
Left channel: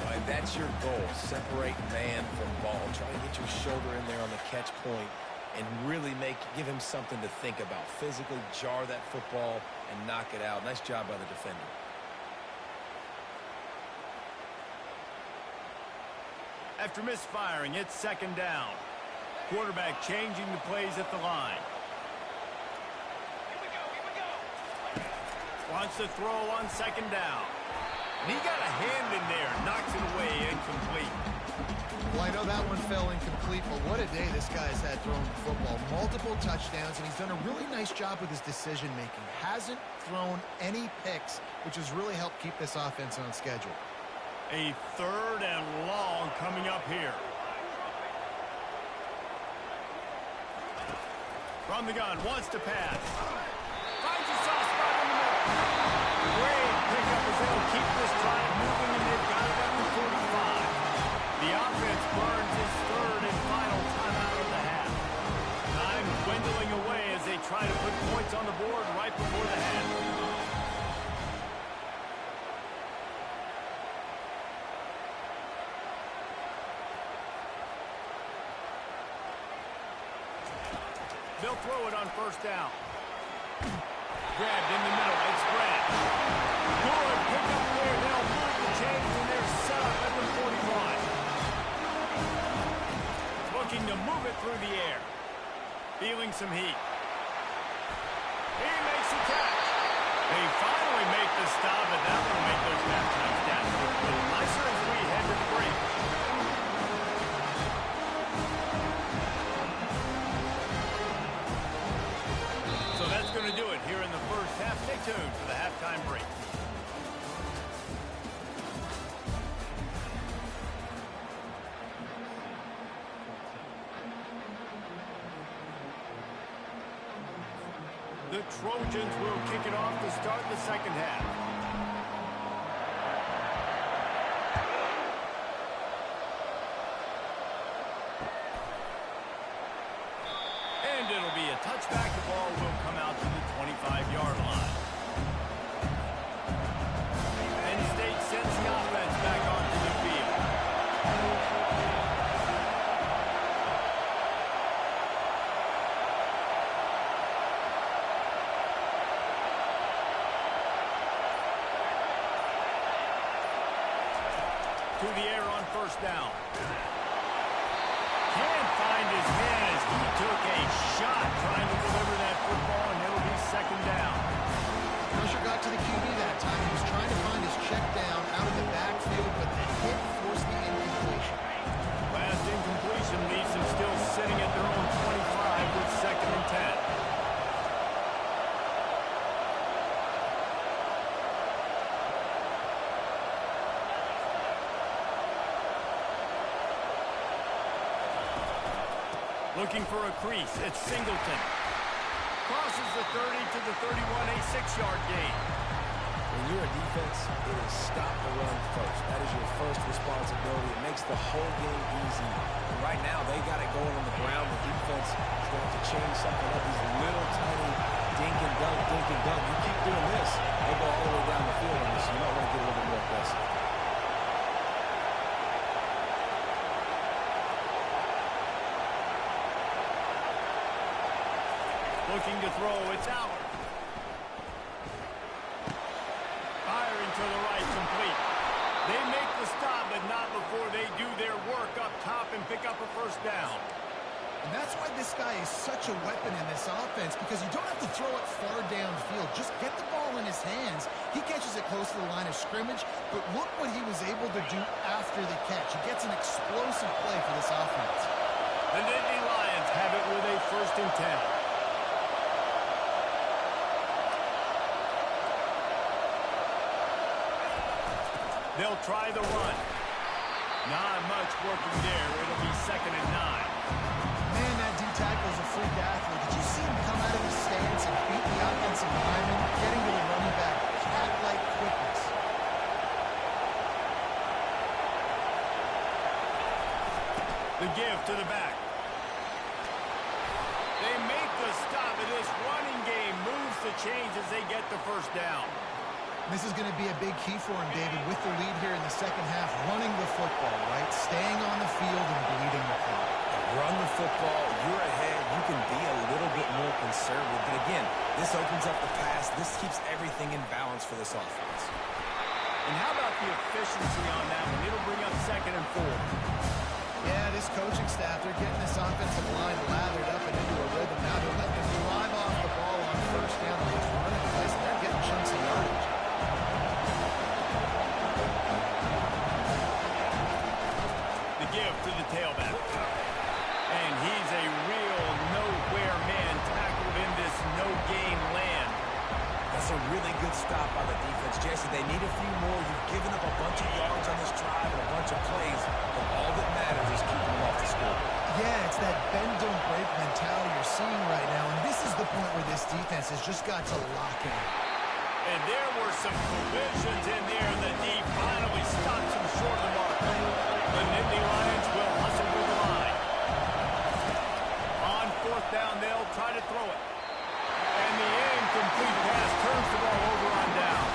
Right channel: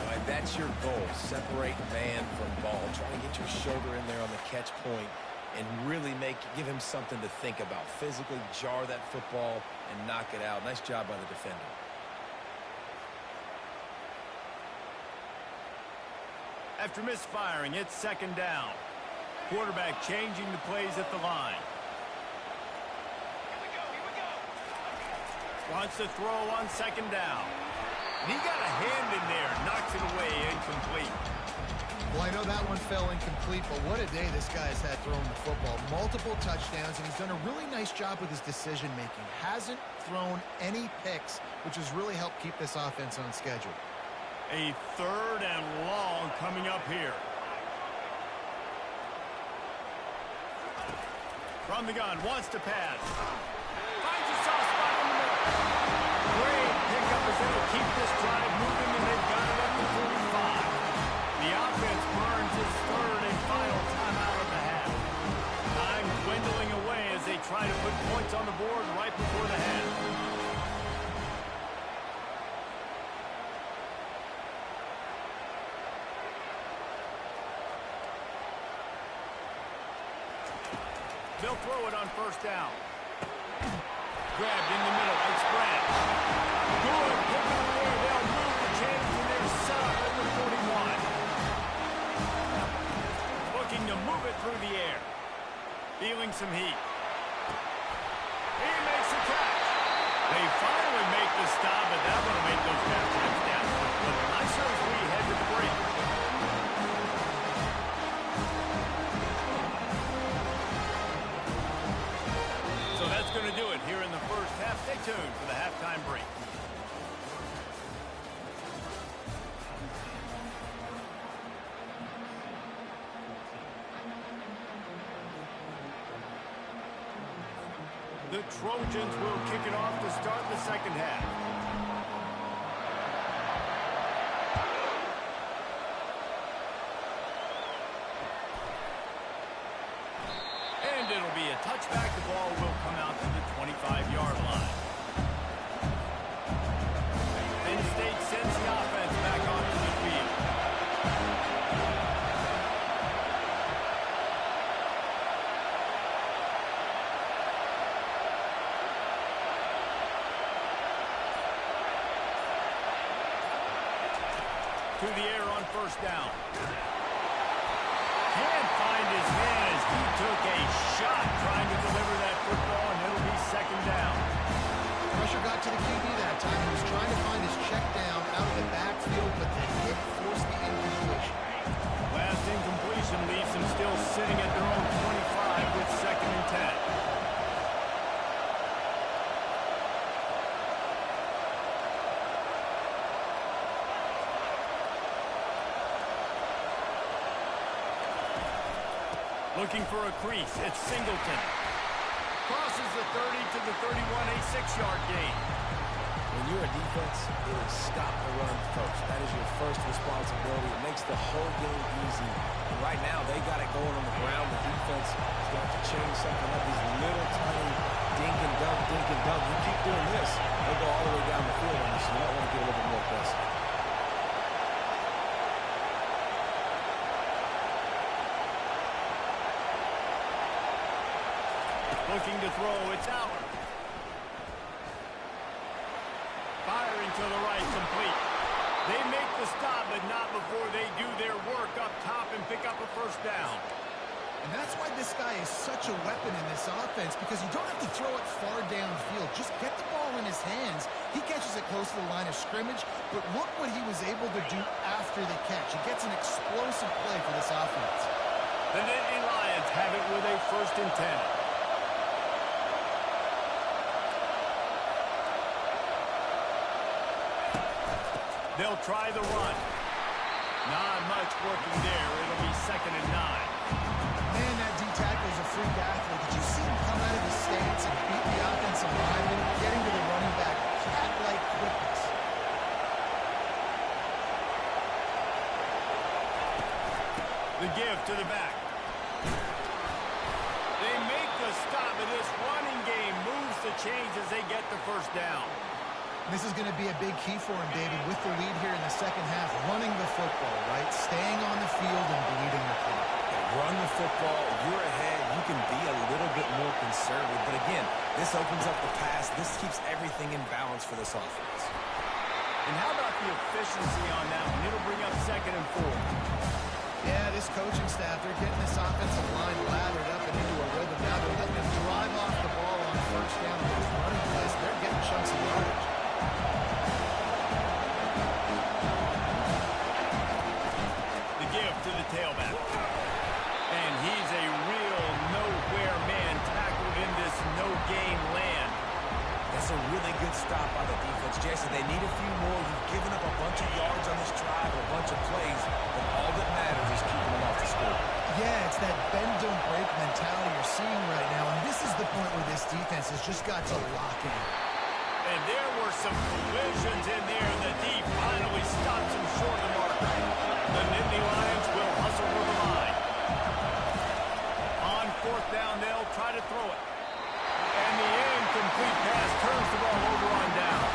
All right, that's your goal. Separate man from ball. Try to get your shoulder in there on the catch point and really give him something to think about. Physically jar that football and knock it out. Nice job by the defender. After misfiring, it's 2nd down. Quarterback changing the plays at the line. Here we go! Here we go! Wants to throw on 2nd down. And he got a hand in there. Knocks it away, incomplete. Well, I know that one fell incomplete, but what a day this guy's had throwing the football. Multiple touchdowns, and he's done a really nice job with his decision-making. Hasn't thrown any picks, which has really helped keep this offense on schedule. A 3rd and long coming up here. From the gun, wants to pass. Finds a soft spot in the middle. Great pickup as they'll keep this drive moving, and they've got it up to 45. The offense burns its 3rd and final timeout of the half. Time dwindling away as they try to put points on the board right before the half. They'll throw it on 1st down. Grabbed in the middle. It's Branch. Good pick up there. They'll move the chains, and they're set up at the 41. Looking to move it through the air. Feeling some heat. He makes the catch. They finally make the stop, and that one will make those halftime stats look a little nicer as we head to the break. So that's going to do it here in the first half. Stay tuned for the halftime break. The Trojans will kick it off to start the second half. And it'll be a touchback. The ball will come out to the 25-yard line. Penn State sends the offense back onto the field. To the air on first down. Can't find his man as he took a shot trying to deliver that football, and it'll be second down. Pressure got to the QB that time. He was trying to find his check down out of the backfield, but the hit forced the incompletion. Last incompletion leaves them still sitting at their own 25 with second and 10. Looking for a crease. It's Singleton. Crosses the 30 to the 31, a 6-yard gain. When you're a defense, it is stop the run first. That is your first responsibility. It makes the whole game easy. And right now, they got it going on the ground. The defense is going to have to change something up. These little tiny dink and dunk, dink and dunk. You keep doing this, they'll go all the way down the field on this. You might want to get a little bit more aggressive. Looking to throw, it's Allard. Firing to the right, complete. They make the stop, but not before they do their work up top and pick up a first down. And that's why this guy is such a weapon in this offense, because you don't have to throw it far downfield. Just get the ball in his hands. He catches it close to the line of scrimmage, but look what he was able to do after the catch. He gets an explosive play for this offense. The Nittany Lions have it with a first and 10. They'll try the run. Not much working there. It'll be second and 9. Man, that D-tackle is a freak athlete. Did you see him come out of his stance and beat the offensive lineman, getting to the running back? Cat-like quickness. The give to the back. They make the stop, and this running game moves the chains as they get the first down. This is going to be a big key for him, David, with the lead here in the second half. Running the football, right? Staying on the field and bleeding the clock. Yeah, run the football. You're ahead. You can be a little bit more conservative. But again, this opens up the pass. This keeps everything in balance for this offense. And how about the efficiency on that one? It'll bring up second and 4. Yeah, this coaching staff, they're getting this offensive line lathered up and into a rhythm. Now they're letting them drive off the ball on first down on those running plays. They're getting chunks of yardage. Give to the tailback. And he's a real nowhere man tackled in this no-gain land. That's a really good stop by the defense. Jason, they need a few more. You've given up a bunch of yards on this drive and a bunch of plays, but all that matters is keeping them off the score. Yeah, it's that bend, don't break mentality you're seeing right now, and this is the point where this defense has just got to lock in. And there were some collisions in there. The D finally stops him short of the marker. The Nittany Lions will hustle to the line. On fourth down, they'll try to throw it. And the incomplete pass turns the ball over on down.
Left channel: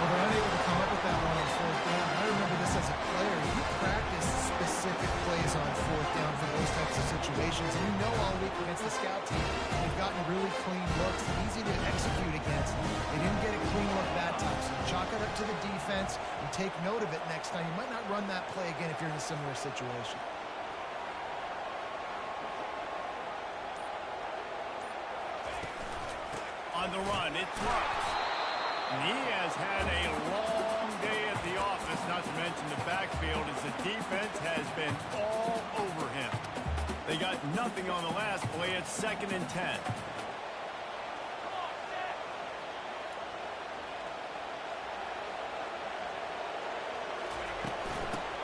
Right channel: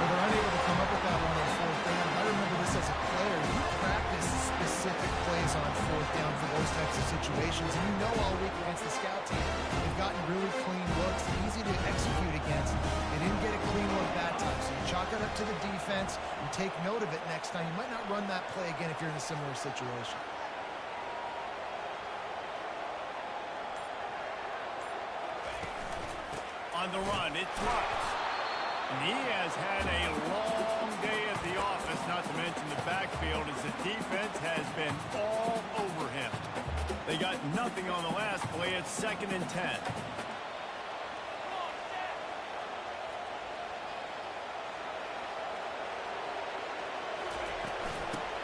Well, they're unable to come up with that one on fourth down. I remember this as a player. You practice specific plays on fourth down for those types of situations. And you know all week against the scout team, they've gotten really clean looks, easy to execute against. They didn't get a clean look that time. So you chalk it up to the defense and take note of it next time. You might not run that play again if you're in a similar situation. On the run, it's Marks. And he has had a long day at the office, not to mention the backfield, as the defense has been all over him. They got nothing on the last play. It's 2nd and 10.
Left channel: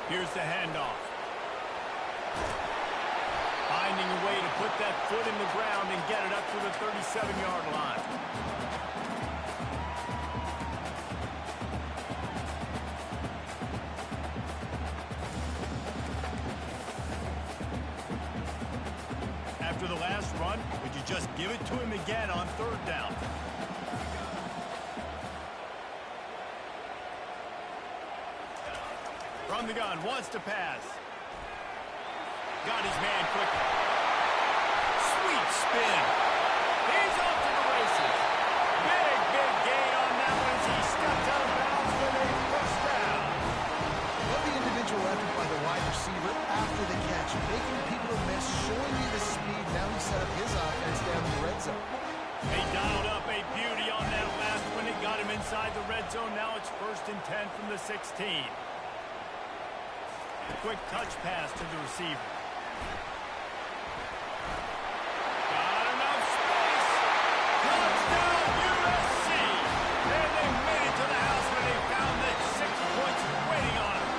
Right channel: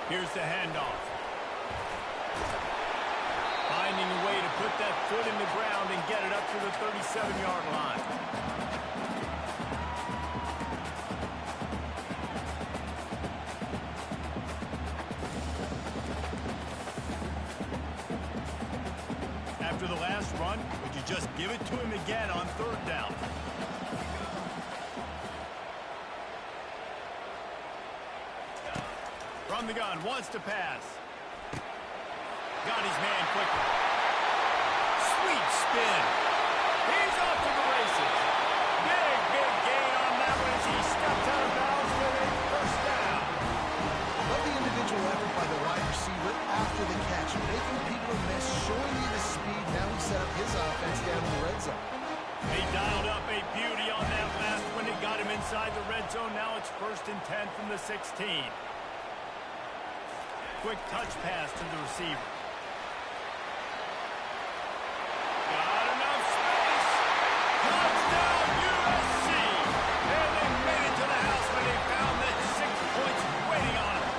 Here's the handoff. Finding a way to put that foot in the ground and get it up to the 37-yard line. After the last run, would you just give it to him again on 3rd down? From the gun, wants to pass. Got his man quickly. Sweet spin. He's off to the races. Big gain on that one as he stepped out of bounds with a 1st down. Love the individual effort by the wide receiver after the catch, making people miss, showing you the speed. Now he set up his offense down in the red zone. They dialed up a beauty on that last one. It got him inside the red zone. Now it's 1st and 10 from the 16. Quick touch pass to the receiver. Got enough space. Touchdown USC. And they made it to the house when they found that 6 points waiting on them.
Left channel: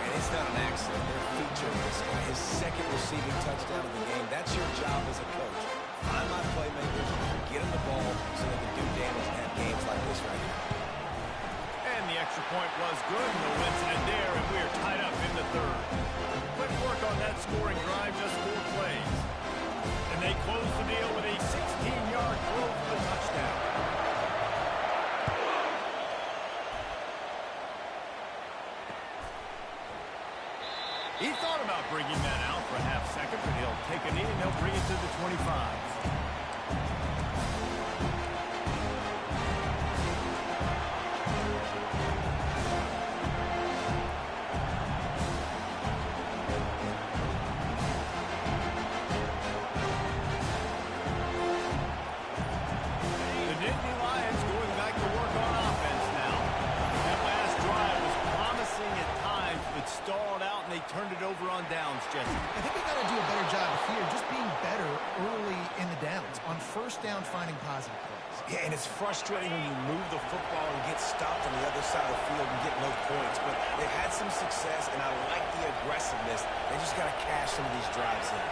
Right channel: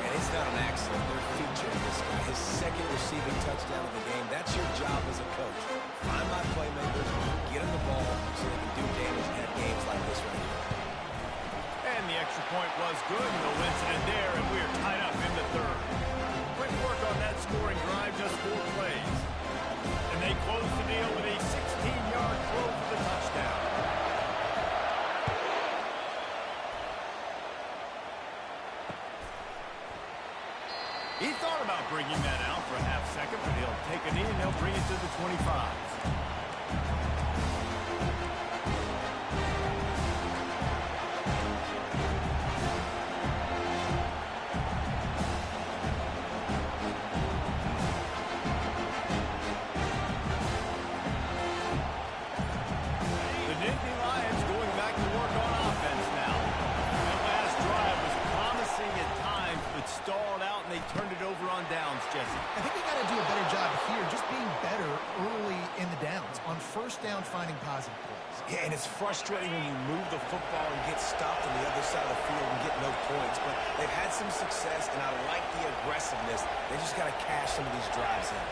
And it's not an accident. They're featuring this guy. His 2nd receiving touchdown of the game. That's your job as a coach. Find my playmakers, get them the ball so they can do damage and have games like this right here. And the extra point was good. No incident there, and we are tied up in the 3rd. Quick work on that scoring drive, just 4 plays. And they close the deal with a 16-yard throw for the touchdown. He thought about bringing that out for a half-second, but he'll take a knee and he'll bring it to the 25. Stalled out, and they turned it over on downs, Jesse. I think they got to do a better job here, just being better early in the downs, on 1st down, finding positive plays. Yeah, and it's frustrating when you move the football and get stopped on the other side of the field and get no points, but they've had some success, and I like the aggressiveness. They just got to cash some of these drives in.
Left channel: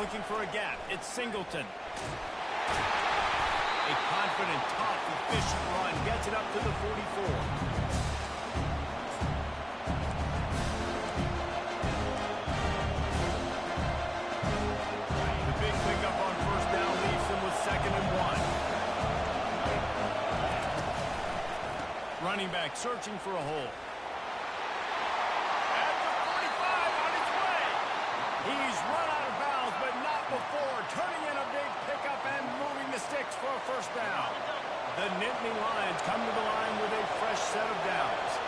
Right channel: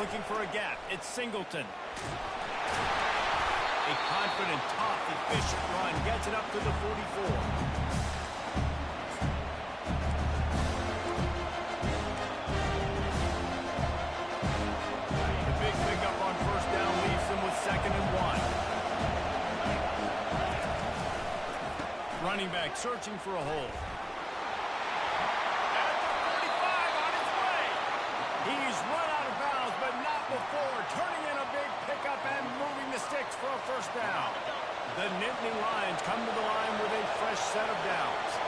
Looking for a gap. It's Singleton. A confident, tough, efficient run. Gets it up to the 44. The big pickup on 1st down leaves them with 2nd and 1. Running back searching for a hole. At the 45 on his way. He's run out of bounds, but not before. Turning in a big pickup and moving the sticks for a 1st down. The Nittany Lions come to the line with a fresh set of downs.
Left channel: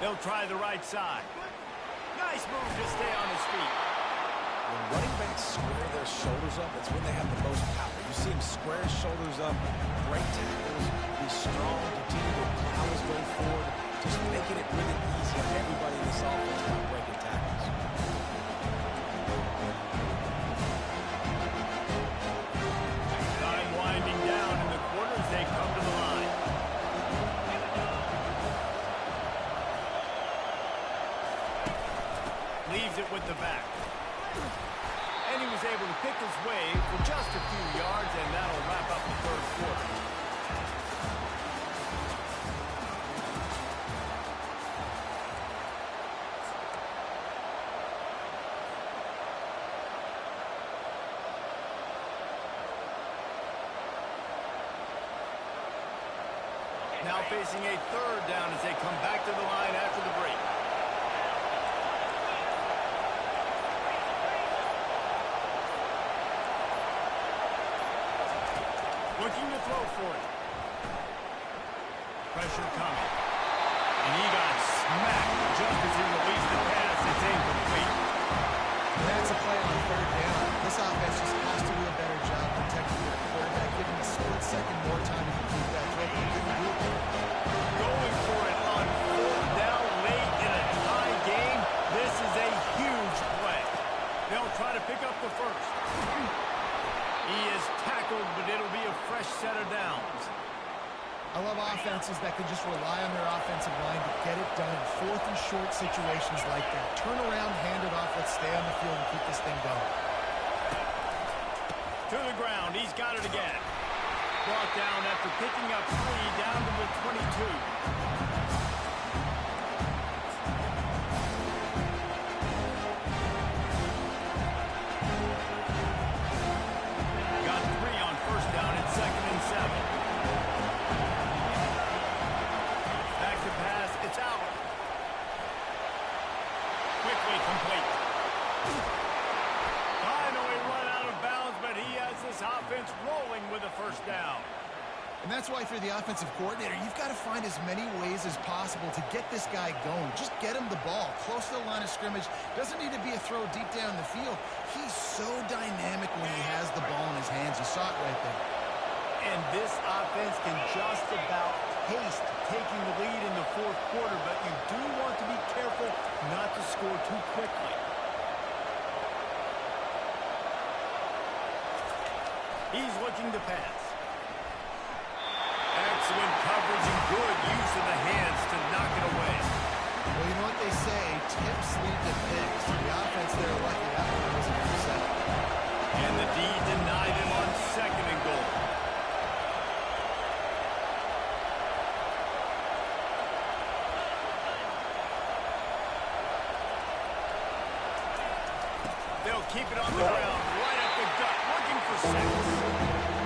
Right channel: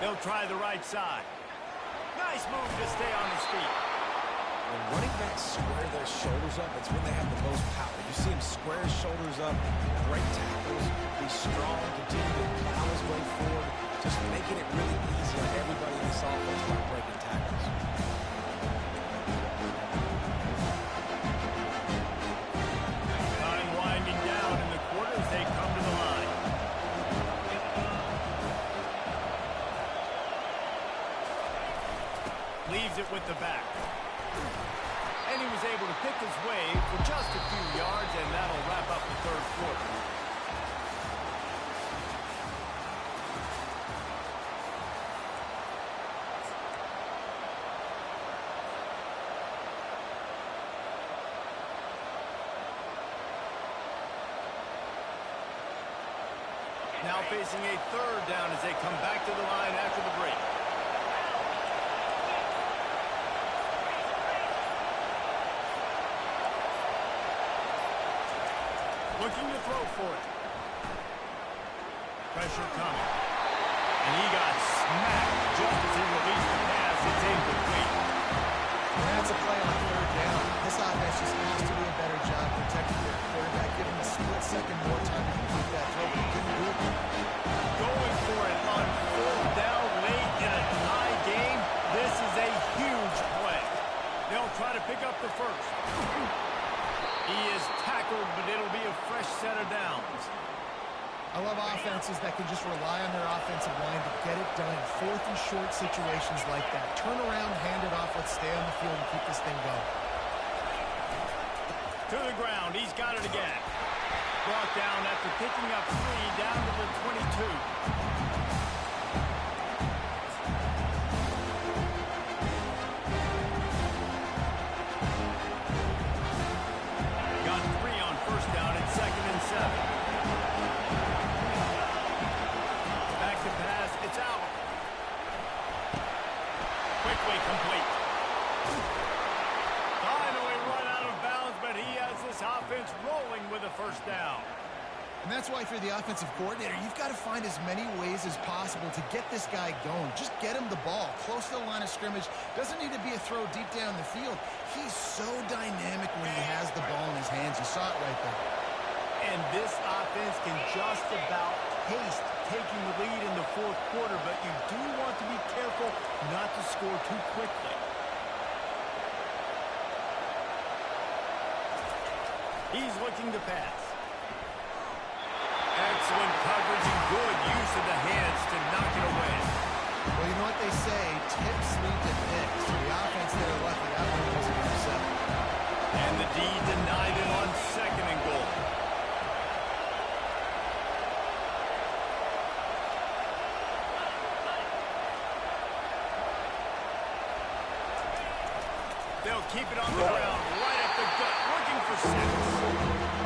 They'll try the right side. Nice move to stay on his feet. When running backs square their shoulders up, it's when they have the most power. You see him square his shoulders up, great tackles, be strong, continue to plow his way forward, just making it really easy on everybody in this offense by breaking tackles. Time winding down in the quarter as they come to the line. Leaves it with the back. And he was able to pick his way for just a few yards, and that'll wrap up the 3rd quarter. Now facing a 3rd down as they come back to the line after the break. Looking to throw for it. Pressure coming. And he got smacked just as he released the pass. It's incomplete. And that's a play on third down. This offense just has to do a better job protecting their quarterback, give him a split second more time to complete that throw, but he couldn't do it. Going for it on fourth down late in a tie game. This is a huge play. They'll try to pick up the first. He is tackled, but it'll be a fresh set of downs. I love offenses that can just rely on their offensive line to get it done in fourth and short situations like that. Turn around, hand it off, let's stay on the field and keep this thing going. To the ground, he's got it again. Brought down after picking up 3 down to the 22. Got 3 on first down at 2nd and 7. Back to pass, it's Allen. Quickly complete. Finally run out of bounds, but he has this offense rolling with a first down. And that's why if you're the offensive coordinator, you've got to find as many ways as possible to get this guy going. Just get him the ball close to the line of scrimmage. Doesn't need to be a throw deep down the field. He's so dynamic when he has the ball in his hands. You saw it right there. And this offense can just about taste taking the lead in the fourth quarter, but you do want to be careful not to score too quickly. He's looking to pass. Excellent coverage and good use of the hands to knock it away. Well, you know what they say, tips lead to picks. The offense there lucky that one wasn't intercepted. And the D denied him on 2nd and goal. They'll keep it on the ground, right up the gut, looking for 6.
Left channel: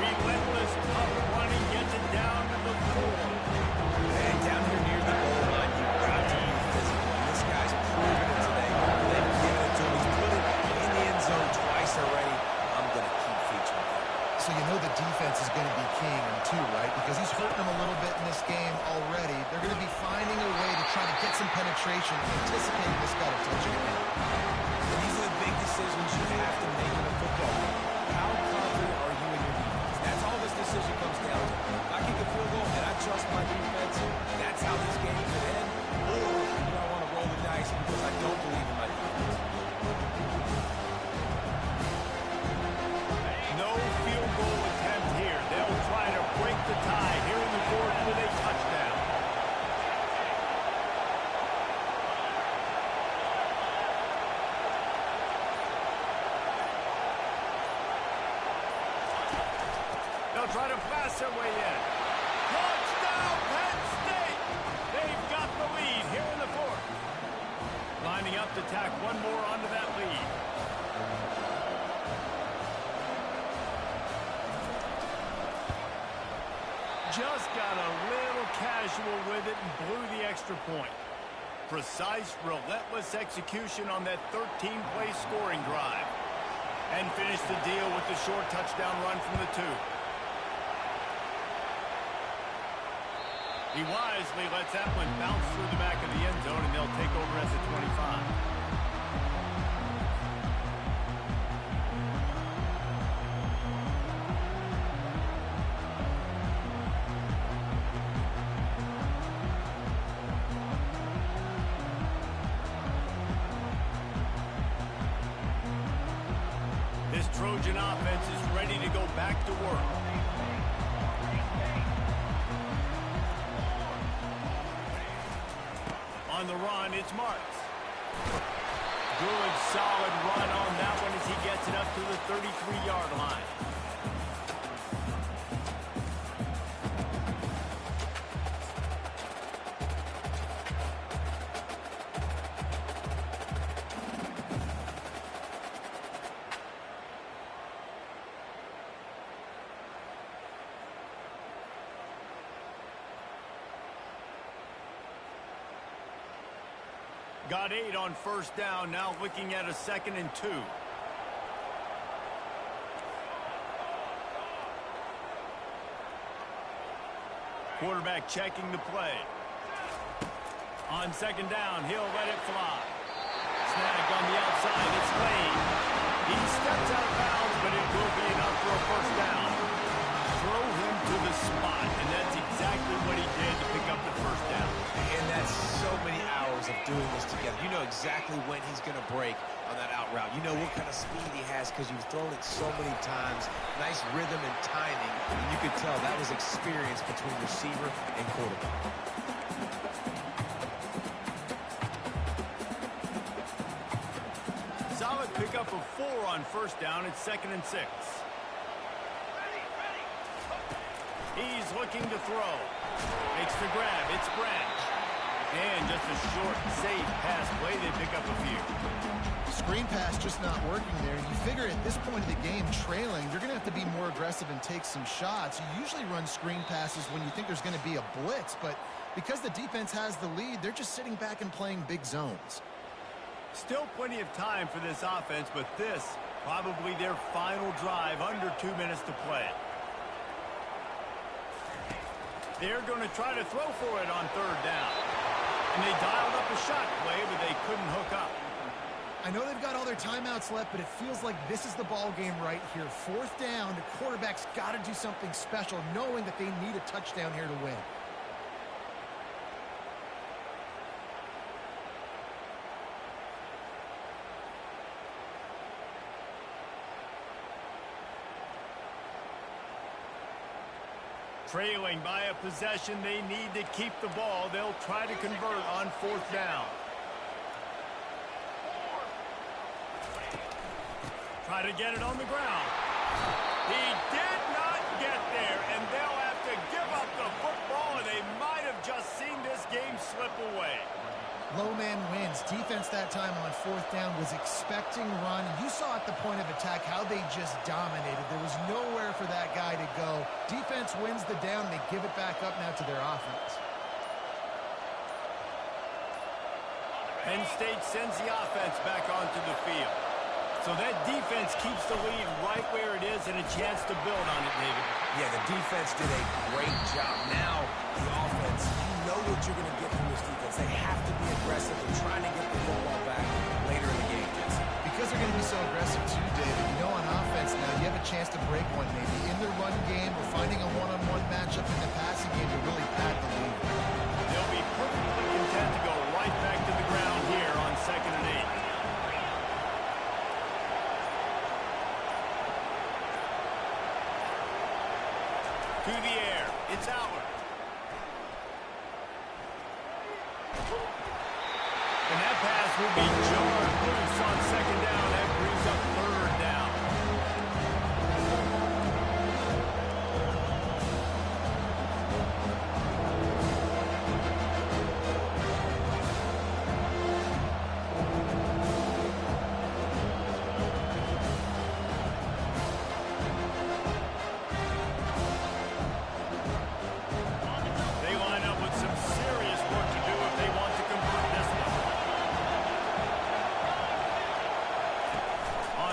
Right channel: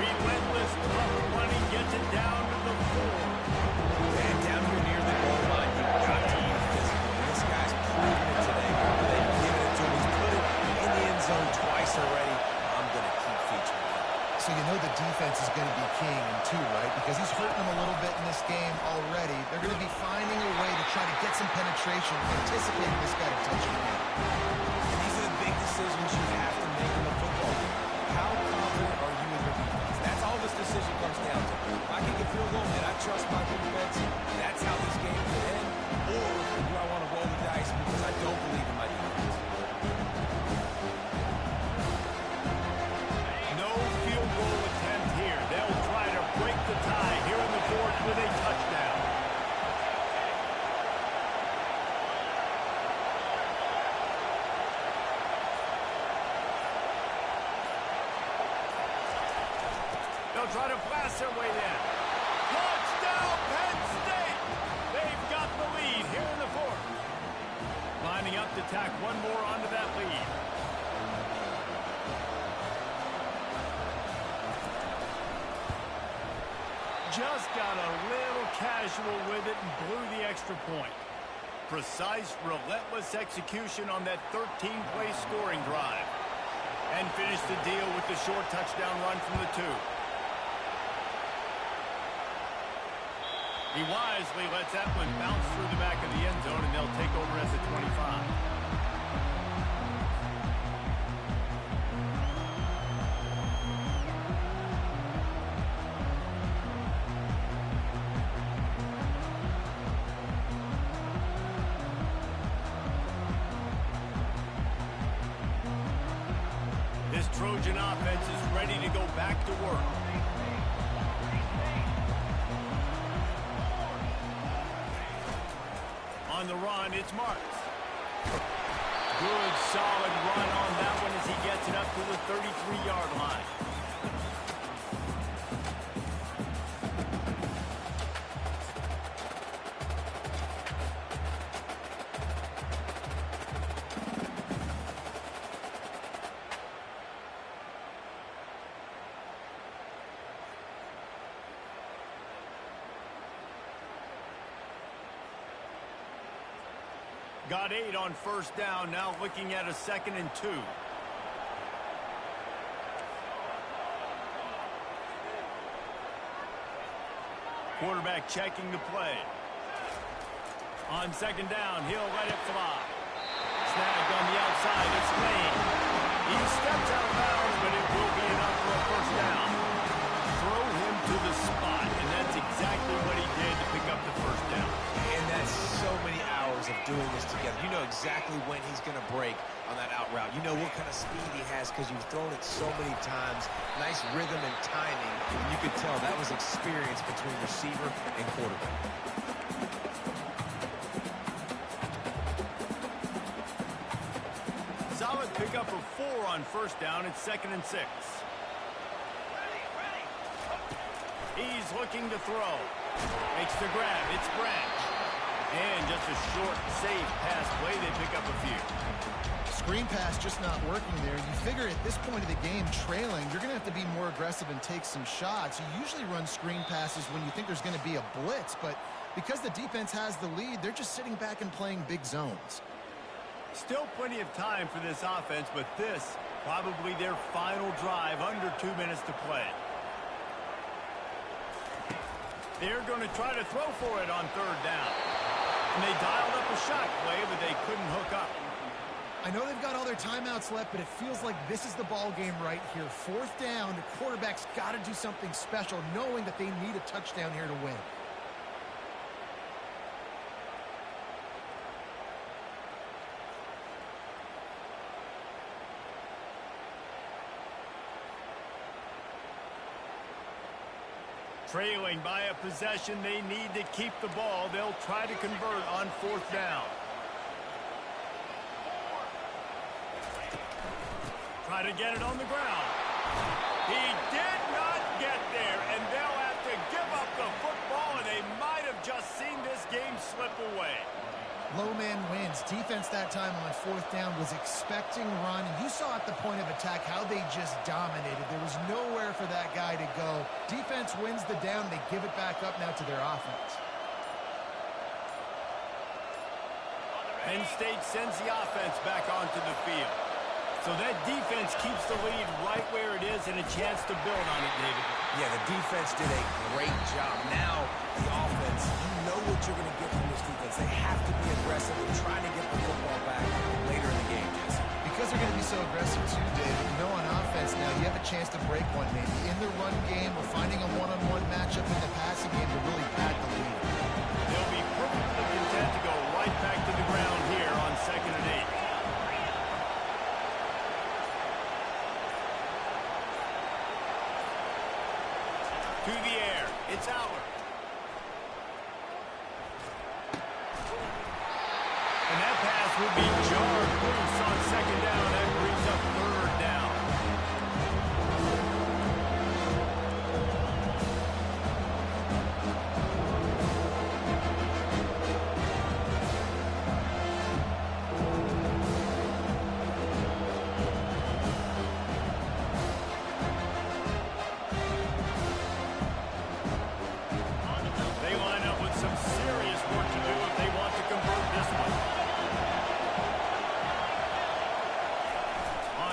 Relentless, tough running, gets it down to the 4. And down here near the goal line, you've got to be physical. And this guy's proven it today. They've given it to him. He's put it in the end zone twice already. I'm going to keep featuring him. So you know the defense is going to be keying him too, right? Because he's hurting them a little bit in this game already. They're going to be finding a way to try to get some penetration, anticipating this guy to touch it again. And these are the big decisions you have to make in a football game. How confident are you in your defense? That's all this decision comes down to. If I kick a field goal and I trust my defense, that's how this game could end. Or do I want to roll the dice because I don't believe in my defense? No field goal attempt here. They'll try to break the tie here in the fourth with a touchdown. They'll try to blast their way in. Touchdown, Penn State! They've got the lead here in the fourth. Lining up to tack one more onto that lead. Just got a little casual with it and blew the extra point. Precise, relentless execution on that 13-play scoring drive. And finished the deal with the short touchdown run from the 2. He wisely lets that one bounce through the back of the end zone, and they'll take over at the 25. This Trojan offense is ready to go back to work. On the run, it's Marks. Good, solid run on that one as he gets it up to the 33-yard line. Got 8 on first down, now looking at a 2nd and 2. Quarterback checking the play. On second down, he'll let it fly. Snagged on the outside, it's Lane. He steps out of bounds, but it will be enough for a first down. Throw him to the spot, and that's exactly what he did to pick up the first down. And that's so many hours of doing this together. You know exactly when he's going to break on that out route. You know what kind of speed he has because you've thrown it so many times. Nice rhythm and timing, and you could tell that was experience between receiver and quarterback. Solid pickup of 4 on first down. It's 2nd and 6. He's looking to throw. Makes the grab. It's Branch. And just a short, safe pass play. They pick up a few. Screen pass just not working there. You figure at this point of the game, trailing, you're going to have to be more aggressive and take some shots. You usually run screen passes when you think there's going to be a blitz, but because the defense has the lead, they're just sitting back and playing big zones. Still plenty of time for this offense, but this probably their final drive, under 2 minutes to play. They're going to try to throw for it on third down. And they dialed up a shot play, but they couldn't hook up. I know they've got all their timeouts left, but it feels like this is the ball game right here. 4th down, the quarterback's got to do something special, knowing that they need a touchdown here to win. Trailing by a possession, they need to keep the ball. They'll try to convert on 4th down. Try to get it on the ground. He did not get there, and they'll have to give up the football, and they might have just seen this game slip away. Low man wins. Defense that time on 4th down was expecting run. You saw at the point of attack how they just dominated. There was nowhere for that guy to go. Defense wins the down. They give it back up now to their offense. Penn State sends the offense back onto the field. So that defense keeps the lead right where it is and a chance to build on it, David. Yeah, the defense did a great job. Now, the offense, you know what you're going to get from this defense. They have to be aggressive and trying to get the football back later in the game, Jesse. Because they're going to be so aggressive too, David. You know, on offense now, you have a chance to break one maybe in the run game or finding a one-on-one matchup in the passing game to really pad the lead. They'll be perfectly content to go right back to the ground here on 2nd and 8. To the air. It's Aller. And that pass will be jarred loose on 2nd down. That brings up 3rd down.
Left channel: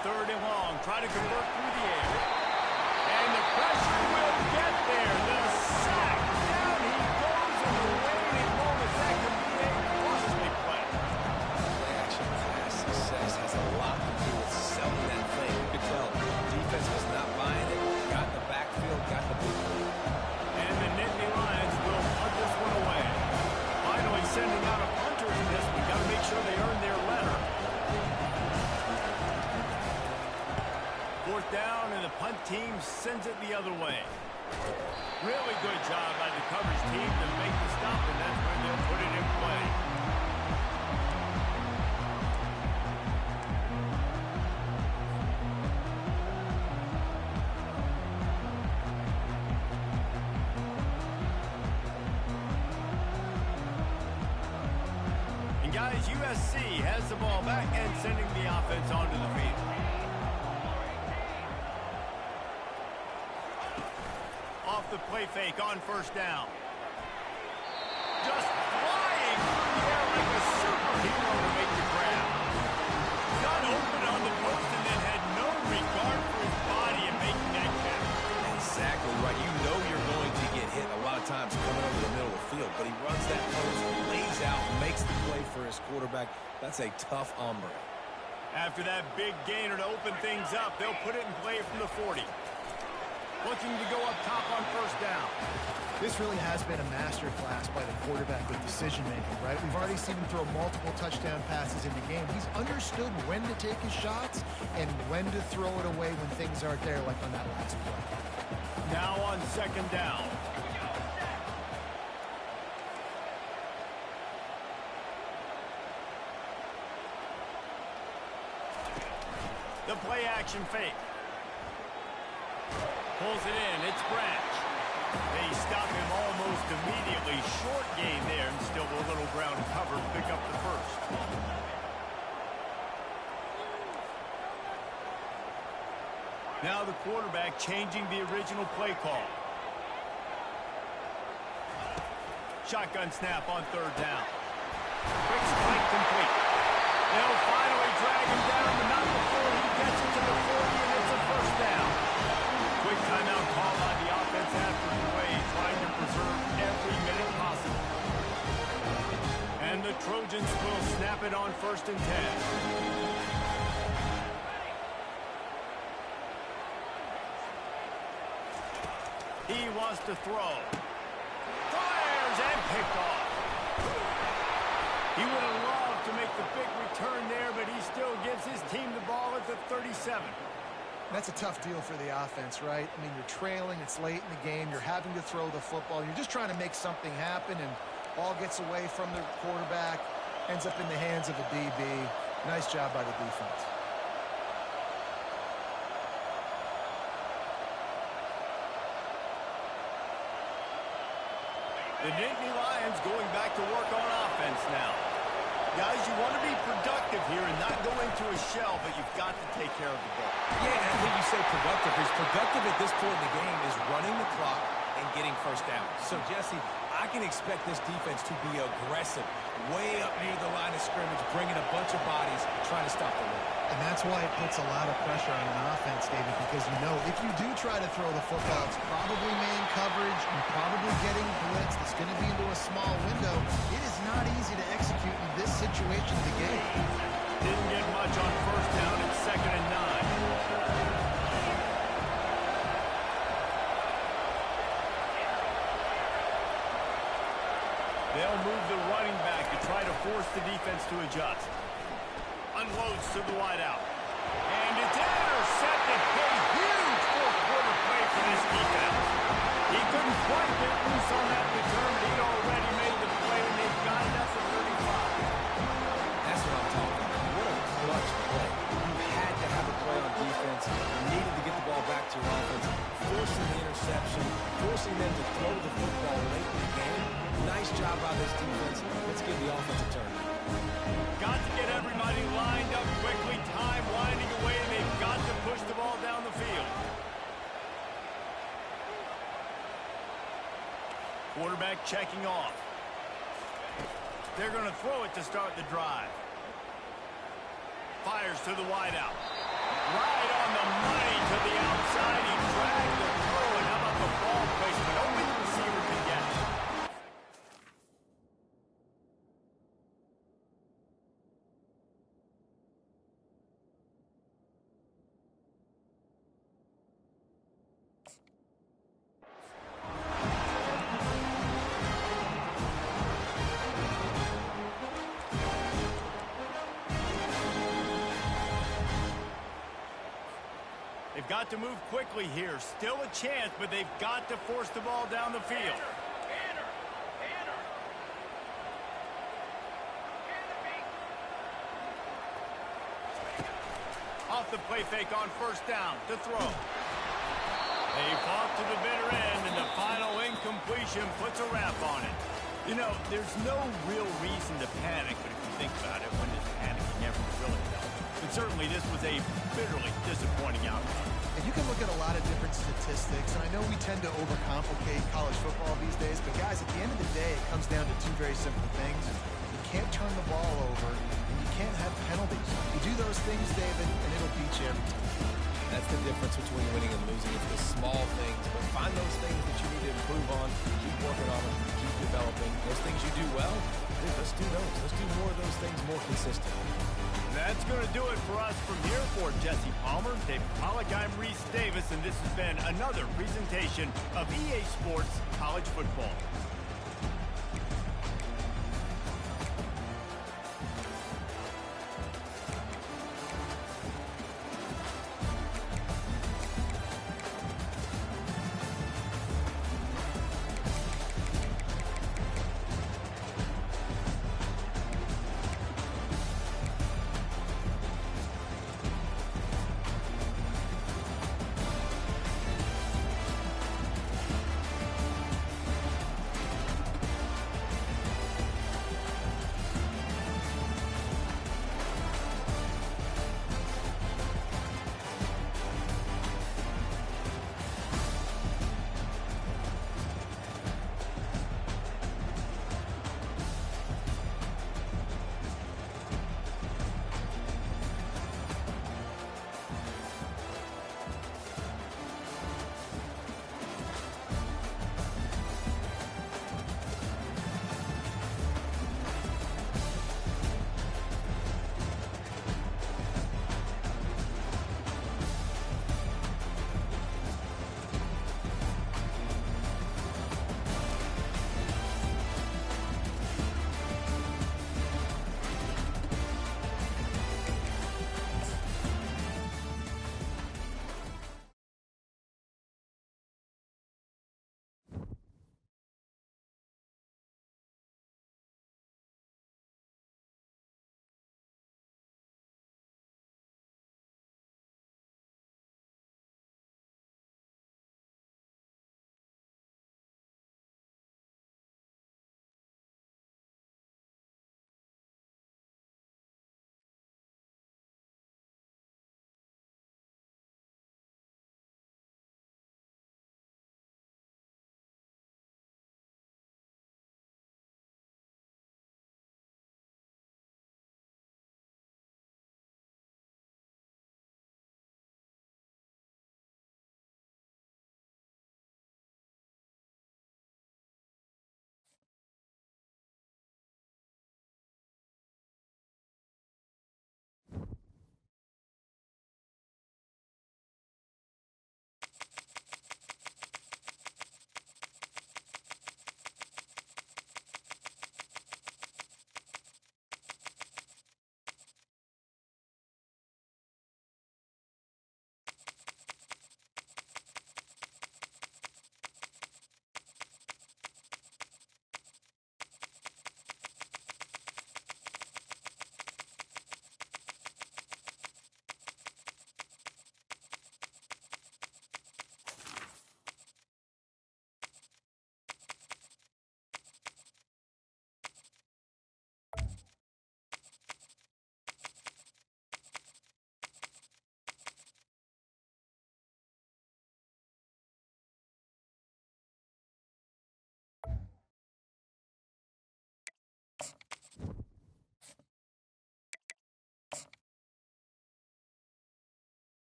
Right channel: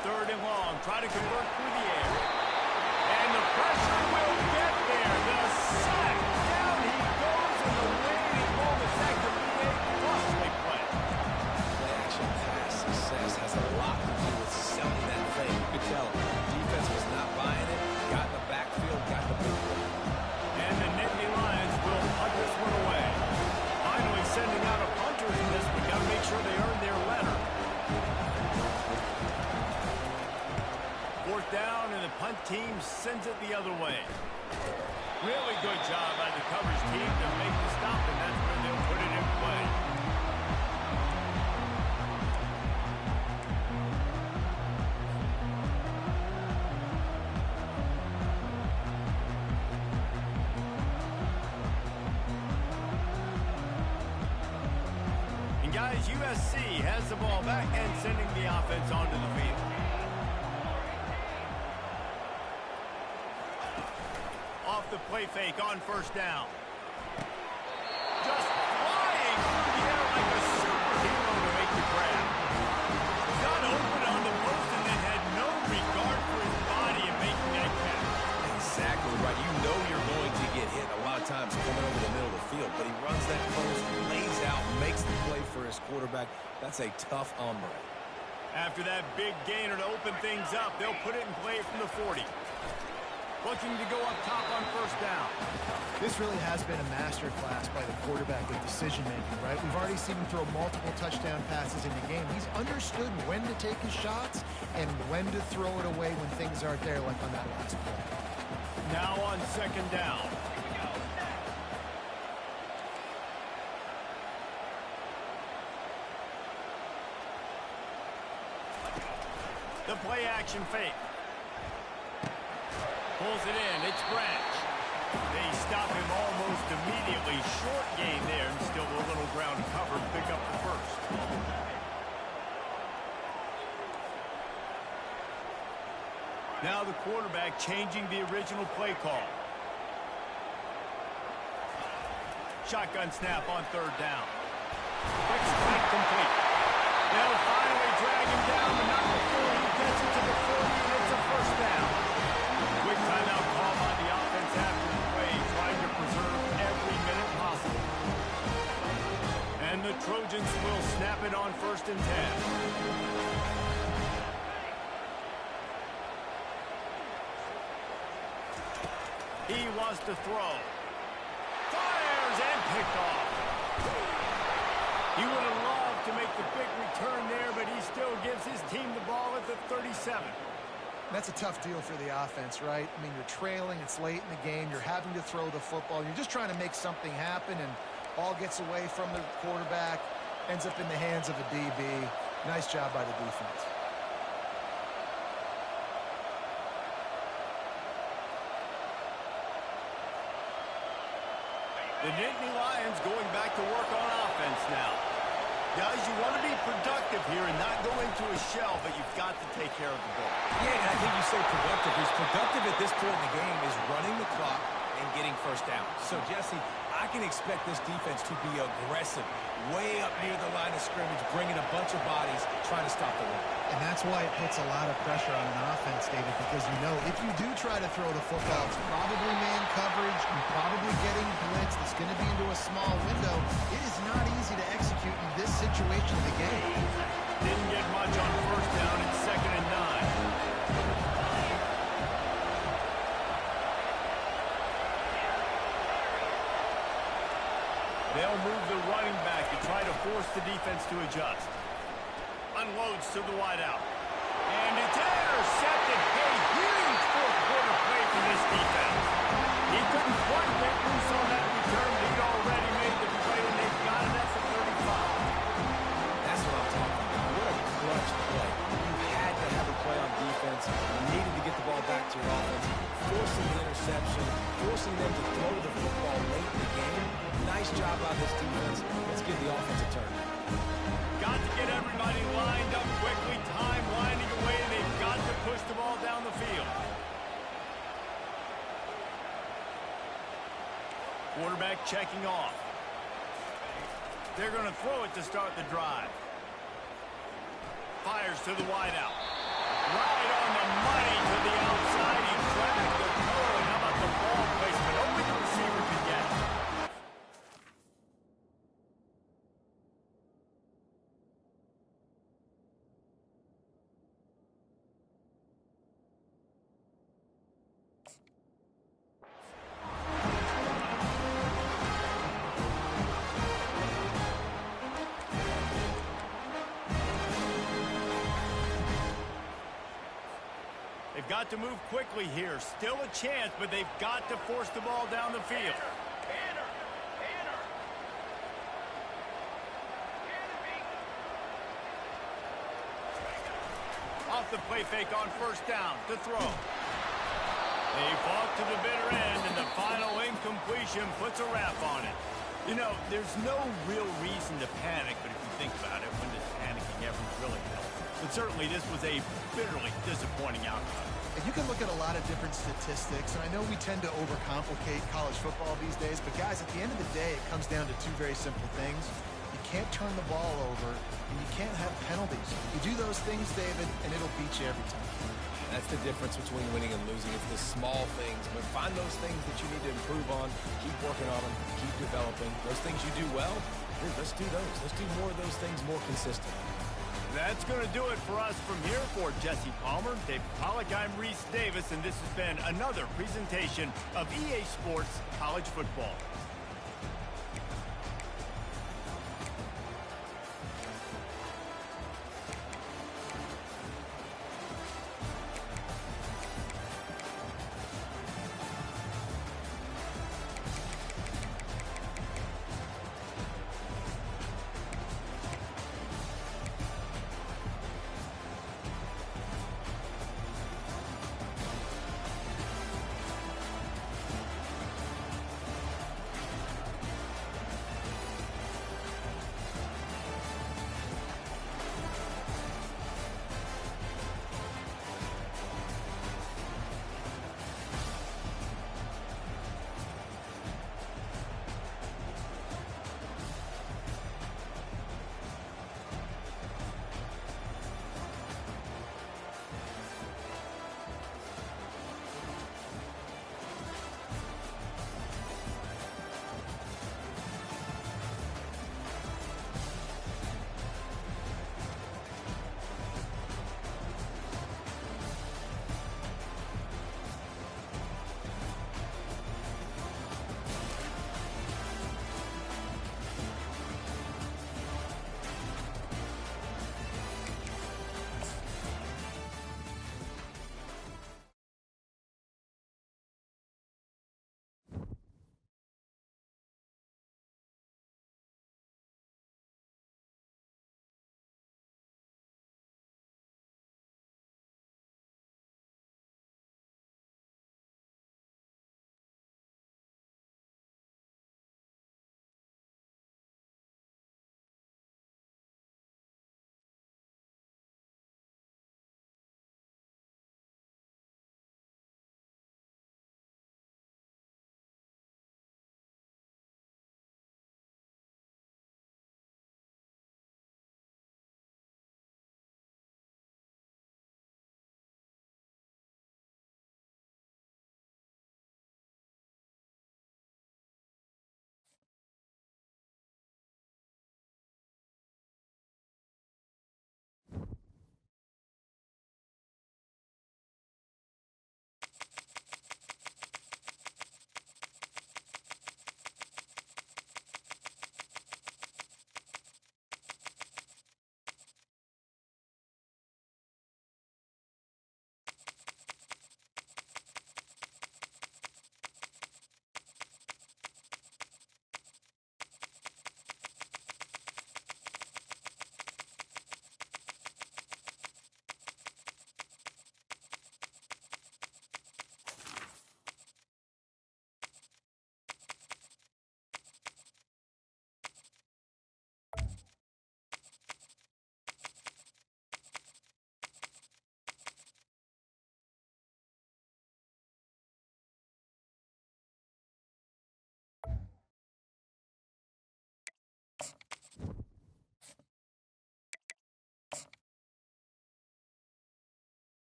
Third and long. Try to convert through the air. And the pressure will get there. The sack. Down he goes in the waning moments. That could be a costly play. Play action pass success has a lot to do with selling that play. You could tell defense was not buying it. Got in the backfield, got the big play. And the Nittany Lions will punt this one away. Finally sending out a punter in this one. Got to make sure they earn their letter. 4th down, and the punt team sends it the other way. Really good job by the coverage team to make the stop, and that's where they'll put it in play. And guys, USC has the ball back and sending the offense onto the field. Off the play fake on 1st down. Just flying through the air like a superhero to make the grab. Got open on the post and then had no regard for his body in making that catch. Exactly right. You know you're going to get hit a lot of times coming over the middle of the field. field, but he runs that post, lays out, makes the play for his quarterback. That's a tough hombre. After that big gainer to open things up, they'll put it in play from the 40. Looking to go up top on first down. This really has been a masterclass by the quarterback with decision-making, right? We've already seen him throw multiple touchdown passes in the game. He's understood when to take his shots and when to throw it away when things aren't there, like on that last play. Now on second down. The play action fake. Pulls it in. It's Branch. They stop him almost immediately. Short gain there, and still a little ground cover. Pick up the first. Now the quarterback changing the original play call. Shotgun snap on third down. Quick strike complete. They'll finally drag him down, but not before he gets it to the 40, and it's a first down. Quick timeout call by the offense after the play, trying to preserve every minute possible. And the Trojans will snap it on 1st and 10. He wants to throw. Fires and picked off. He would have loved to make the big return there, but he still gives his team the ball at the 37. That's a tough deal for the offense, right? I mean, you're trailing, it's late in the game, you're having to throw the football, you're just trying to make something happen, and ball gets away from the quarterback, ends up in the hands of a DB. Nice job by the defense. The Nittany Lions going back to work on offense now. Guys, you want to be productive here and not go into a shell, but you've got to take care of the ball. Yeah, and I think you say productive. He's productive at this point in the game is running the clock and getting first down. So, Jesse, I can expect this defense to be aggressive, way up near the line of scrimmage, bringing a bunch of bodies, trying to stop the run. And that's why it puts a lot of pressure on an offense, David, because you know if you do try to throw the football, it's probably man coverage, you're probably getting blitzed, it's going to be into a small window. It is not easy to execute in this situation of the game. Didn't get much on first down. It's 2nd and 9. They'll move the running back to try to force the defense to adjust. Unloads to the wideout. And it's intercepted. A huge fourth-quarter play for this defense. He couldn't quite get loose on that return, but he'd already made the play, and they've got it at the 35. That's what I'm talking about. What a clutch play. You had to have a play on defense. You needed to get the ball back to your offense, forcing the interception, forcing them to throw the football late in the game. Nice job by this defense. Let's give the offense a turn. Got to get everybody lined up quickly. Time winding away, and they've got to push the ball down the field. Quarterback checking off. They're going to throw it to start the drive. Fires to the wideout. Right on the money to the outside. He dragged the throw, and how about the ball placement? Only the receiver could get it. They've got to move quickly here. Still a chance, but they've got to force the ball down the field. Off the play fake on first down to throw. They fought to the bitter end, and the final incompletion puts a wrap on it. You know, there's no real reason to panic, but if you think about it, when does panicking ever really help? But certainly this was a bitterly disappointing outcome. And you can look at a lot of different statistics, and I know we tend to overcomplicate college football these days, but guys, at the end of the day, it comes down to two very simple things. You can't turn the ball over, and you can't have penalties. You do those things, David, and it'll beat you every time. that's the difference between winning and losing. It's the small things, but find those things that you need to improve on, keep working on them, keep developing. Those things you do well, dude, let's do those. Let's do more of those things more consistently. That's going to do it for us from here. For Jesse Palmer, Dave Pollock, I'm Reese Davis, and this has been another presentation of EA Sports College Football.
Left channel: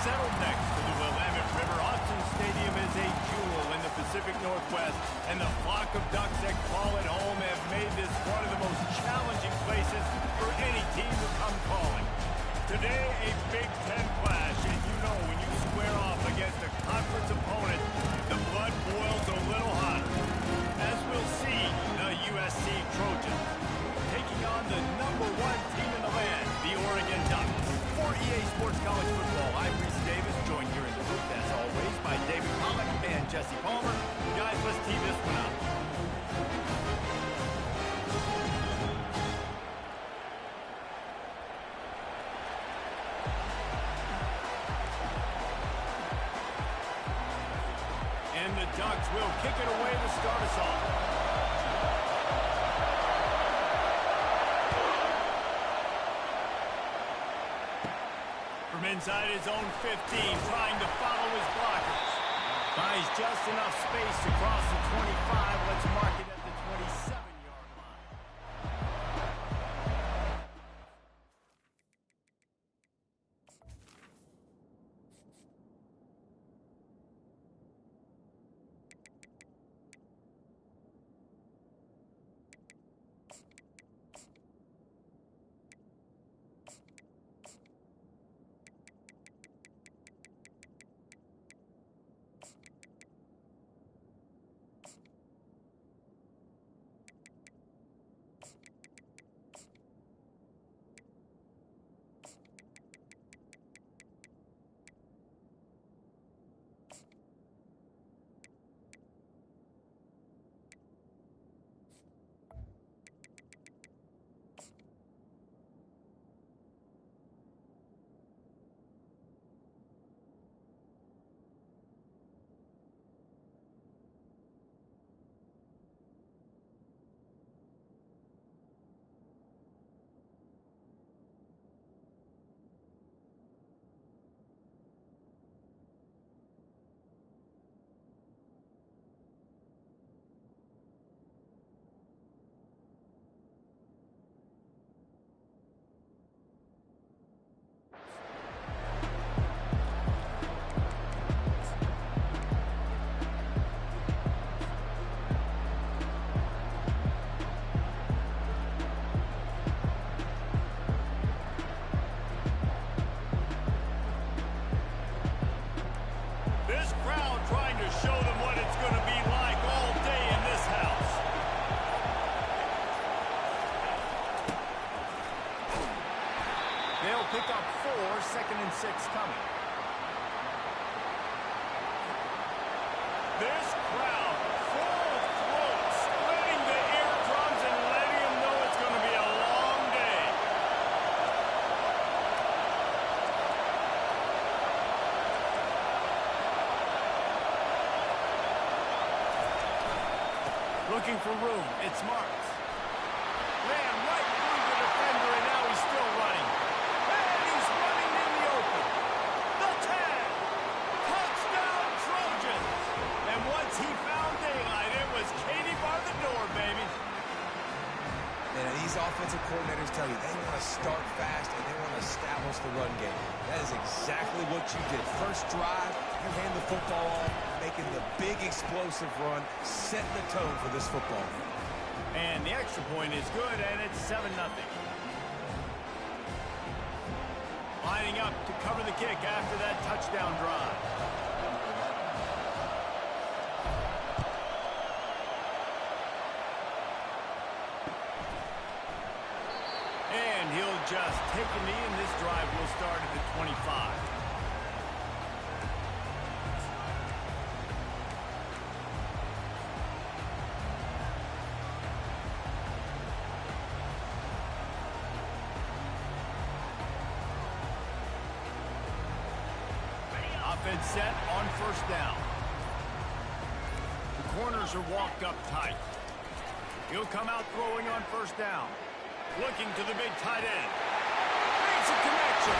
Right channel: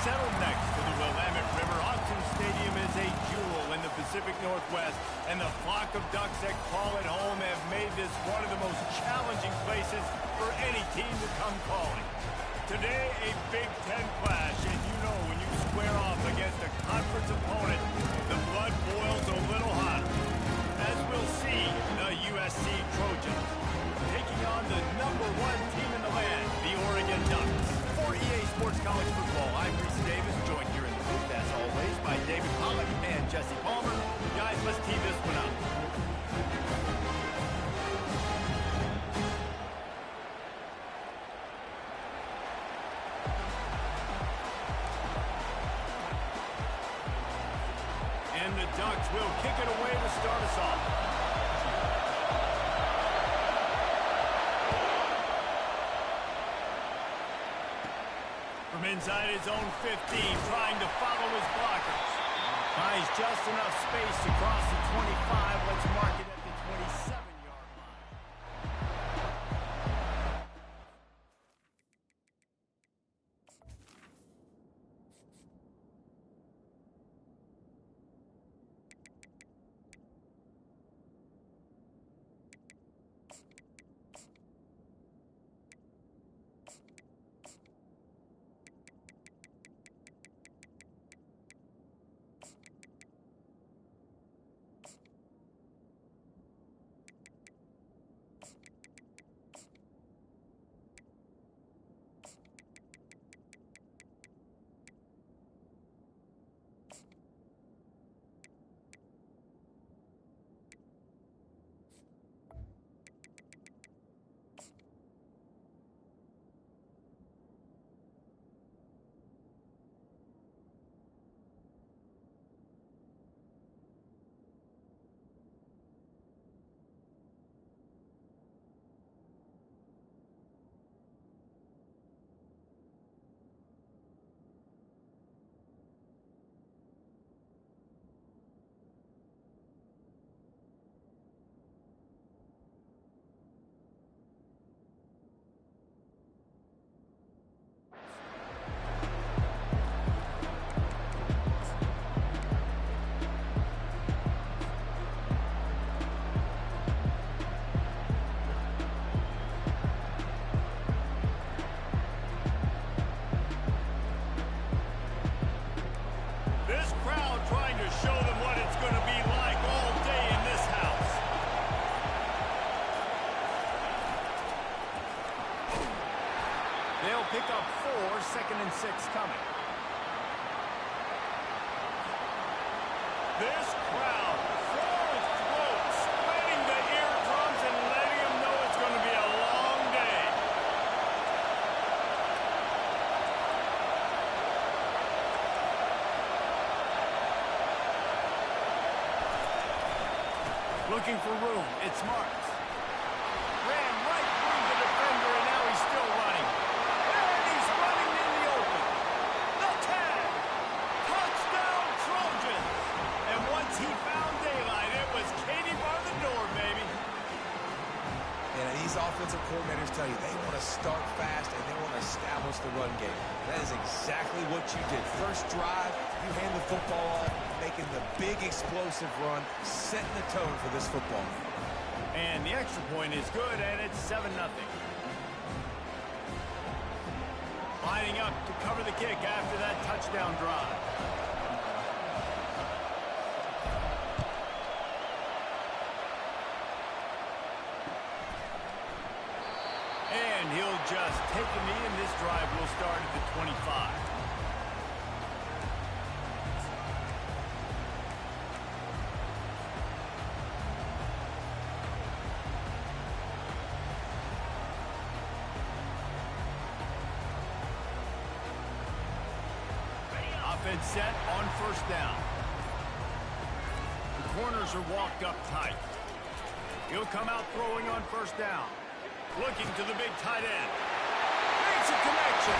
Settled next to the Willamette River, Autzen Stadium is a jewel in the Pacific Northwest, and the flock of Ducks that call it home have made this one of the most challenging places for any team to come calling. Today, a Big Ten clash, and you know when you square off against a conference opponent, the blood boils a little hotter. As we'll see, the USC Trojans taking on the #1 team in the land, the Oregon Ducks. For College Football. I'm Reese Davis, joined here in the booth, as always, by David Pollack and Jesse Palmer. Guys, let's tee this one up. And the Ducks will kick it away to start us off. From inside his own 15, trying to follow his blockers. Finds just enough space to cross the 25. Let's mark it at the 27-yard line. This crowd trying to show them what it's going to be like all day in this house. They'll pick up 4, 2nd and 6 coming. This crowd, full throat, splitting the eardrums and letting them know it's going to be a long day. Looking for room. It's Marks. Ran right through the defender, and now he's still running. And he's running in the open. The tag. Touchdown, Trojans. And once he found daylight, it was Katie bar the door, baby. And these offensive coordinators tell you they want to start fast and they want to establish the run game. That is exactly what you did. First drive, you hand the football off, making the big explosive run, setting the tone for this football game. And the extra point is good, and it's 7-0. Lining up to cover the kick after that touchdown drive. And he'll just take a knee, and this drive will start at the 25. Offense set on first down. The corners are walked up tight. He'll come out throwing on first down. Looking to the big tight end. Makes a connection.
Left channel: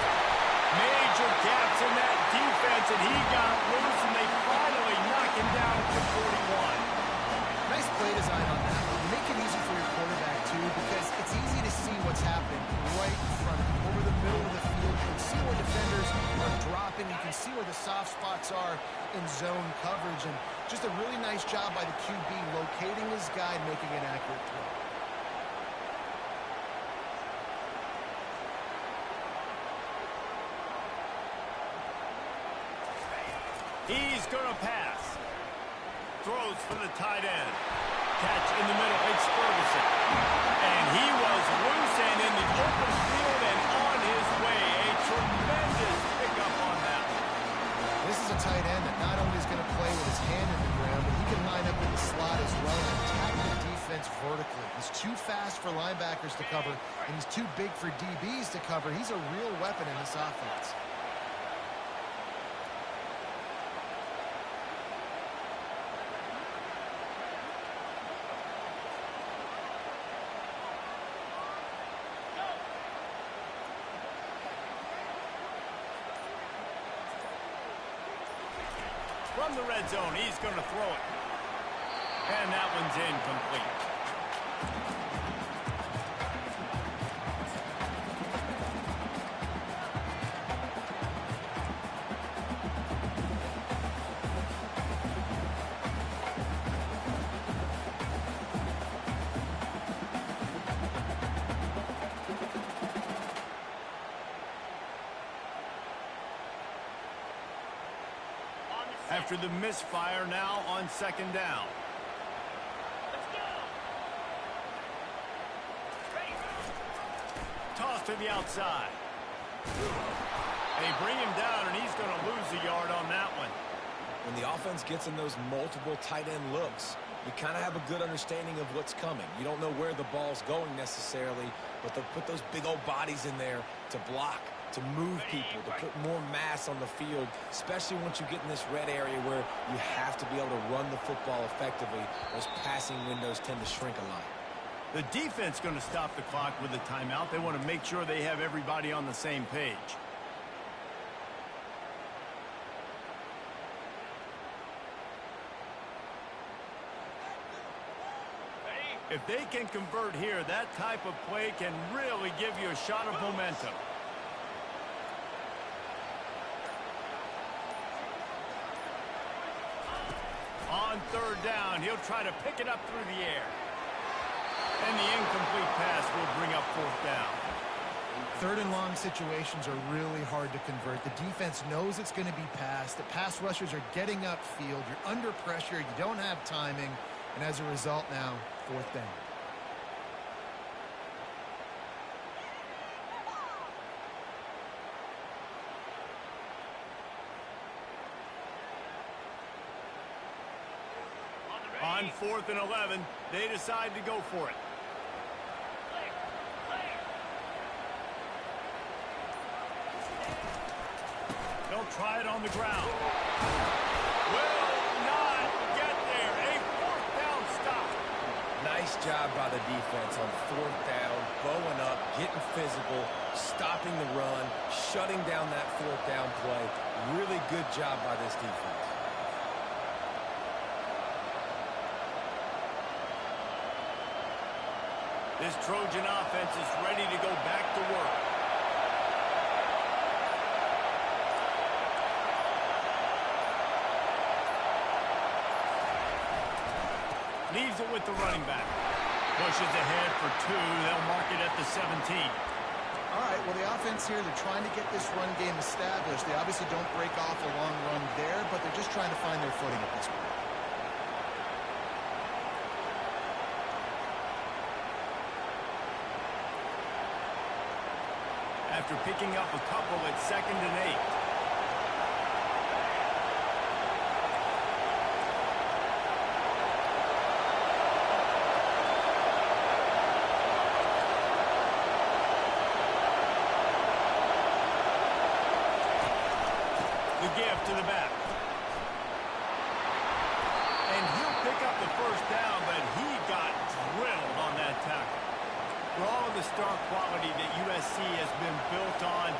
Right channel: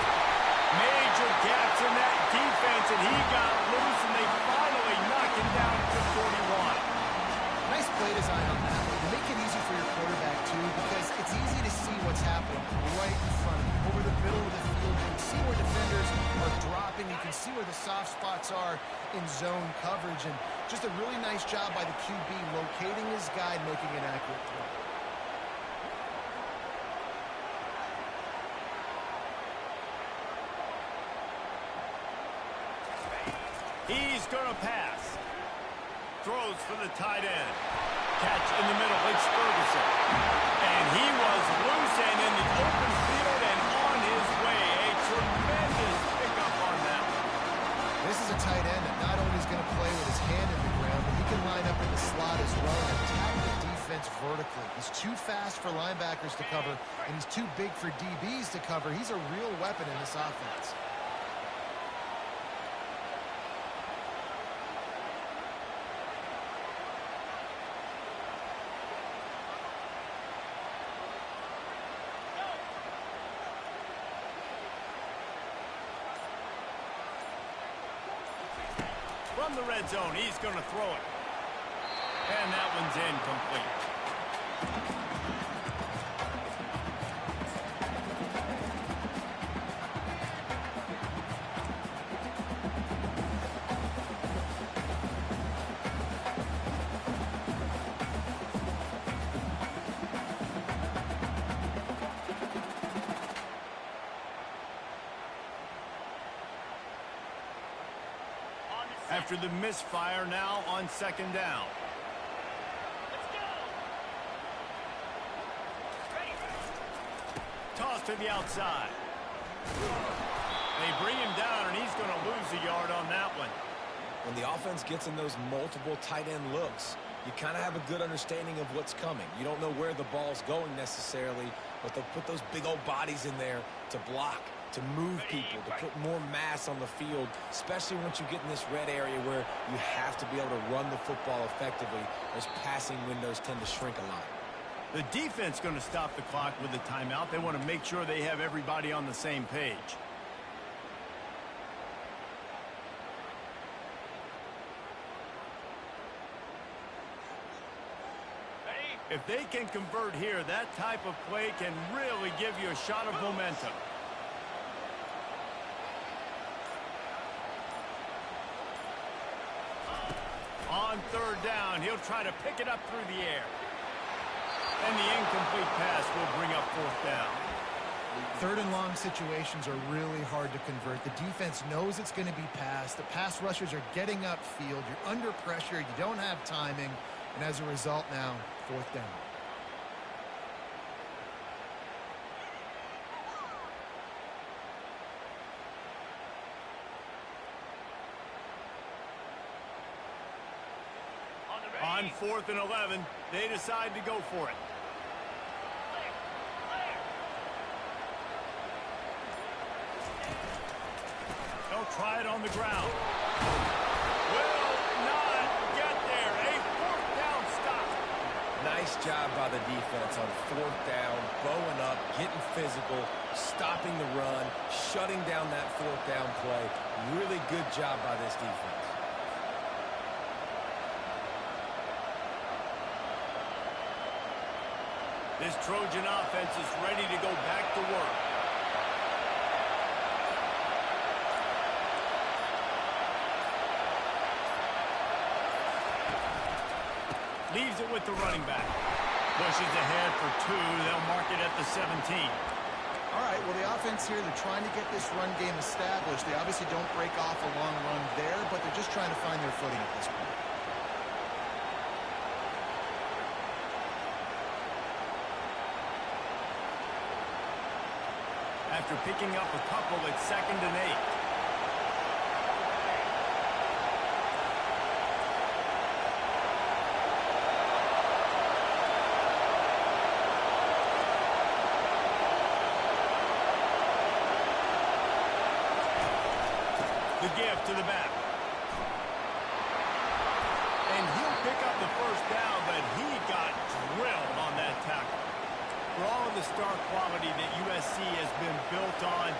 Major gaps in that defense, and he got loose, and they finally knock him down at the 41. Nice play design on that one. You make it easy for your quarterback, too, because it's easy to see what's happening right in front of you. Over the middle of the field, you can see where defenders are dropping. You can see where the soft spots are in zone coverage. And just a really nice job by the QB locating his guy and making an accurate throw. He's going to pass. Throws for the tight end. Catch in the middle. It's Ferguson. And he was loose and in the open field and on his way. A tremendous This is a tight end that not only is going to play with his hand in the ground, but he can line up in the slot as well and attack the defense vertically. He's too fast for linebackers to cover, and he's too big for DBs to cover. He's a real weapon in this offense. From the red zone, he's going to throw it. And that one's incomplete. After the misfire, now on second down. Let's go. Ready. Toss to the outside. They bring him down, and he's going to lose a yard on that one. When the offense gets in those multiple tight end looks, you kind of have a good understanding of what's coming. You don't know where the ball's going necessarily, but they'll put those big old bodies in there to block, to move people, to put more mass on the field, especially once you get in this red area where you have to be able to run the football effectively. Those passing windows tend to shrink a lot. The defense going to stop the clock with a timeout. They want to make sure they have everybody on the same page. If they can convert here, that type of play can really give you a shot of momentum. On third down, he'll try to pick it up through the air. And the incomplete pass will bring up fourth down. Third and long situations are really hard to convert. The defense knows it's going to be passed. The pass rushers are getting upfield. You're under pressure. You don't have timing. And as a result now, fourth down. On 4th and 11, they decide to go for it. Clear. Clear. They'll try it on the ground. Will not get there. A fourth down stop. Nice job by the defense on fourth down, bowing up, getting physical, stopping the run, shutting down that fourth down play. Really good job by this defense. This Trojan offense is ready to go back to work. Leaves it with the running back. Pushes ahead for 2. They'll mark it at the 17. All right, well, the offense here, they're trying to get this run game established. They obviously don't break off a long run there, but they're just trying to find their footing at this point. After picking up a couple, it's 2nd and 8. The give to the back. And he'll pick up the first down, but he got drilled on that tackle. For all of the star quality that USC has been built on,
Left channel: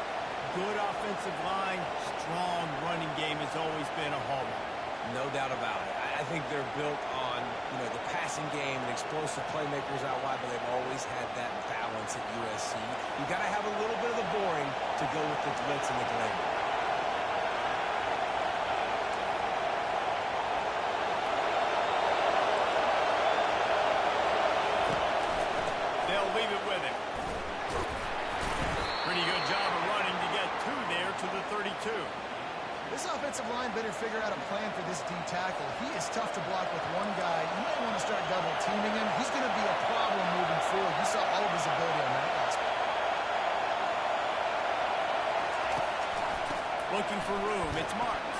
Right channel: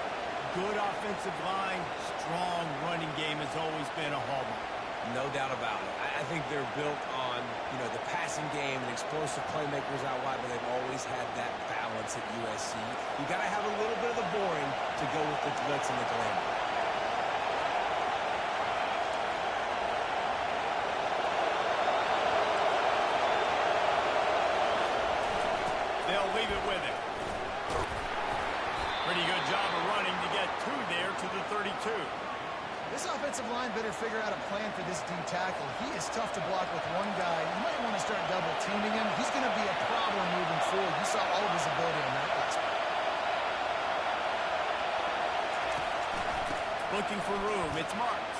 good offensive line, strong running game has always been a hallmark. No doubt about it. I think they're built on, the passing game and explosive playmakers out wide, but they've always had that balance at USC. You got to have a little bit of the boring to go with the glitz and the glamour. They'll leave it with him. Pretty good job of running to get 2 there to the 32. This offensive line better figure out a plan for this D tackle. He is tough to block with one guy. You might want to start double teaming him. He's going to be a problem moving forward. You saw all of his ability on that last one. Looking for room. It's Marks.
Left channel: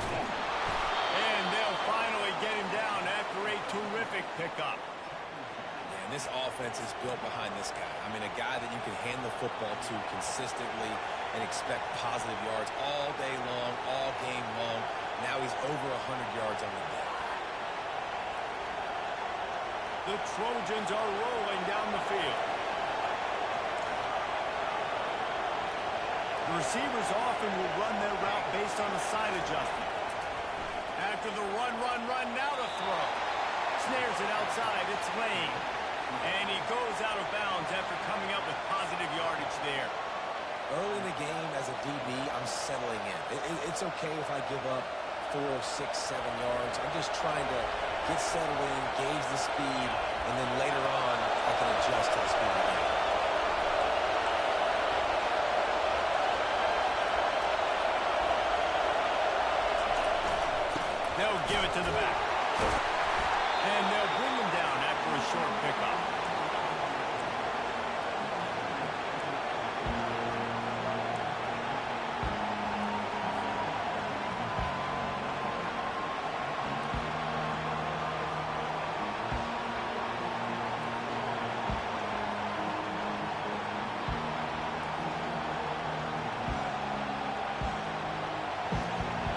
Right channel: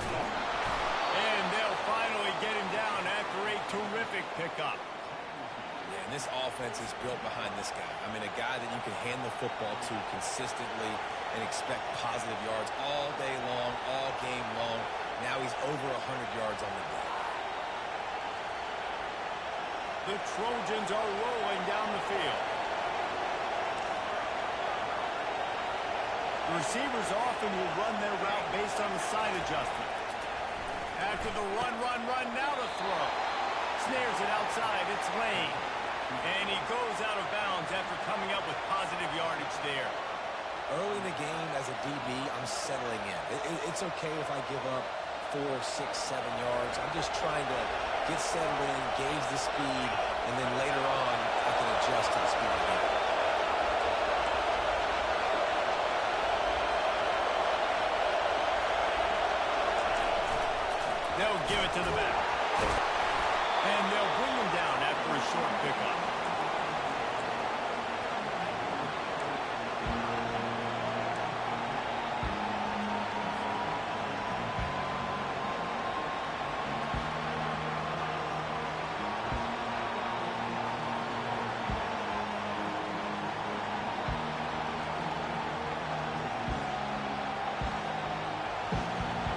And they'll finally get him down after a terrific pickup. Yeah, and this offense is built behind this guy. I mean, a guy that you can hand the football to consistently and expect positive yards all day long, all game long. Now he's over 100 yards on the day. The Trojans are rolling down the field. The receivers often will run their route based on a side adjustment. After the run, now the throw. Snares it outside, it's Lane. And he goes out of bounds after coming up with positive yardage there. Early in the game, as a DB, I'm settling in. It's okay if I give up 4, 6, 7 yards. I'm just trying to get settled in, gauge the speed, and then later on, I can adjust to the speed of the game. They'll give it to the back. And they'll bring him down after a short pickup.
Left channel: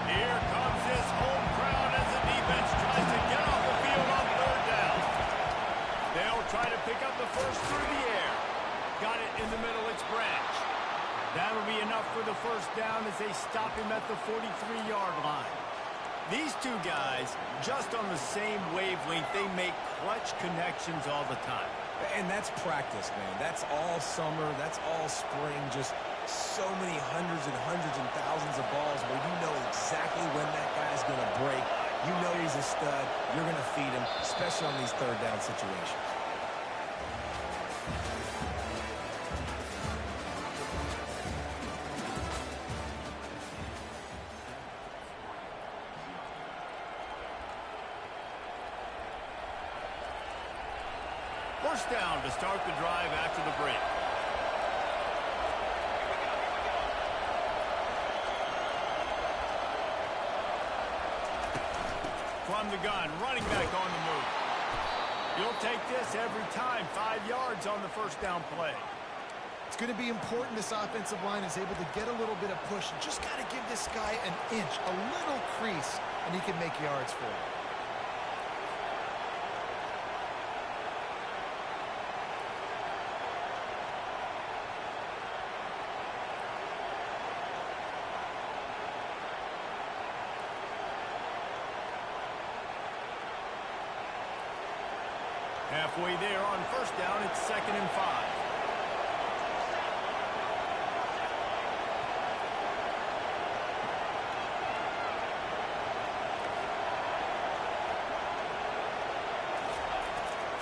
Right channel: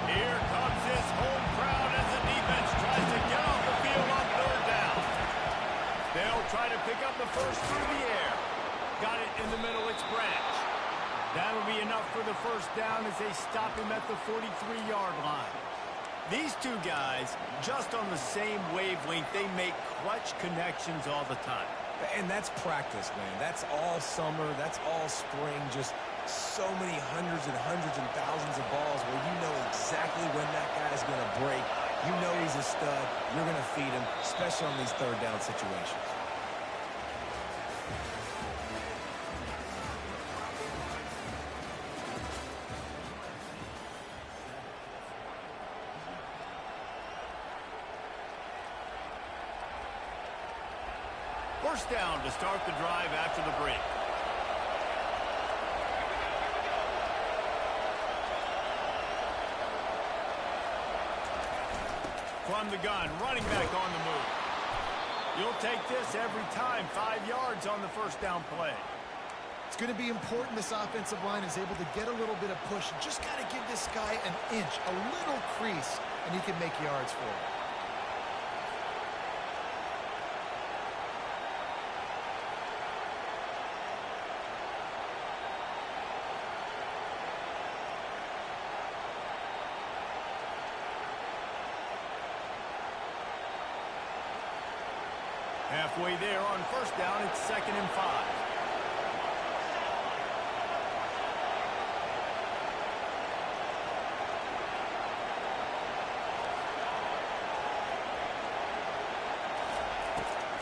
Here comes his home crowd as the defense tries to get off the field on third down. They'll try to pick up the first through the air. Got it in the middle, it's Branch. That'll be enough for the first down as they stop him at the 43-yard line. These two guys, just on the same wavelength, they make clutch connections all the time. And that's practice, man. That's all summer. That's all spring. Just so many hundreds and thousands of balls where you know exactly when that guy's going to break. You know he's a stud. You're going to feed him, especially on these third down situations. First down to start the drive after the break. From the gun, running back on the move. You'll take this every time. 5 yards on the first down play. It's going to be important this offensive line is able to get a little bit of push. Just got to give this guy an inch, a little crease, and he can make yards for you. Halfway there on first down, it's 2nd and 5.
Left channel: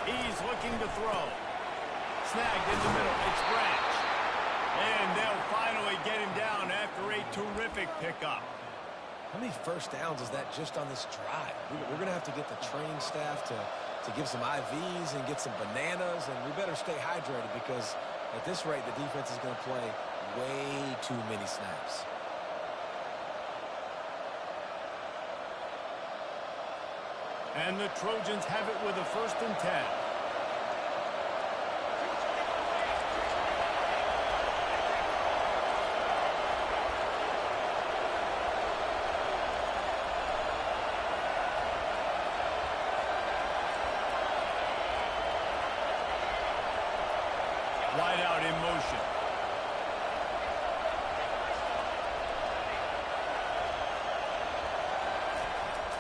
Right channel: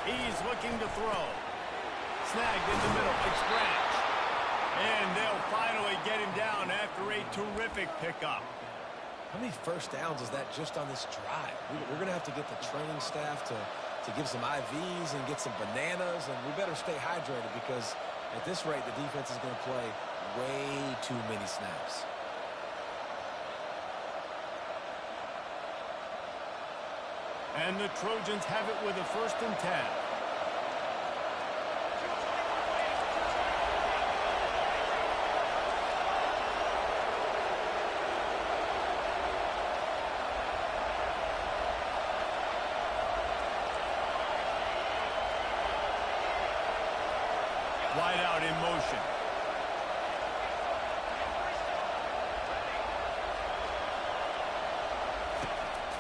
He's looking to throw. Snagged in the middle, it's Branch. And they'll finally get him down after a terrific pickup. How many first downs is that just on this drive? We're going to have to get the training staff to give some IVs and get some bananas, and we better stay hydrated because at this rate, the defense is going to play way too many snaps. And the Trojans have it with a 1st and 10. Wide out in motion.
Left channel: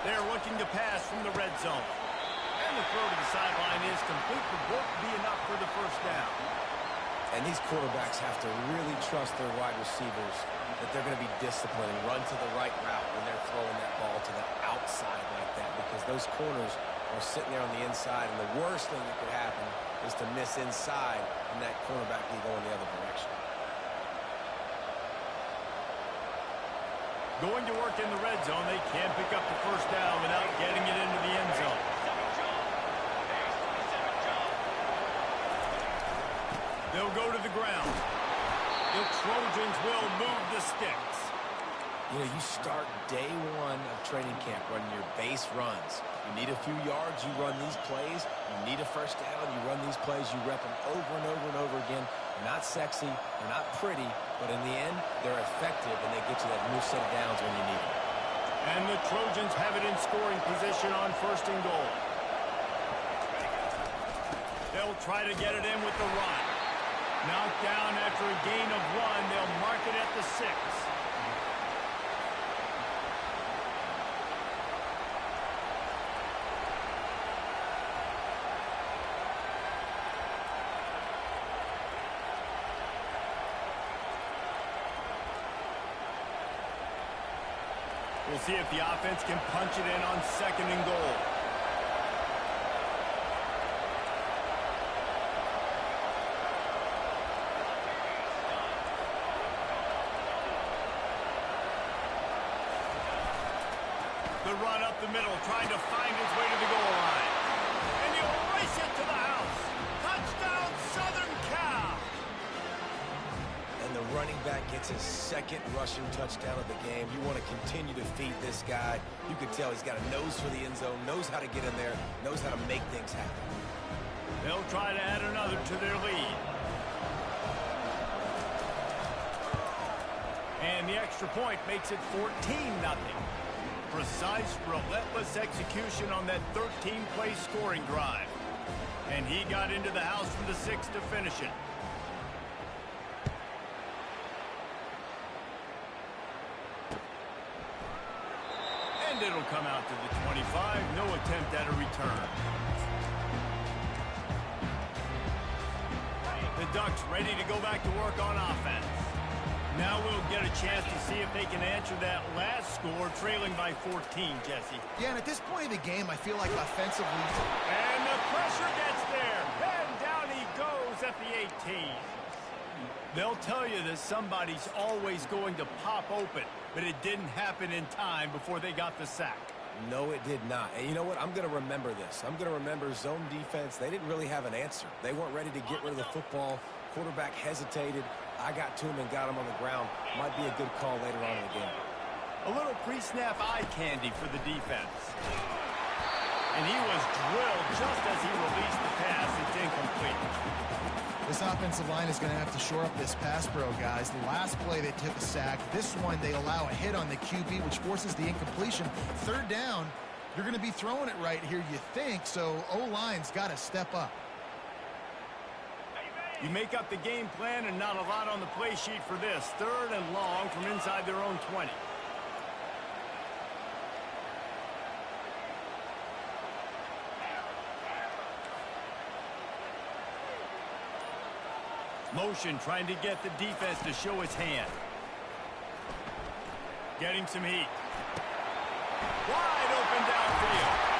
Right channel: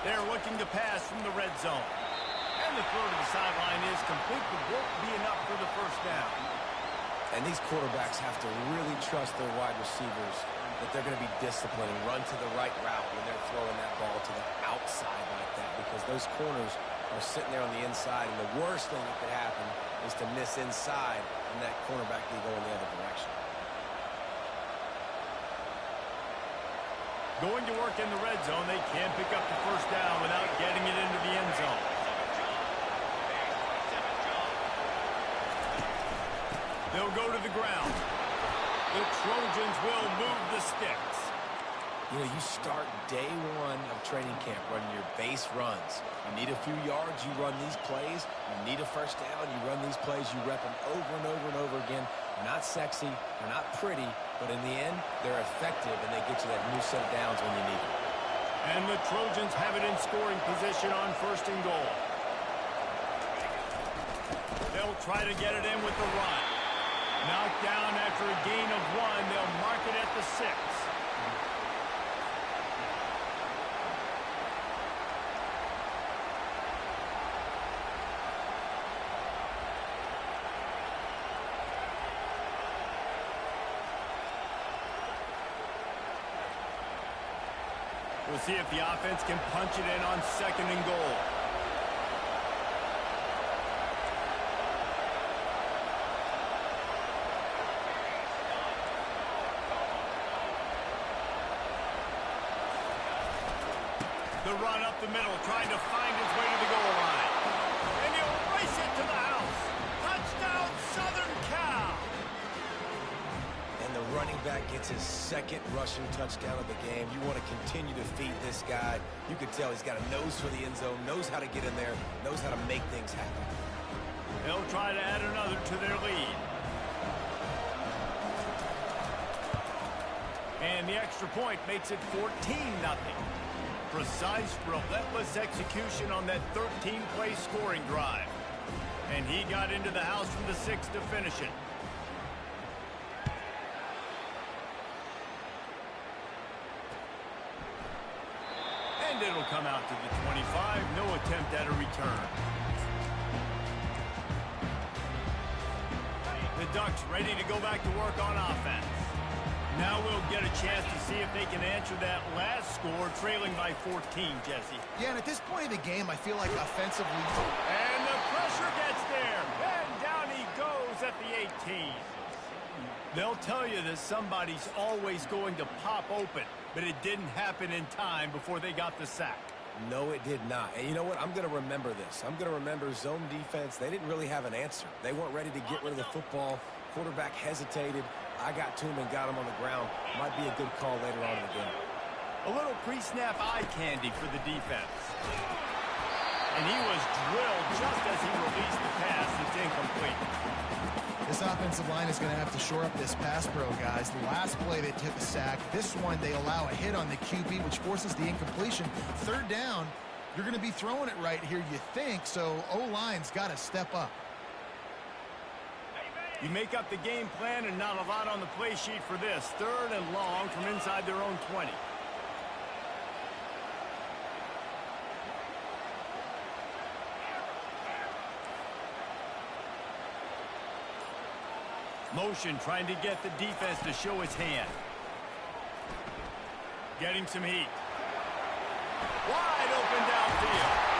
They're looking to pass from the red zone. And the throw to the sideline is complete, but won't be enough for the first down. And these quarterbacks have to really trust their wide receivers that they're going to be disciplined and run to the right route when they're throwing that ball to the outside like that, because those corners are sitting there on the inside, and the worst thing that could happen is to miss inside and that cornerback can go in the other direction. Going to work in the red zone, they can't pick up the first down without getting it into the end zone. They'll go to the ground. The Trojans will move the sticks. You know, you start day one of training camp running your base runs. You need a few yards, you run these plays. You need a first down, you run these plays. You rep them over and over and over again. They're not sexy, they're not pretty, but in the end, they're effective, and they get you that new set of downs when you need them. And the Trojans have it in scoring position on 1st and goal. They'll try to get it in with the run. Knocked down after a gain of 1. They'll mark it at the 6. We'll see if the offense can punch it in on 2nd and goal. The run up the middle, trying to find his way to the goal line. And he'll race it to the house. Touchdown, Southern Cal! And the running back gets his 2nd rushing touchdown of the game. You want to continue to feed this guy. You can tell he's got a nose for the end zone, knows how to get in there, knows how to make things happen. They'll try to add another to their lead. And the extra point makes it 14-0. Precise, relentless execution on that 13-play scoring drive. And he got into the house from the 6 to finish it. And it'll come out to the 25. No attempt at a return. The Ducks ready to go back to work on offense. Now we'll get a chance to see if they can answer that last score, trailing by 14, Jesse. Yeah, and at this point of the game, I feel like offensively... And the pressure gets there. And down he goes at the 18. They'll tell you that somebody's always going to pop open, but it didn't happen in time before they got the sack. No, it did not. And you know what? I'm going to remember this. I'm going to remember zone defense. They didn't really have an answer. They weren't ready to get rid of the football. Quarterback hesitated. I got to him and got him on the ground. Might be a good call later on in the game. A little pre-snap eye candy for the defense. And he was drilled just as he released the pass. It's incomplete. This offensive line is going to have to shore up this pass pro, guys. The last play they took a sack. This one they allow a hit on the QB, which forces the incompletion. 3rd down, you're going to be throwing it right here, you think, so O-line's got to step up. You make up the game plan and not a lot on the play sheet for this. 3rd and long from inside their own 20. Motion trying to get the defense to show his hand. Getting some heat. Wide open downfield.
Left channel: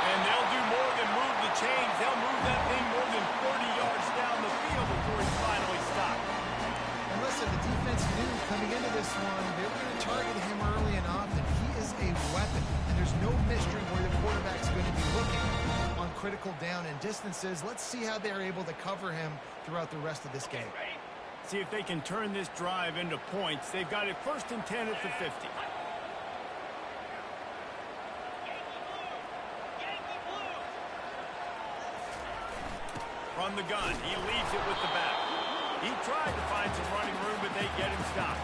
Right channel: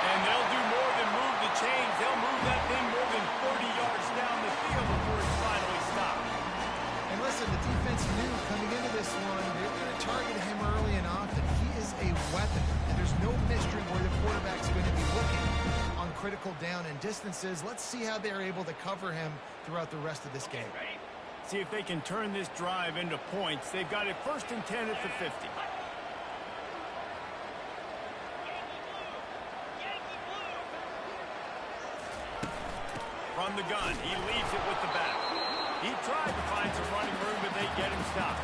And they'll do more than move the chains. They'll move that thing more than 30 yards down the field before he's finally stopped. And listen, the defense knew coming into this one, they were going to target him early and often. He is a weapon, and there's no mystery where the quarterback's going to be looking on critical down and distances. Let's see how they're able to cover him throughout the rest of this game. See if they can turn this drive into points. They've got it 1st and 10 at the 50. From the gun, he leaves it with the back. He tried to find some running room, but they get him stopped.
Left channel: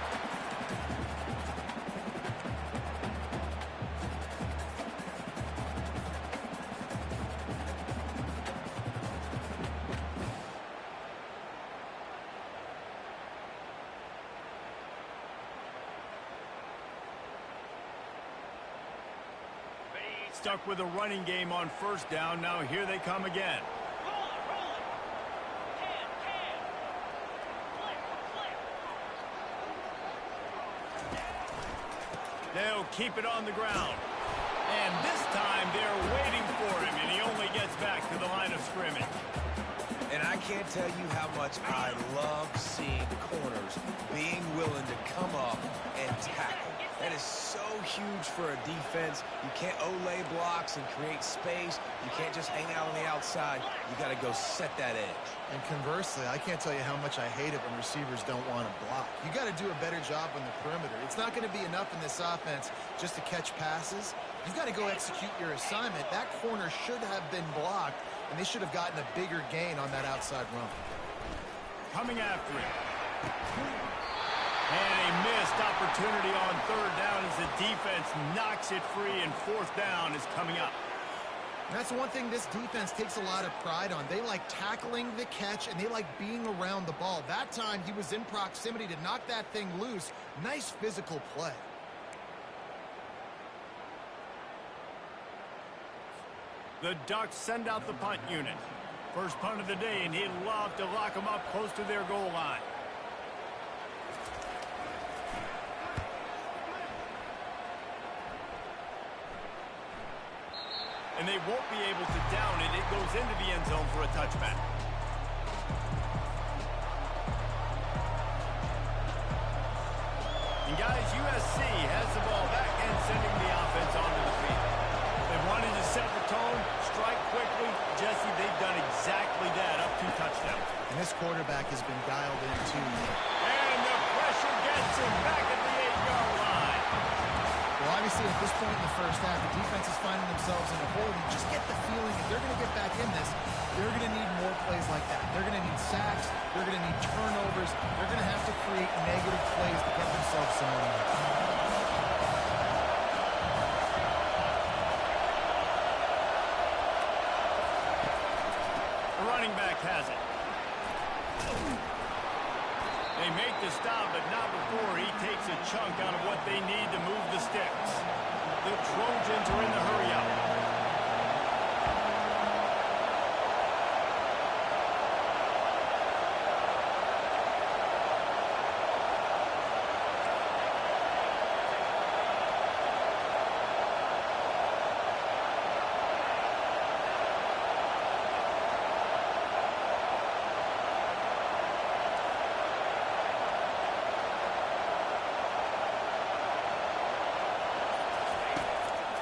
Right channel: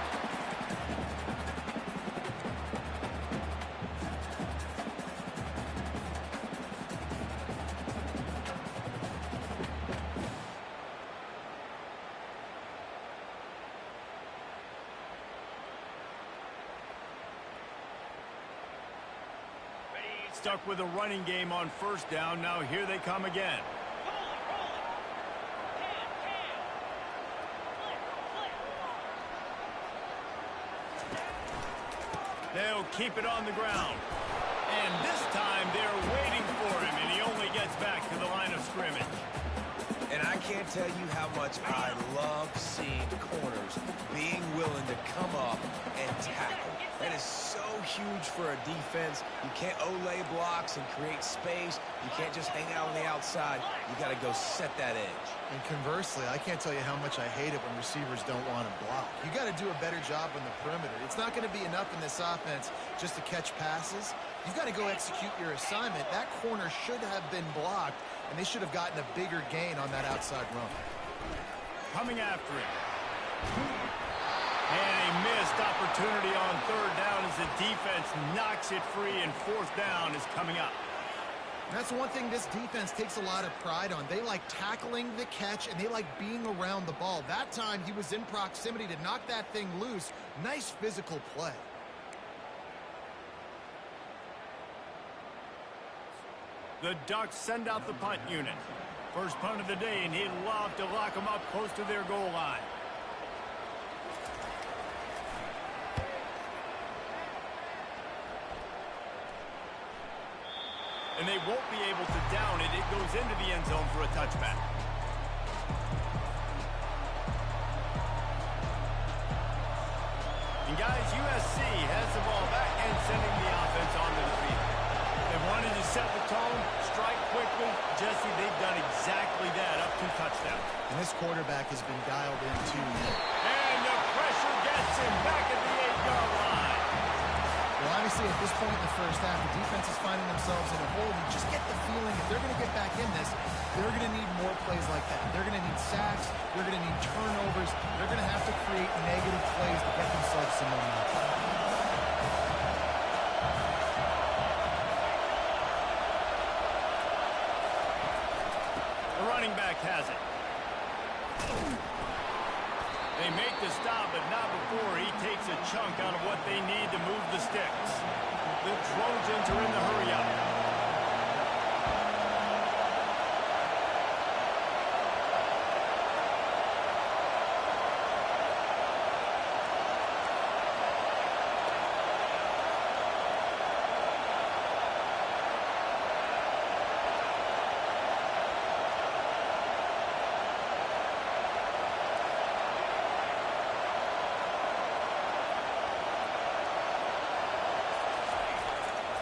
Stuck with a running game on 1st down. Now here they come again. They'll keep it on the ground. And this time they're waiting for him, and he only gets back to the line of scrimmage. And I can't tell you how much I love seeing corners being willing to come up and tackle. That is so huge for a defense. You can't olay blocks and create space. You can't just hang out on the outside. You got to go set that edge. And conversely, I can't tell you how much I hate it when receivers don't want to block. You got to do a better job on the perimeter. It's not going to be enough in this offense just to catch passes. You've got to go execute your assignment. That corner should have been blocked, and they should have gotten a bigger gain on that outside run. Coming after him. And a missed opportunity on third down as the defense knocks it free, and fourth down is coming up. That's one thing this defense takes a lot of pride on. They like tackling the catch, and they like being around the ball. That time, he was in proximity to knock that thing loose. Nice physical play. The Ducks send out the punt unit. First punt of the day, and he'd love to lock them up close to their goal line. And they won't be able to down it. It goes into the end zone for a touchback. And guys, USC has the ball back and sending the offense onto the field. They wanted to set the tone, strike quickly. Jesse, they've done exactly that, up 2 touchdowns. And this quarterback has been dialed in too. And the pressure gets him back at the 8-yard line. Well, obviously, at this point in the first half, the defense is finding themselves in a hole. You just get the feeling if they're going to get back in this, they're going to need more plays like that. They're going to need sacks. They're going to need turnovers. They're going to have to create negative plays to get themselves some momentum. The running back has it. They make the stop, but not before he takes a chunk out of what they need to move the sticks. The Trojans are in the hurry-up.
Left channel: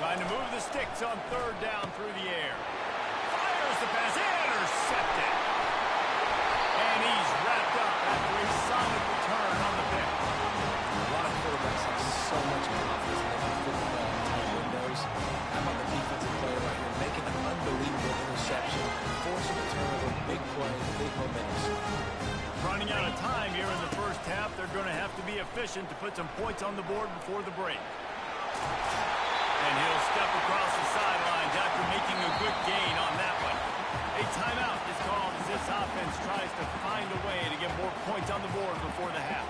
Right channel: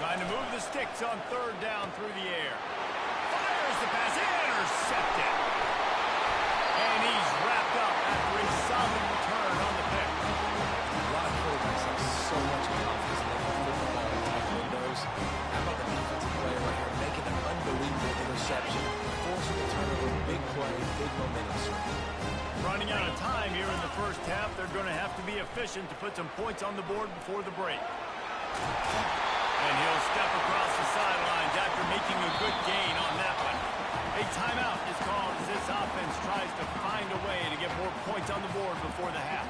Trying to move the sticks on third down through the air. Fires the pass, intercepted. And he's wrapped up after a solid return on the pick. A lot of quarterbacks have so much confidence that they can fit the ball in tight windows. How about the defensive player right here making an unbelievable interception, forcing a turnover, big play, big momentum swing. Running out of time here in the first half, they're going to have to be efficient to put some points on the board before the break. And he'll step across the sidelines after making a good gain on that one. A timeout is called as this offense tries to find a way to get more points on the board before the half.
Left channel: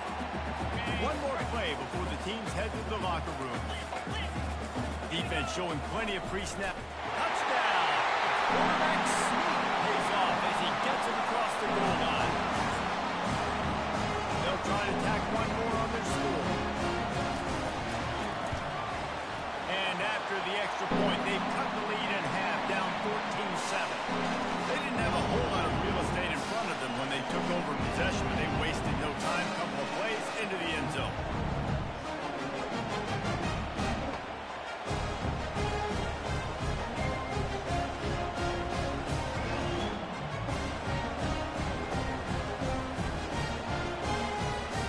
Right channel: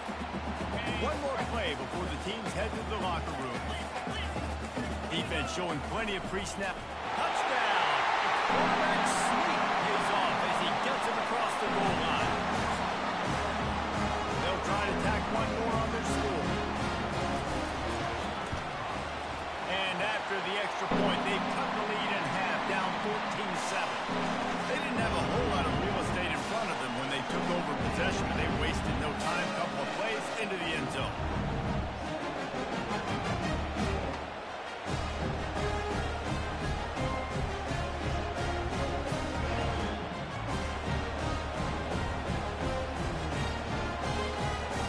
One more play before the teams head to the locker room. Defense showing plenty of pre-snap. Touchdown! The quarterback sneak pays off as he gets it across the goal line. They'll try to tack one more on their score. And after the extra point, they've cut the lead in half, down 14-7. They didn't have a whole lot of real estate in front of them when they took over possession, and they wasted no time. Couple of plays into the end zone.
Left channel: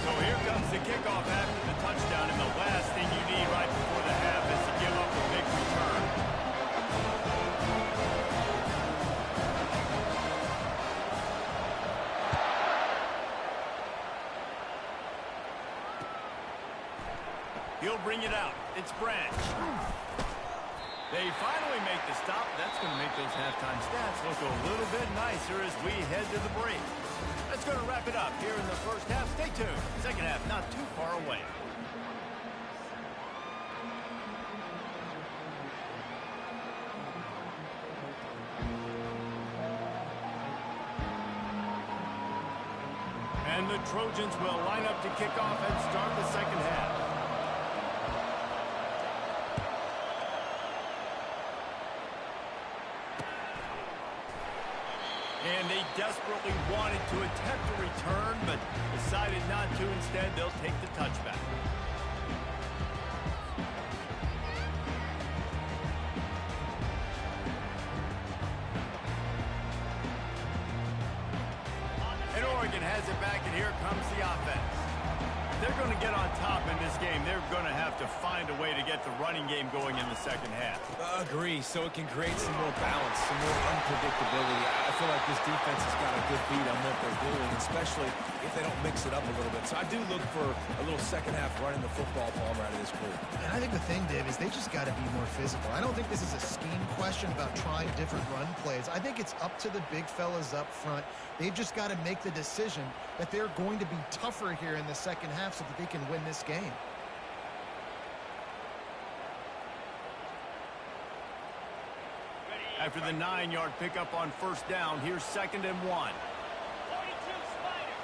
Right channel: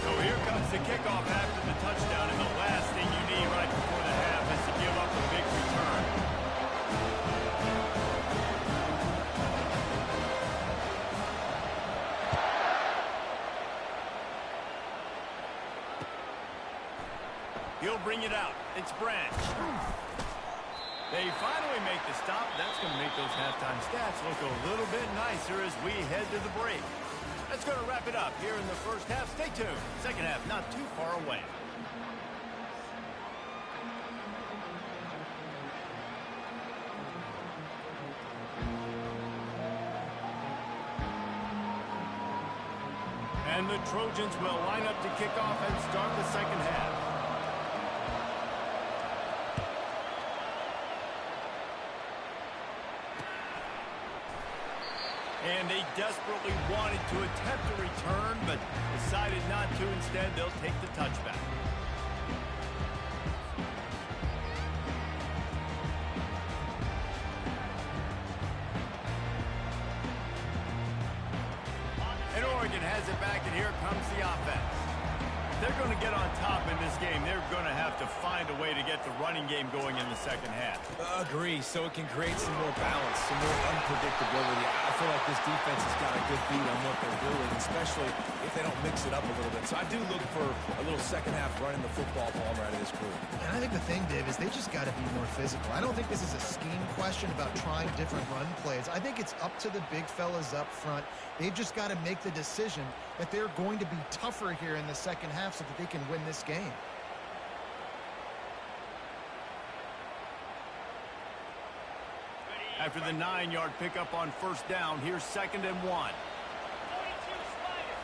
So here comes the kickoff after the touchdown, and the last thing you need right before the half is to give up a big return. He'll bring it out. It's Branch. They finally make the stop. That's going to make those halftime stats look a little bit nicer as we head to the break. That's going to wrap it up here in the first half. Stay tuned. Second half not too far away. And the Trojans will line up to kick off and start the second half. And they desperately wanted to attempt a return, but decided not to. Instead, they'll take the touchback. And Oregon has it back, and here comes the offense. If they're going to get on top in this game, they're going to have to find a way to get the running game going in the second half. Agree, so it can create some more balance, some more unpredictability. I feel like this defense has got a good beat on what they're doing, especially if they don't mix it up a little bit. So I do look for a little second half running the football Palmer out of this group. And I think the thing, Dave, is they just got to be more physical. I don't think this is a scheme question about trying different run plays. I think it's up to the big fellas up front. They've just got to make the decision that they're going to be tougher here in the second half so that they can win this game. After the 9-yard pickup on first down, here's 2nd and 1. 42 Spider.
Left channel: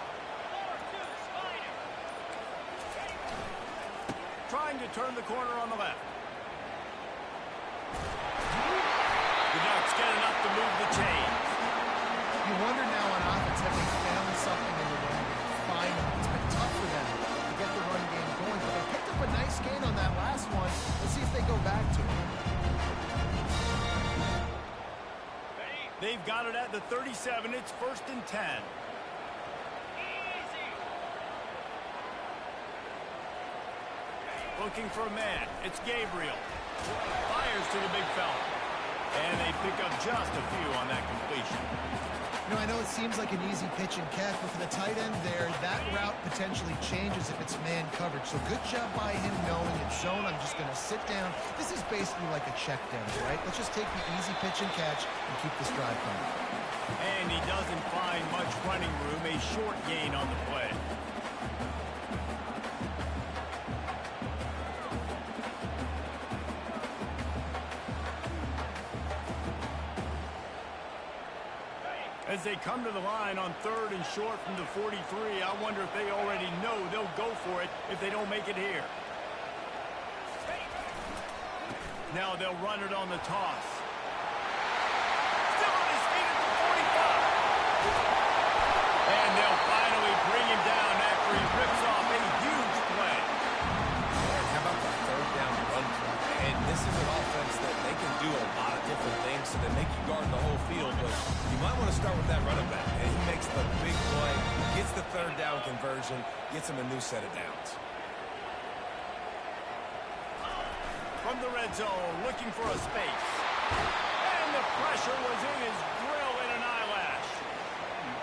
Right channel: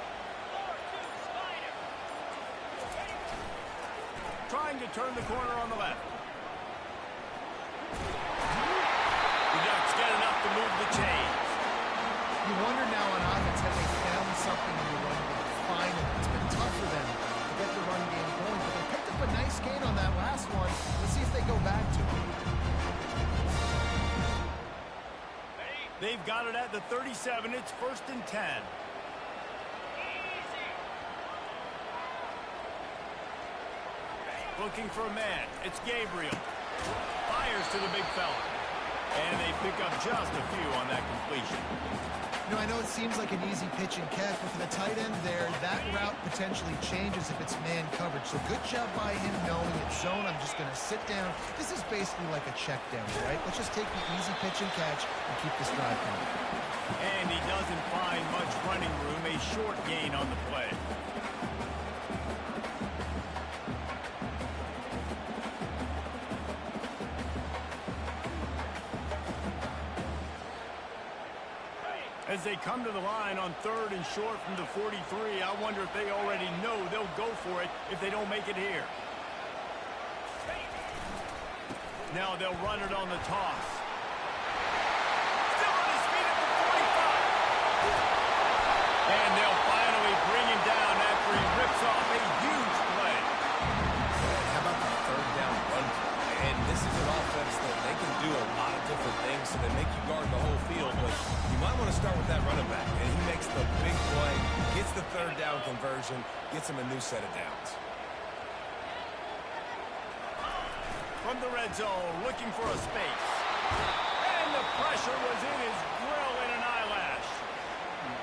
4-2 Spider. Ready. Trying to turn the corner on the left. The Ducks get enough to move the chains. You wonder now on offense, have they found something in the run game? Finally, it's been tough for them to get the run game going, but they picked up a nice gain on that last one. Let's see if they go back to it. They've got it at the 37. It's 1st and 10. Easy. Looking for a man. It's Gabriel. Fires to the big fella. And they pick up just a few on that completion. You know, I know it seems like an easy pitch and catch, but for the tight end there, that route potentially changes if it's man coverage. So good job by him knowing it's zone. I'm just going to sit down. This is basically like a check down, right? Let's just take the easy pitch and catch and keep this drive going. And he doesn't find much running room. A short gain on the play. As they come to the line on 3rd and short from the 43, I wonder if they already know they'll go for it if they don't make it here. Now they'll run it on the toss. Still on his feet at the 45. And they'll finally bring him down after he rips off a huge play. And how about the 3rd down run play? And this is an offense that they can do a lot of different things, so they make you guard the whole field, but you might want to start with that running back. And he makes the big play, gets the 3rd down conversion, gets him a new set of downs. From the red zone, looking for a space. And the pressure was in his grill in an eyelash.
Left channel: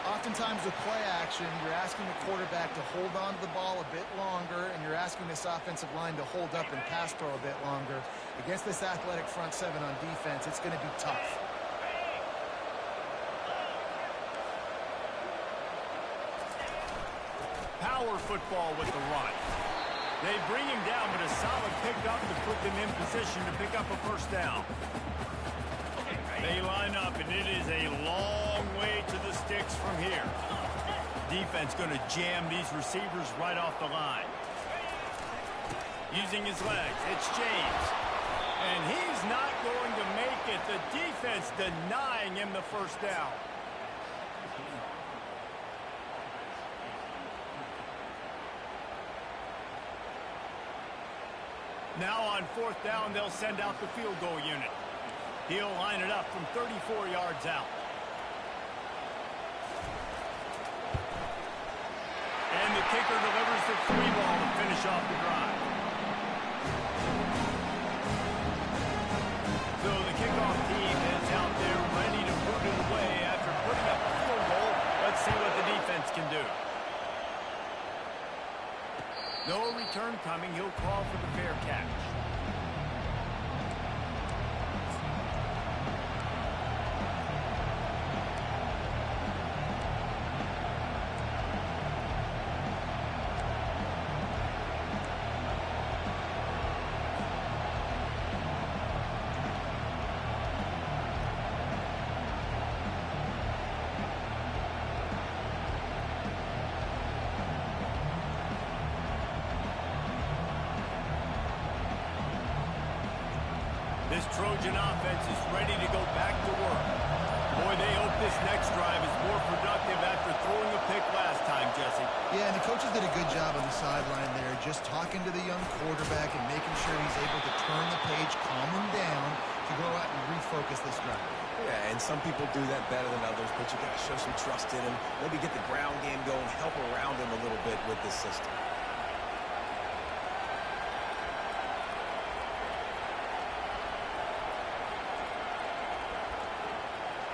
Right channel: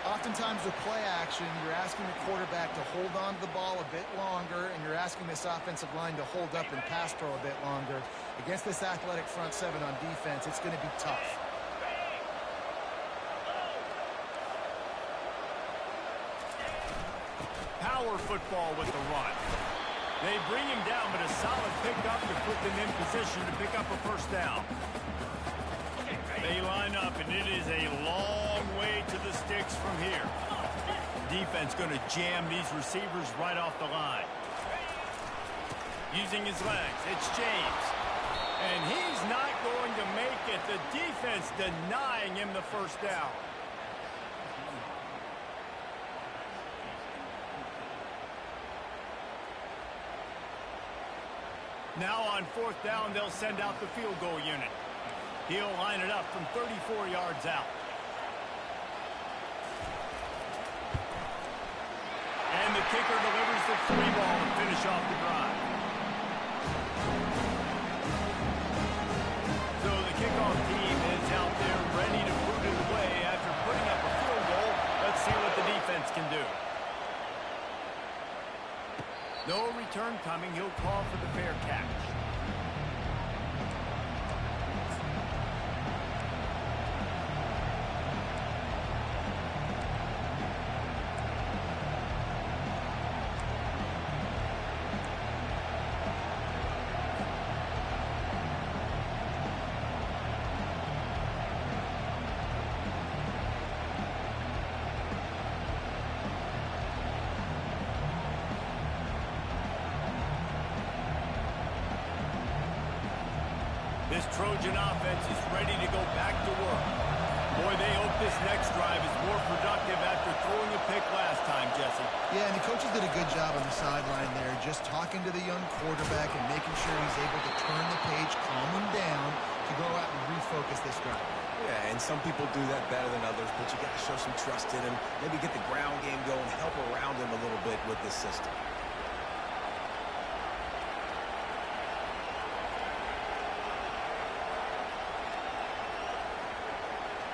Oftentimes with play action, you're asking the quarterback to hold on to the ball a bit longer, and you're asking this offensive line to hold up and pass pro a bit longer. Against this athletic front seven on defense, it's going to be tough. Power football with the run. They bring him down, but a solid pickup to put them in position to pick up a first down. They line up, and it is a long way to the sticks from here. Defense going to jam these receivers right off the line. Using his legs, it's James. And he's not going to make it. The defense denying him the first down. Now on 4th down, they'll send out the field goal unit. He'll line it up from 34 yards out. And the kicker delivers the 3 ball to finish off the drive. So the kickoff team is out there ready to put it away after putting up a field goal. Let's see what the defense can do. No return coming. He'll call for the fair catch. This Trojan offense is ready to go back to work. Boy, they hope this next drive is more productive after throwing a pick last time, Jesse. Yeah, and the coaches did a good job on the sideline there, just talking to the young quarterback and making sure he's able to turn the page, calm him down to go out and refocus this drive. Yeah, and some people do that better than others, but you got to show some trust in him, maybe get the ground game going, help around him a little bit with this system.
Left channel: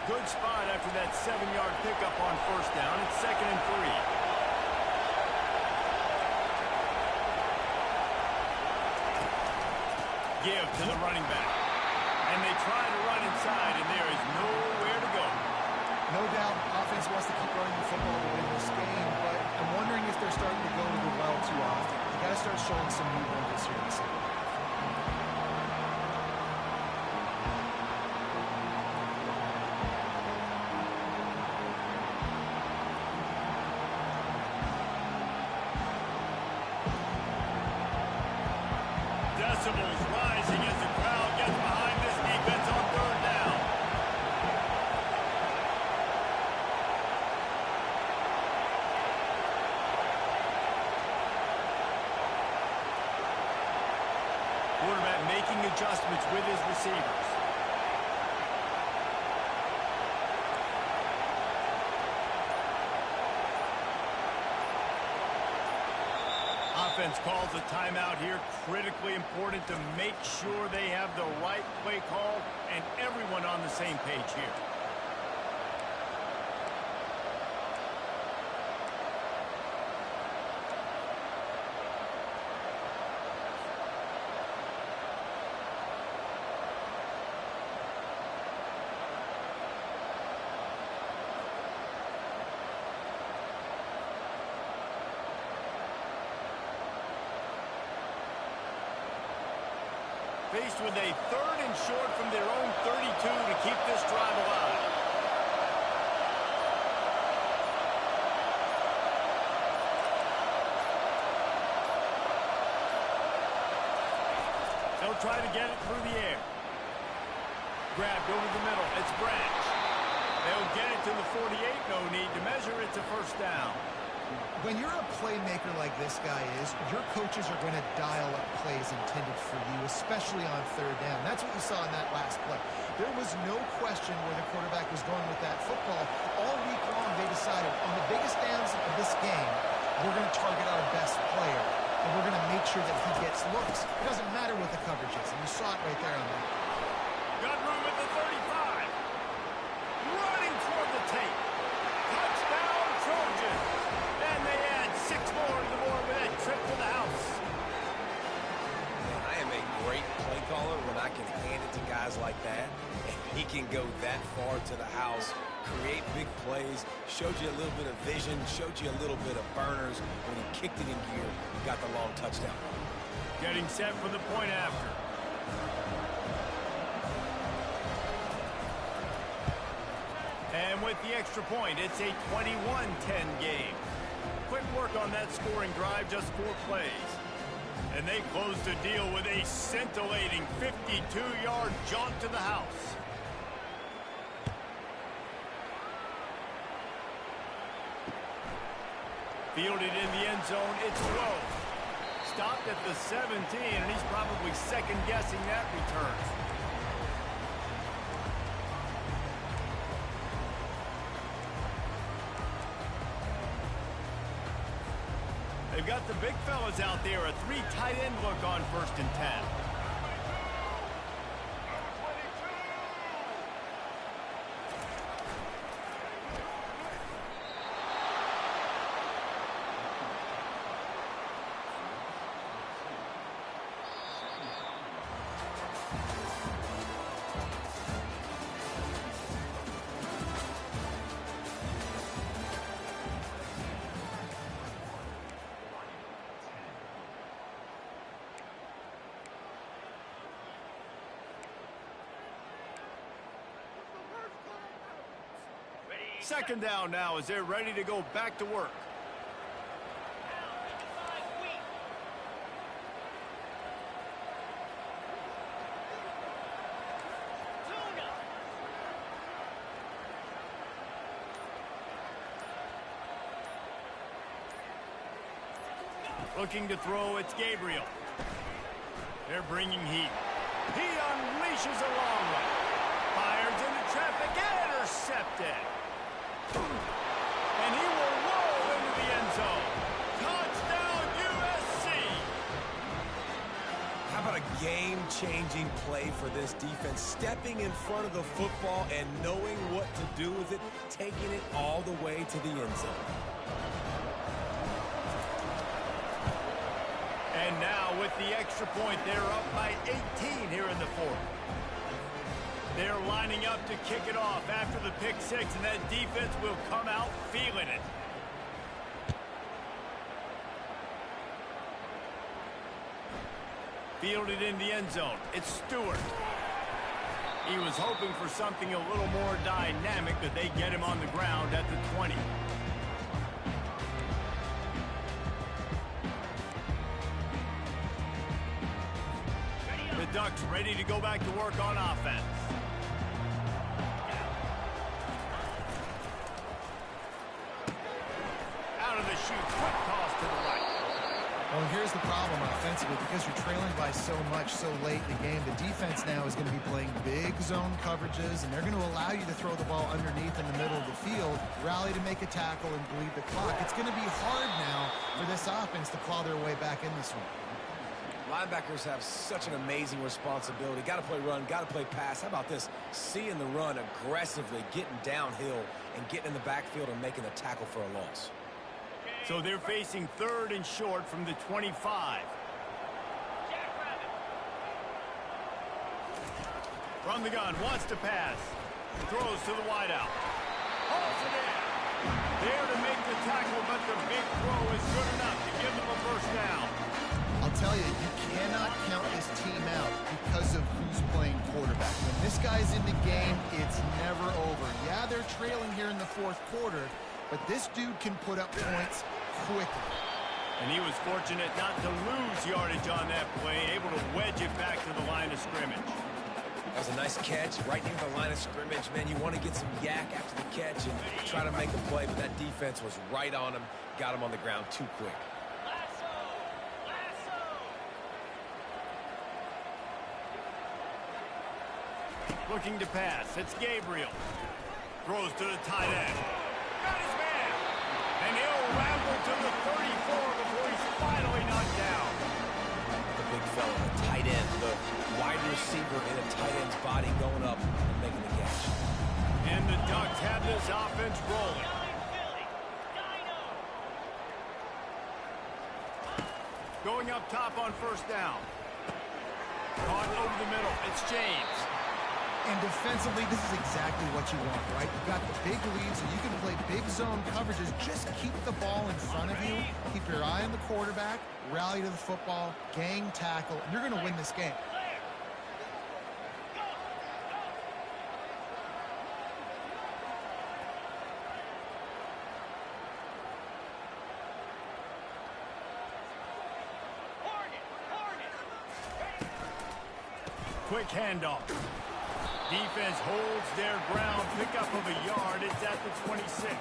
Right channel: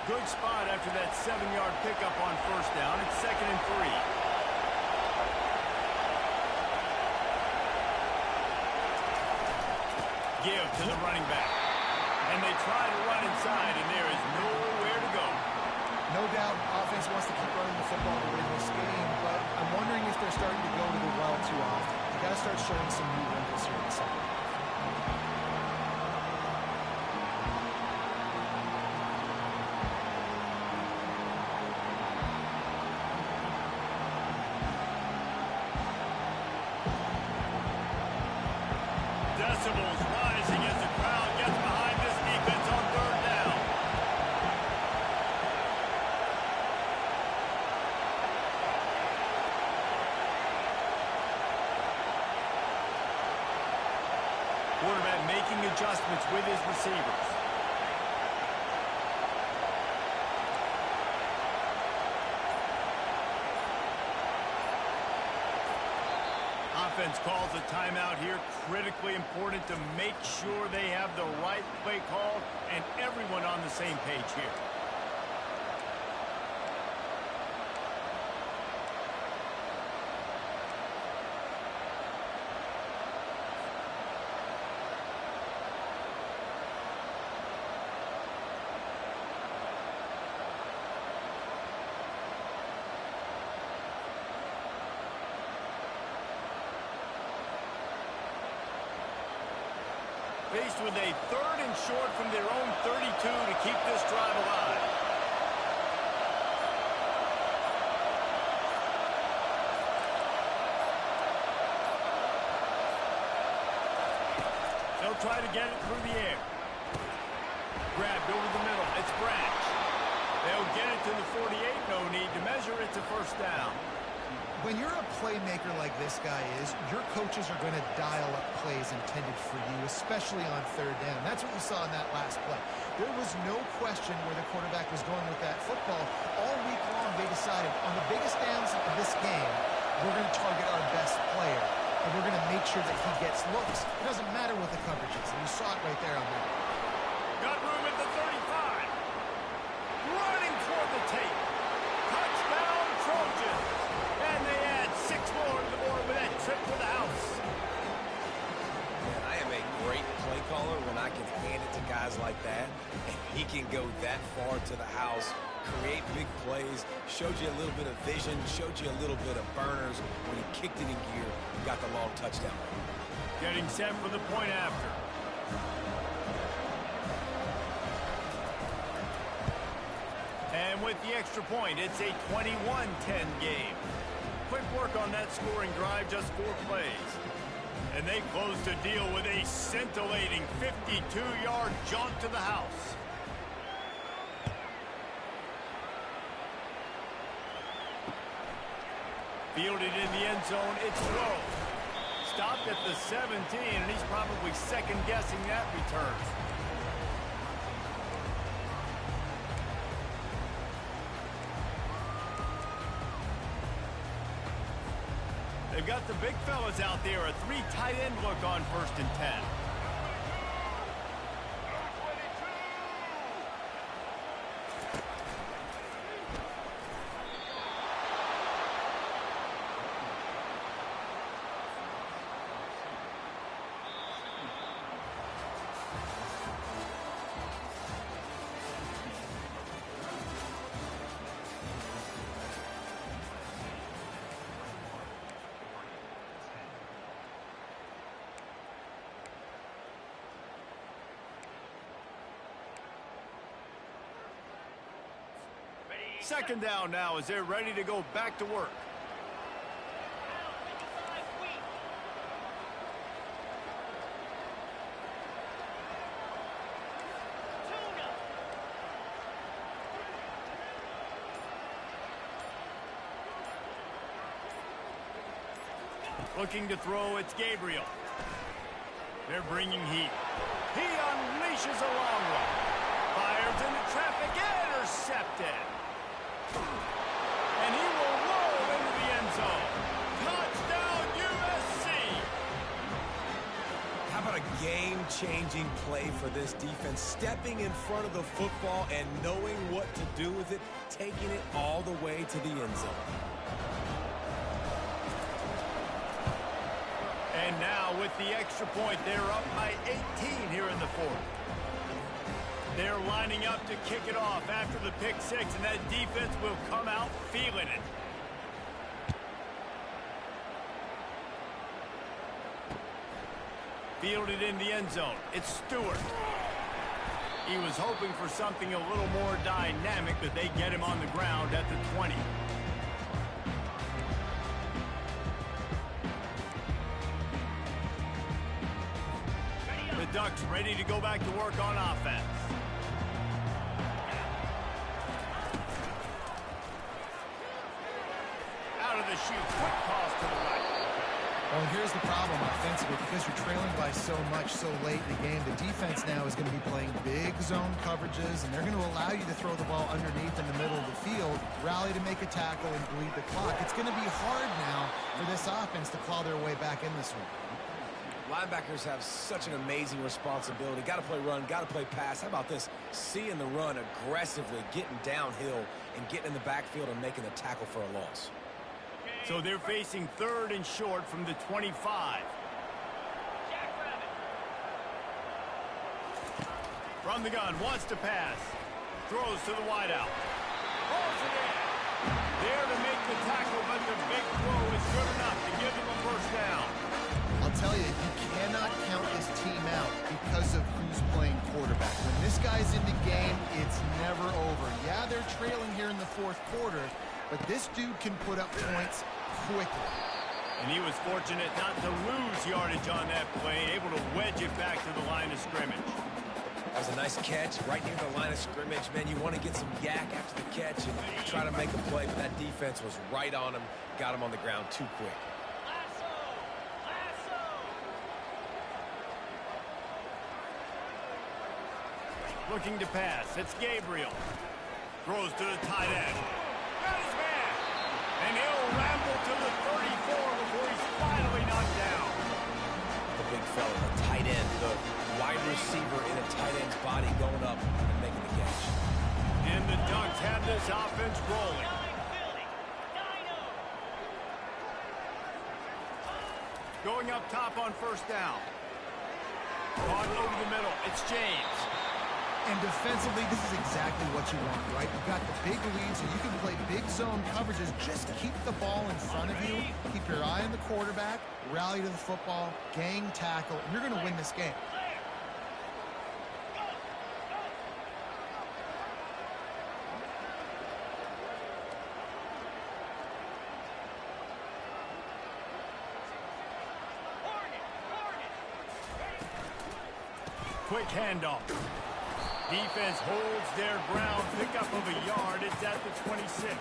Good spot after that 7-yard pickup on first down. It's 2nd and 3. Give to the running back. And they try to run inside, and there is nowhere to go. No doubt, offense wants to keep running the football to win this game, but I'm wondering if they're starting to go to the well too often. They got to start showing some new wrinkles here in the second half. Decibels rising as the crowd gets behind this defense on 3rd down. Quarterback making adjustments with his receivers. Offense calls a timeout here. Critically important to make sure they have the right play called and everyone on the same page here. Faced with a 3rd and short from their own 32 to keep this drive alive. They'll try to get it through the air. Grabbed over the middle. It's Branch. They'll get it to the 48. No need to measure. It's a 1st down. When you're a playmaker like this guy is, your coaches are going to dial up plays intended for you, especially on 3rd down. That's what you saw in that last play. There was no question where the quarterback was going with that football. All week long, they decided, on the biggest downs of this game, we're going to target our best player, and we're going to make sure that he gets looks. It doesn't matter what the coverage is, and you saw it right there on that. Got room at the 35. Running toward the tape. Touchdown, Trojans. And they add 6 more to the board with that trip to the house. Man, I am a great play caller when I can hand it to guys like that. And he can go that far to the house, create big plays, showed you a little bit of vision, showed you a little bit of burners. When he kicked it in gear, he got the long touchdown. Getting set for the point after. And with the extra point, it's a 21-10 game. Quick work on that scoring drive, just 4 plays. And they close the deal with a scintillating 52-yard jaunt to the house. Fielded in the end zone, it's low. Stopped at the 17, and he's probably second-guessing that return. They've got the big fellas out there, a 3 tight end look on 1st and 10. Second down now as they're ready to go back to work. Now 55 weak. Tuna. Looking to throw, it's Gabriel. They're bringing heat. He unleashes a long one. Fires into traffic, intercepted. And he will roll into the end zone. Touchdown, USC! How about a game-changing play for this defense? Stepping in front of the football and knowing what to do with it, taking it all the way to the end zone. And now with the extra point, they're up by 18 here in the fourth. They're lining up to kick it off after the pick six, and that defense will come out feeling it. Fielded in the end zone. It's Stewart. He was hoping for something a little more dynamic, but they get him on the ground at the 20. The Ducks ready to go back to work on offense. Out of the chute, quick toss to the right. Well, here's the problem offensively. Because you're trailing by so much so late in the game, the defense now is going to be playing big zone coverages, and they're going to allow you to throw the ball underneath in the middle of the field, rally to make a tackle, and bleed the clock. It's going to be hard now for this offense to claw their way back in this one. Linebackers have such an amazing responsibility. Got to play run, got to play pass. How about this? Seeing the run aggressively, getting downhill, and getting in the backfield and making the tackle for a loss. So they're facing third and short from the 25. Jackrabbit. From the gun, wants to pass. Throws to the wideout. Hauls it in. There to make the tackle, but the big throw is good enough to give them a first down. I'll tell you, you cannot count this team out because of who's playing quarterback. When this guy's in the game, it's never over. Yeah, they're trailing here in the fourth quarter, but this dude can put up points quickly. And he was fortunate not to lose yardage on that play, able to wedge it back to the line of scrimmage. That was a nice catch right near the line of scrimmage. Man, you want to get some yak after the catch and try to make a play, but that defense was right on him, got him on the ground too quick. Lasso. Lasso. Looking to pass, it's Gabriel. Throws to the tight end. Got his man. And he'll ramble to the 34 before he's finally knocked down. The big fella, the tight end, the wide receiver in a tight end's body going up and making the catch. And the Ducks have this offense rolling. Nine Philly. Dino. Going up top on first down. Caught over the middle. It's James. And defensively, this is exactly what you want, right? You've got the big lead, so you can play big zone coverages. Just keep the ball in front of you. Keep your eye on the quarterback. Rally to the football. Gang tackle. And you're going to win this game. Clear. Go. Go. Hornet. Hornet. Ready. Quick handoff. Defense holds their ground. Pickup of a yard. It's at the 26.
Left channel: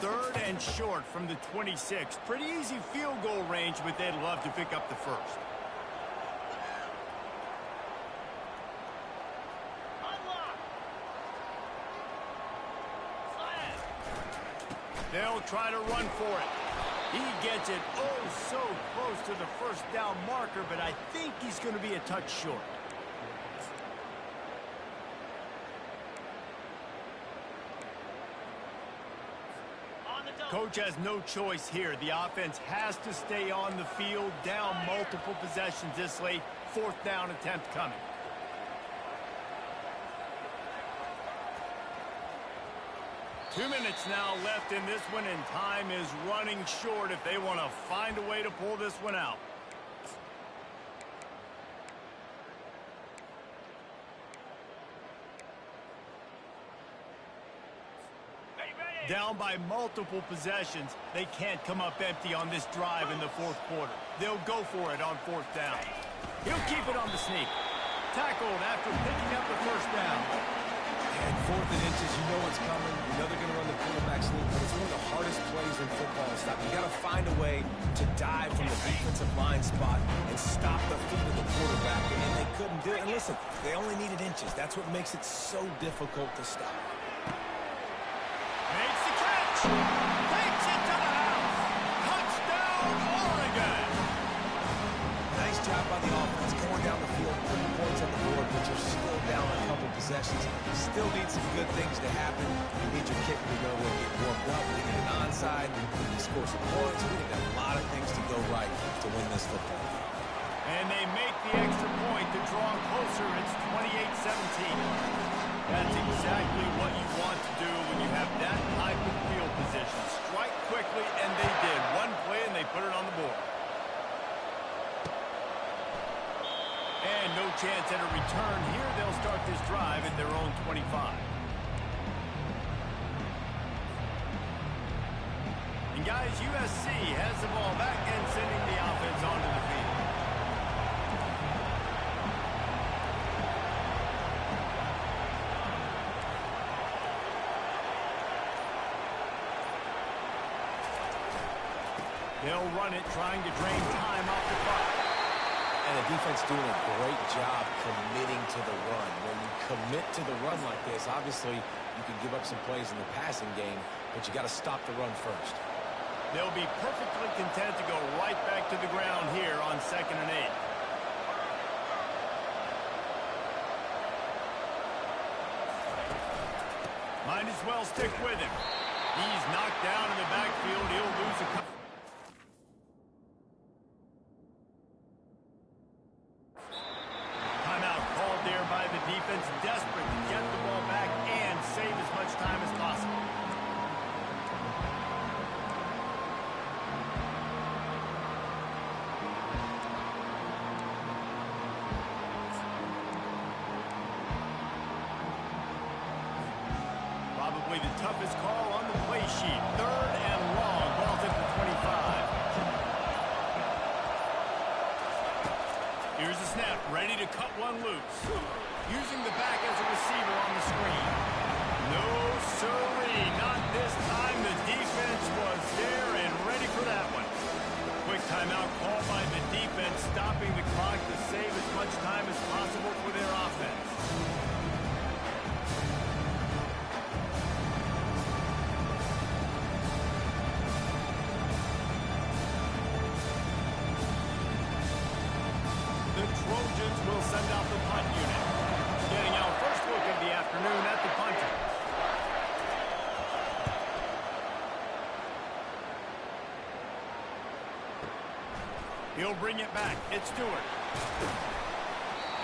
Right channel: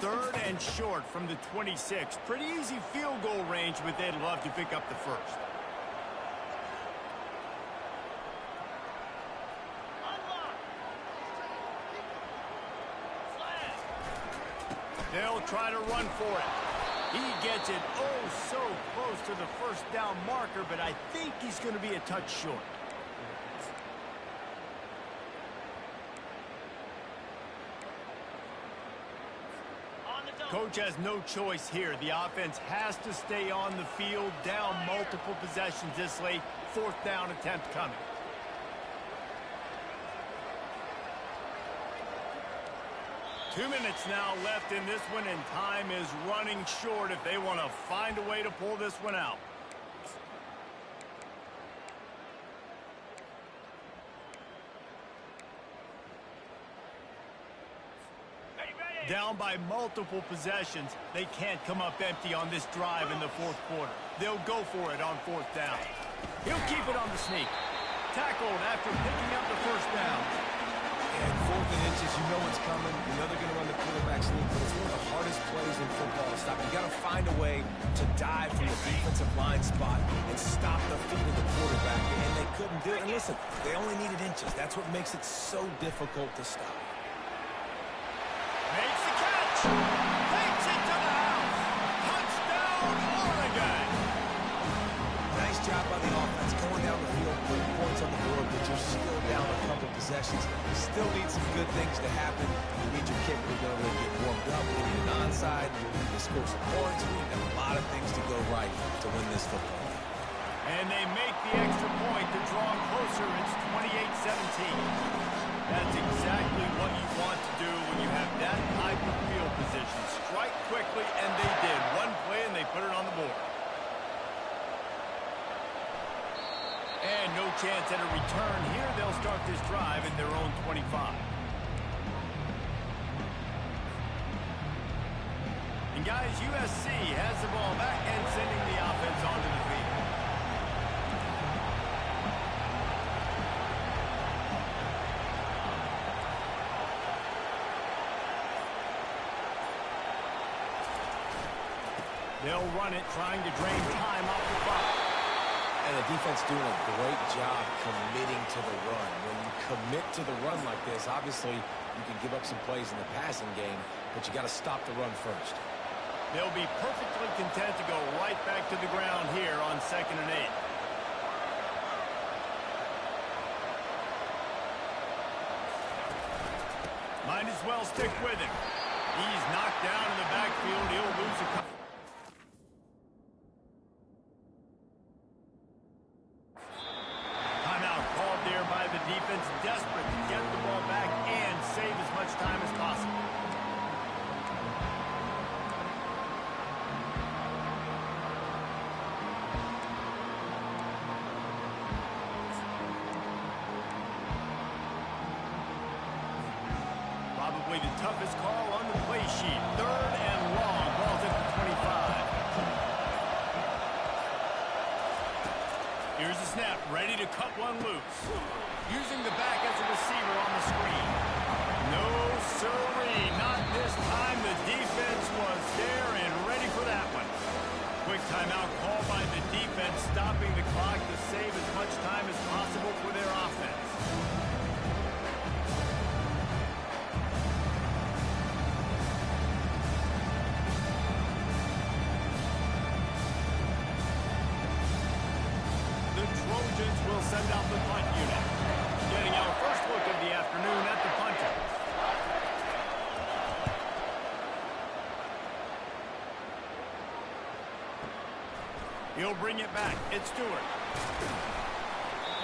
Third and short from the 26. Pretty easy field goal range, but they'd love to pick up the first. Unlock. Slam. They'll try to run for it. He gets it oh so close to the first down marker, but I think he's going to be a touch short. On the double. Coach has no choice here. The offense has to stay on the field, down multiple possessions this late. Fourth down attempt coming. Two minutes now left in this one, and time is running short if they want to find a way to pull this one out. Ready, ready. Down by multiple possessions, they can't come up empty on this drive in the fourth quarter. They'll go for it on fourth down. He'll keep it on the sneak. Tackled after picking up the first down. And 4th and inches, you know it's coming. You know they're going to run the quarterback sneak, but it's one of the hardest plays in football to stop. You got to find a way to dive from the defensive line spot and stop the feet of the quarterback, and they couldn't do it. And listen, they only needed inches. That's what makes it so difficult to stop. Makes the catch. Takes it to the house. Touchdown, Oregon. Nice job by the offense going down the field, putting points on the board, but you're still down a couple possessions. Still need some good things to happen. You need your kicker to go and get warmed up. We need an onside. We need to score some points. We need a lot of things to go right to win this football game. And they make the extra point to draw closer. It's 28-17. That's exactly what you want to do when you have that type of field position. Strike quickly, and they did. One play, and they put it on the board. And no chance at a return here. They'll start this drive at their own 25. And guys, USC has the ball back and sending the offense onto the field. They'll run it, trying to drain time off the clock. And the defense doing a great job committing to the run. When you commit to the run like this, obviously you can give up some plays in the passing game, but you got to stop the run first. They'll be perfectly content to go right back to the ground here on 2nd and 8. Might as well stick with him. He's knocked down in the backfield. He'll lose a couple. By the defense, desperate to get the ball back and save as much time as possible. Probably the toughest call on the play sheet. 3rd and long. Ball's at the 25. Here's the snap, ready to cut one loose. Using the back as a receiver on the screen. No, sirree, not this time. The defense was there and ready for that one. Quick timeout call by the defense, stopping the clock to save as much time as possible for their offense. The Trojans will send out the punt unit. Getting our first look of the afternoon at the punter. He'll bring it back. It's Stewart.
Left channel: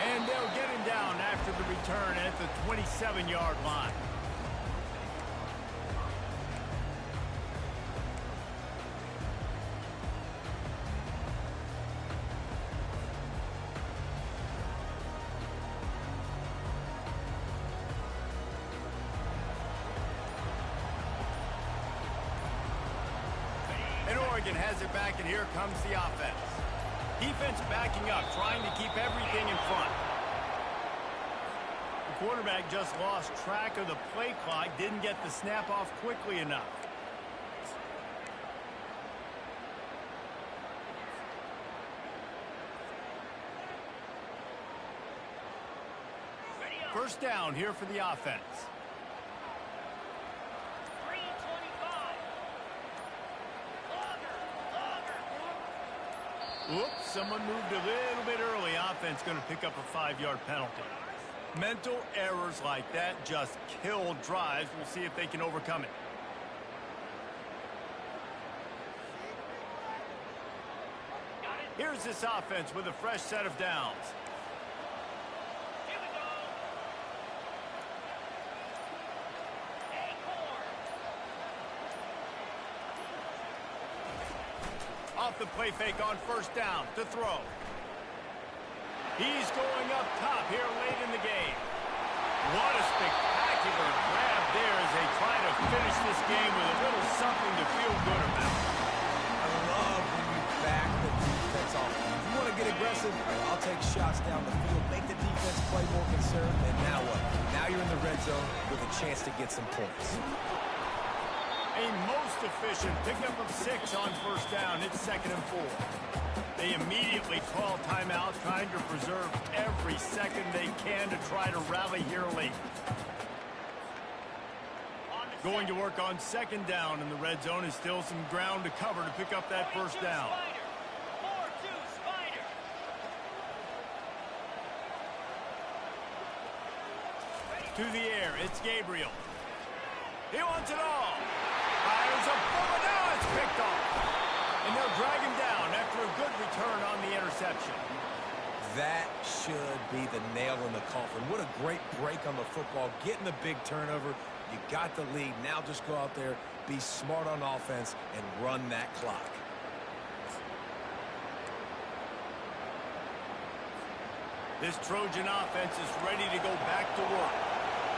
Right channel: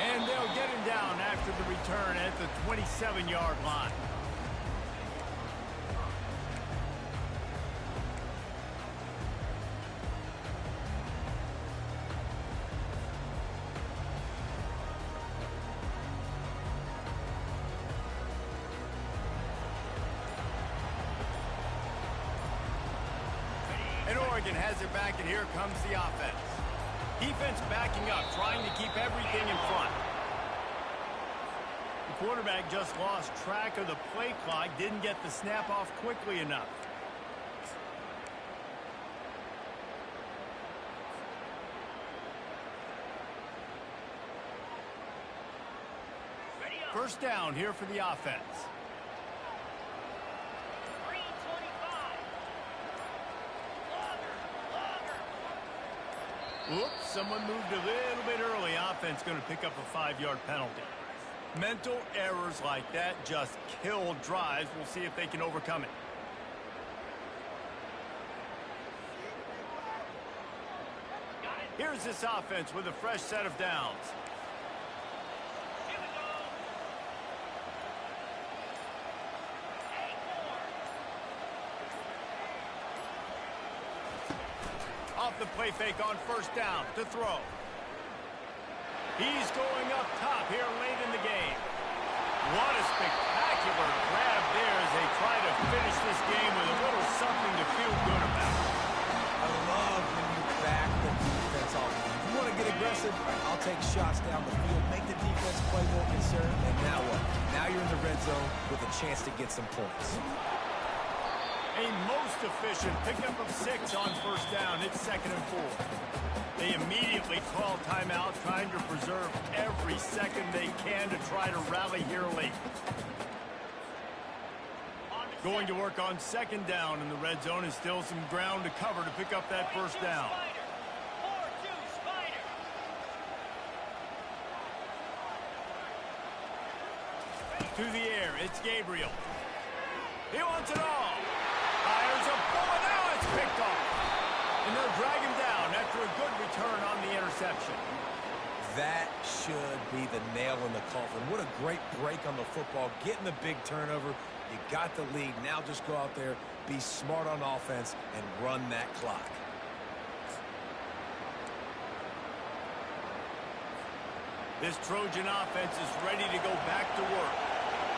And they'll get him down after the return at the 27-yard line. And Oregon has it back, and here comes the offense. Defense backing up, trying to keep everything in front. The quarterback just lost track of the play clock, didn't get the snap off quickly enough. First down here for the offense. Oops, someone moved a little bit early. Offense going to pick up a 5-yard penalty. Mental errors like that just kill drives. We'll see if they can overcome it. Here's this offense with a fresh set of downs. Here we go. Off the play fake on first down to throw. He's going up top here late in the game. What a spectacular grab there as they try to finish this game with a little something to feel good about. I love when you back the defense off. If you want to get aggressive, listen, I'll take shots down the field, make the defense play more concerned, and now what? Now you're in the red zone with a chance to get some points. A most efficient pickup of 6 on first down. It's 2nd and 4. They immediately call timeout, trying to preserve every second they can to try to rally here late. Going to work on 2nd down, and the red zone is still some ground to cover to pick up that first down. 4-2 Spider. To the air, it's Gabriel. He wants it all. Fires a bullet, now it's picked off. And they'll drag him down after a good return on the interception. That should be the nail in the coffin. What a great break on the football. Getting the big turnover. You got the lead. Now just go out there, be smart on offense, and run that clock. This Trojan offense is ready to go back to work.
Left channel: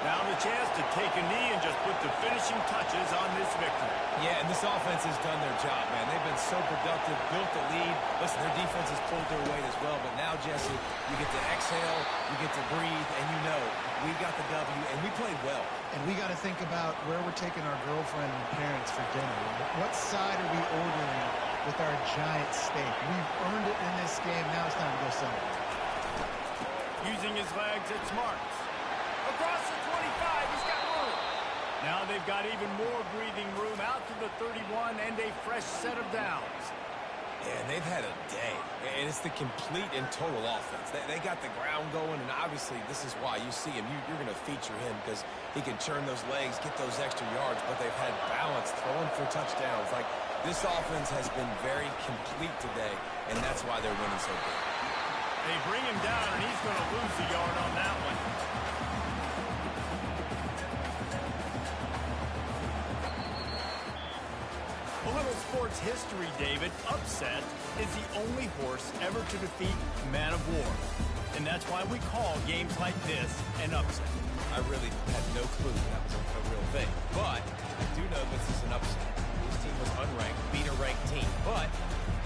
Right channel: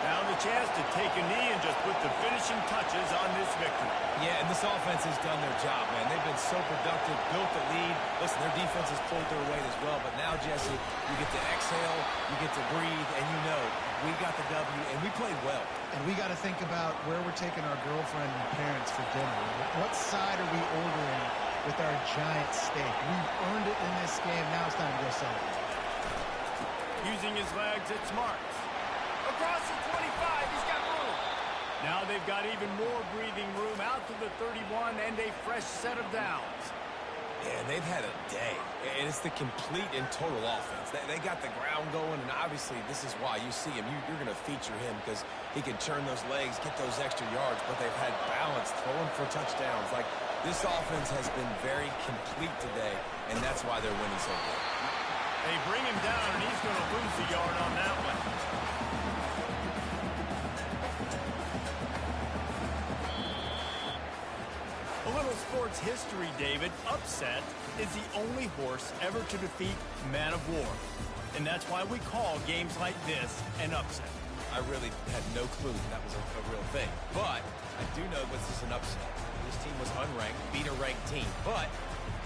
Now the chance to take a knee and just put the finishing touches on this victory. Yeah, and this offense has done their job, man. They've been so productive, built the lead. Listen, their defense has pulled their weight as well. But now, Jesse, you get to exhale, you get to breathe, and you know we got the W, and we played well. And we got to think about where we're taking our girlfriend and parents for dinner. What side are we ordering with our giant steak? We've earned it in this game. Now it's time to go celebrate. Using his legs, it's Marks. Across the 25, he's got room. Now they've got even more breathing room out to the 31 and a fresh set of downs. Yeah, and they've had a day. And it's the complete and total offense. They got the ground going, and obviously this is why you see him. You're going to feature him because he can churn those legs, get those extra yards, but they've had balance, throwing for touchdowns. Like, this offense has been very complete today, and that's why they're winning so good. They bring him down, and he's going to lose a yard on that one. A little sports history, David. Upset is the only horse ever to defeat Man of War. And that's why we call games like this an upset. I really had no clue that was a real thing. But I do know this is an upset. This team was unranked, beat a ranked team. But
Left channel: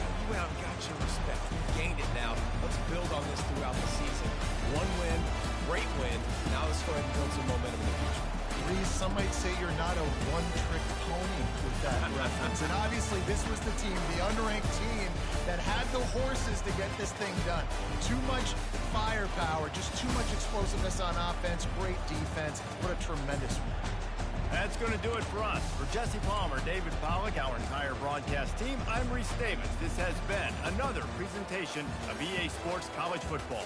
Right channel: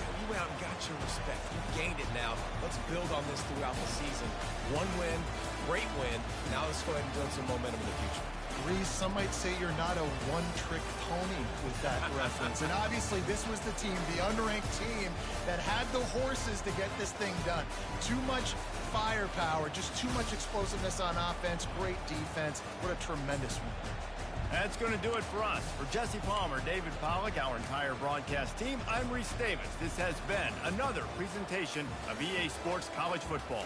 you went out and got your respect. You gained it now. Let's build on this throughout the season. One win, great win. Now let's go ahead and build some momentum in the future. Reese, some might say you're not a one-trick pony with that reference. And obviously, this was the team, the unranked team, that had the horses to get this thing done. Too much firepower, just too much explosiveness on offense, great defense. What a tremendous win. That's going to do it for us. For Jesse Palmer, David Pollack, our entire broadcast team, I'm Reese Davis. This has been another presentation of EA Sports College Football.